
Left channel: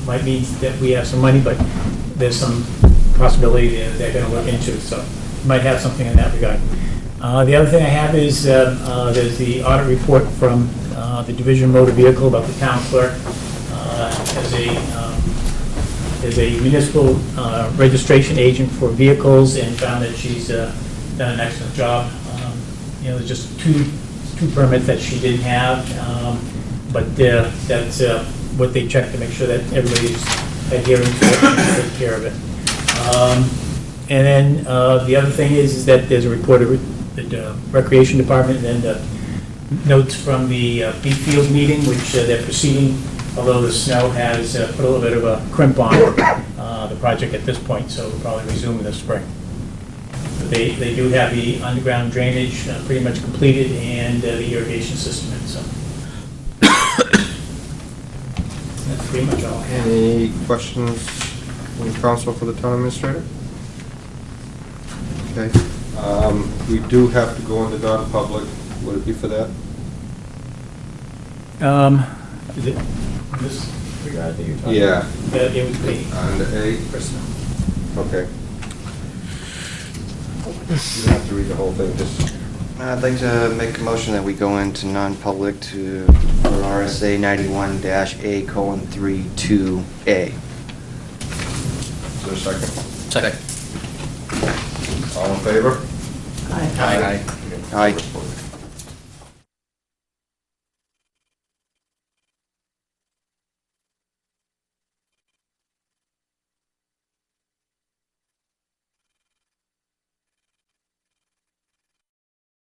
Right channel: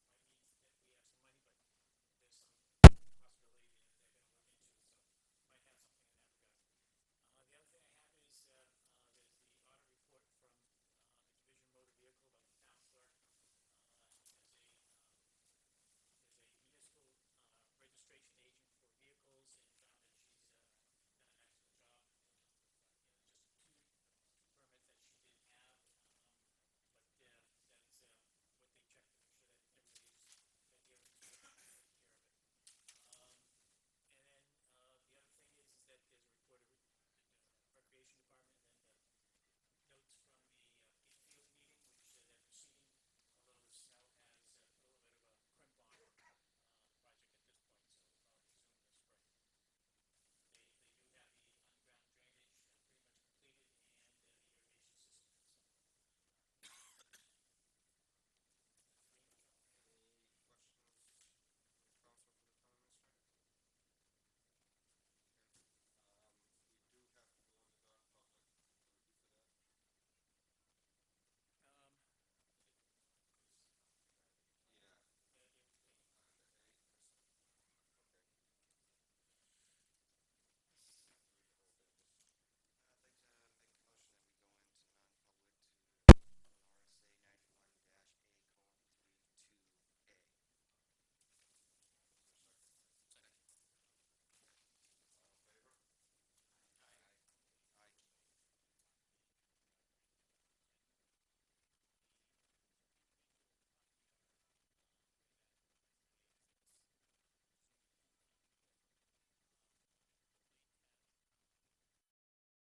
Might mean that we have some money, but there's some possibility they're going to look into, so might have something in that regard. The other thing I have is there's the audit report from the Division of Motor Vehicle about the town clerk as a municipal registration agent for vehicles, and found that she's done an excellent job. There's just two permits that she didn't have, but that's what they checked to make sure that everybody's adhering to it and take care of it. And then the other thing is that there's a report of the Recreation Department, and notes from the Beach Field meeting, which they're proceeding although the snow has put a little bit of a crimp on the project at this point, so we'll probably resume in the spring. They do have the underground drainage pretty much completed and the irrigation system in, so. That's pretty much all I have. Any questions from council for the town administrator? Okay. We do have to go into non-public. Would it be for that? Is it this regard that you're talking Yeah. about? It would be. Under A? Personnel. Okay. You don't have to read the whole thing, just... I'd like to make a motion that we go into non-public for RSA 91-A:32A. Is there a second? Second. All in favor? Aye.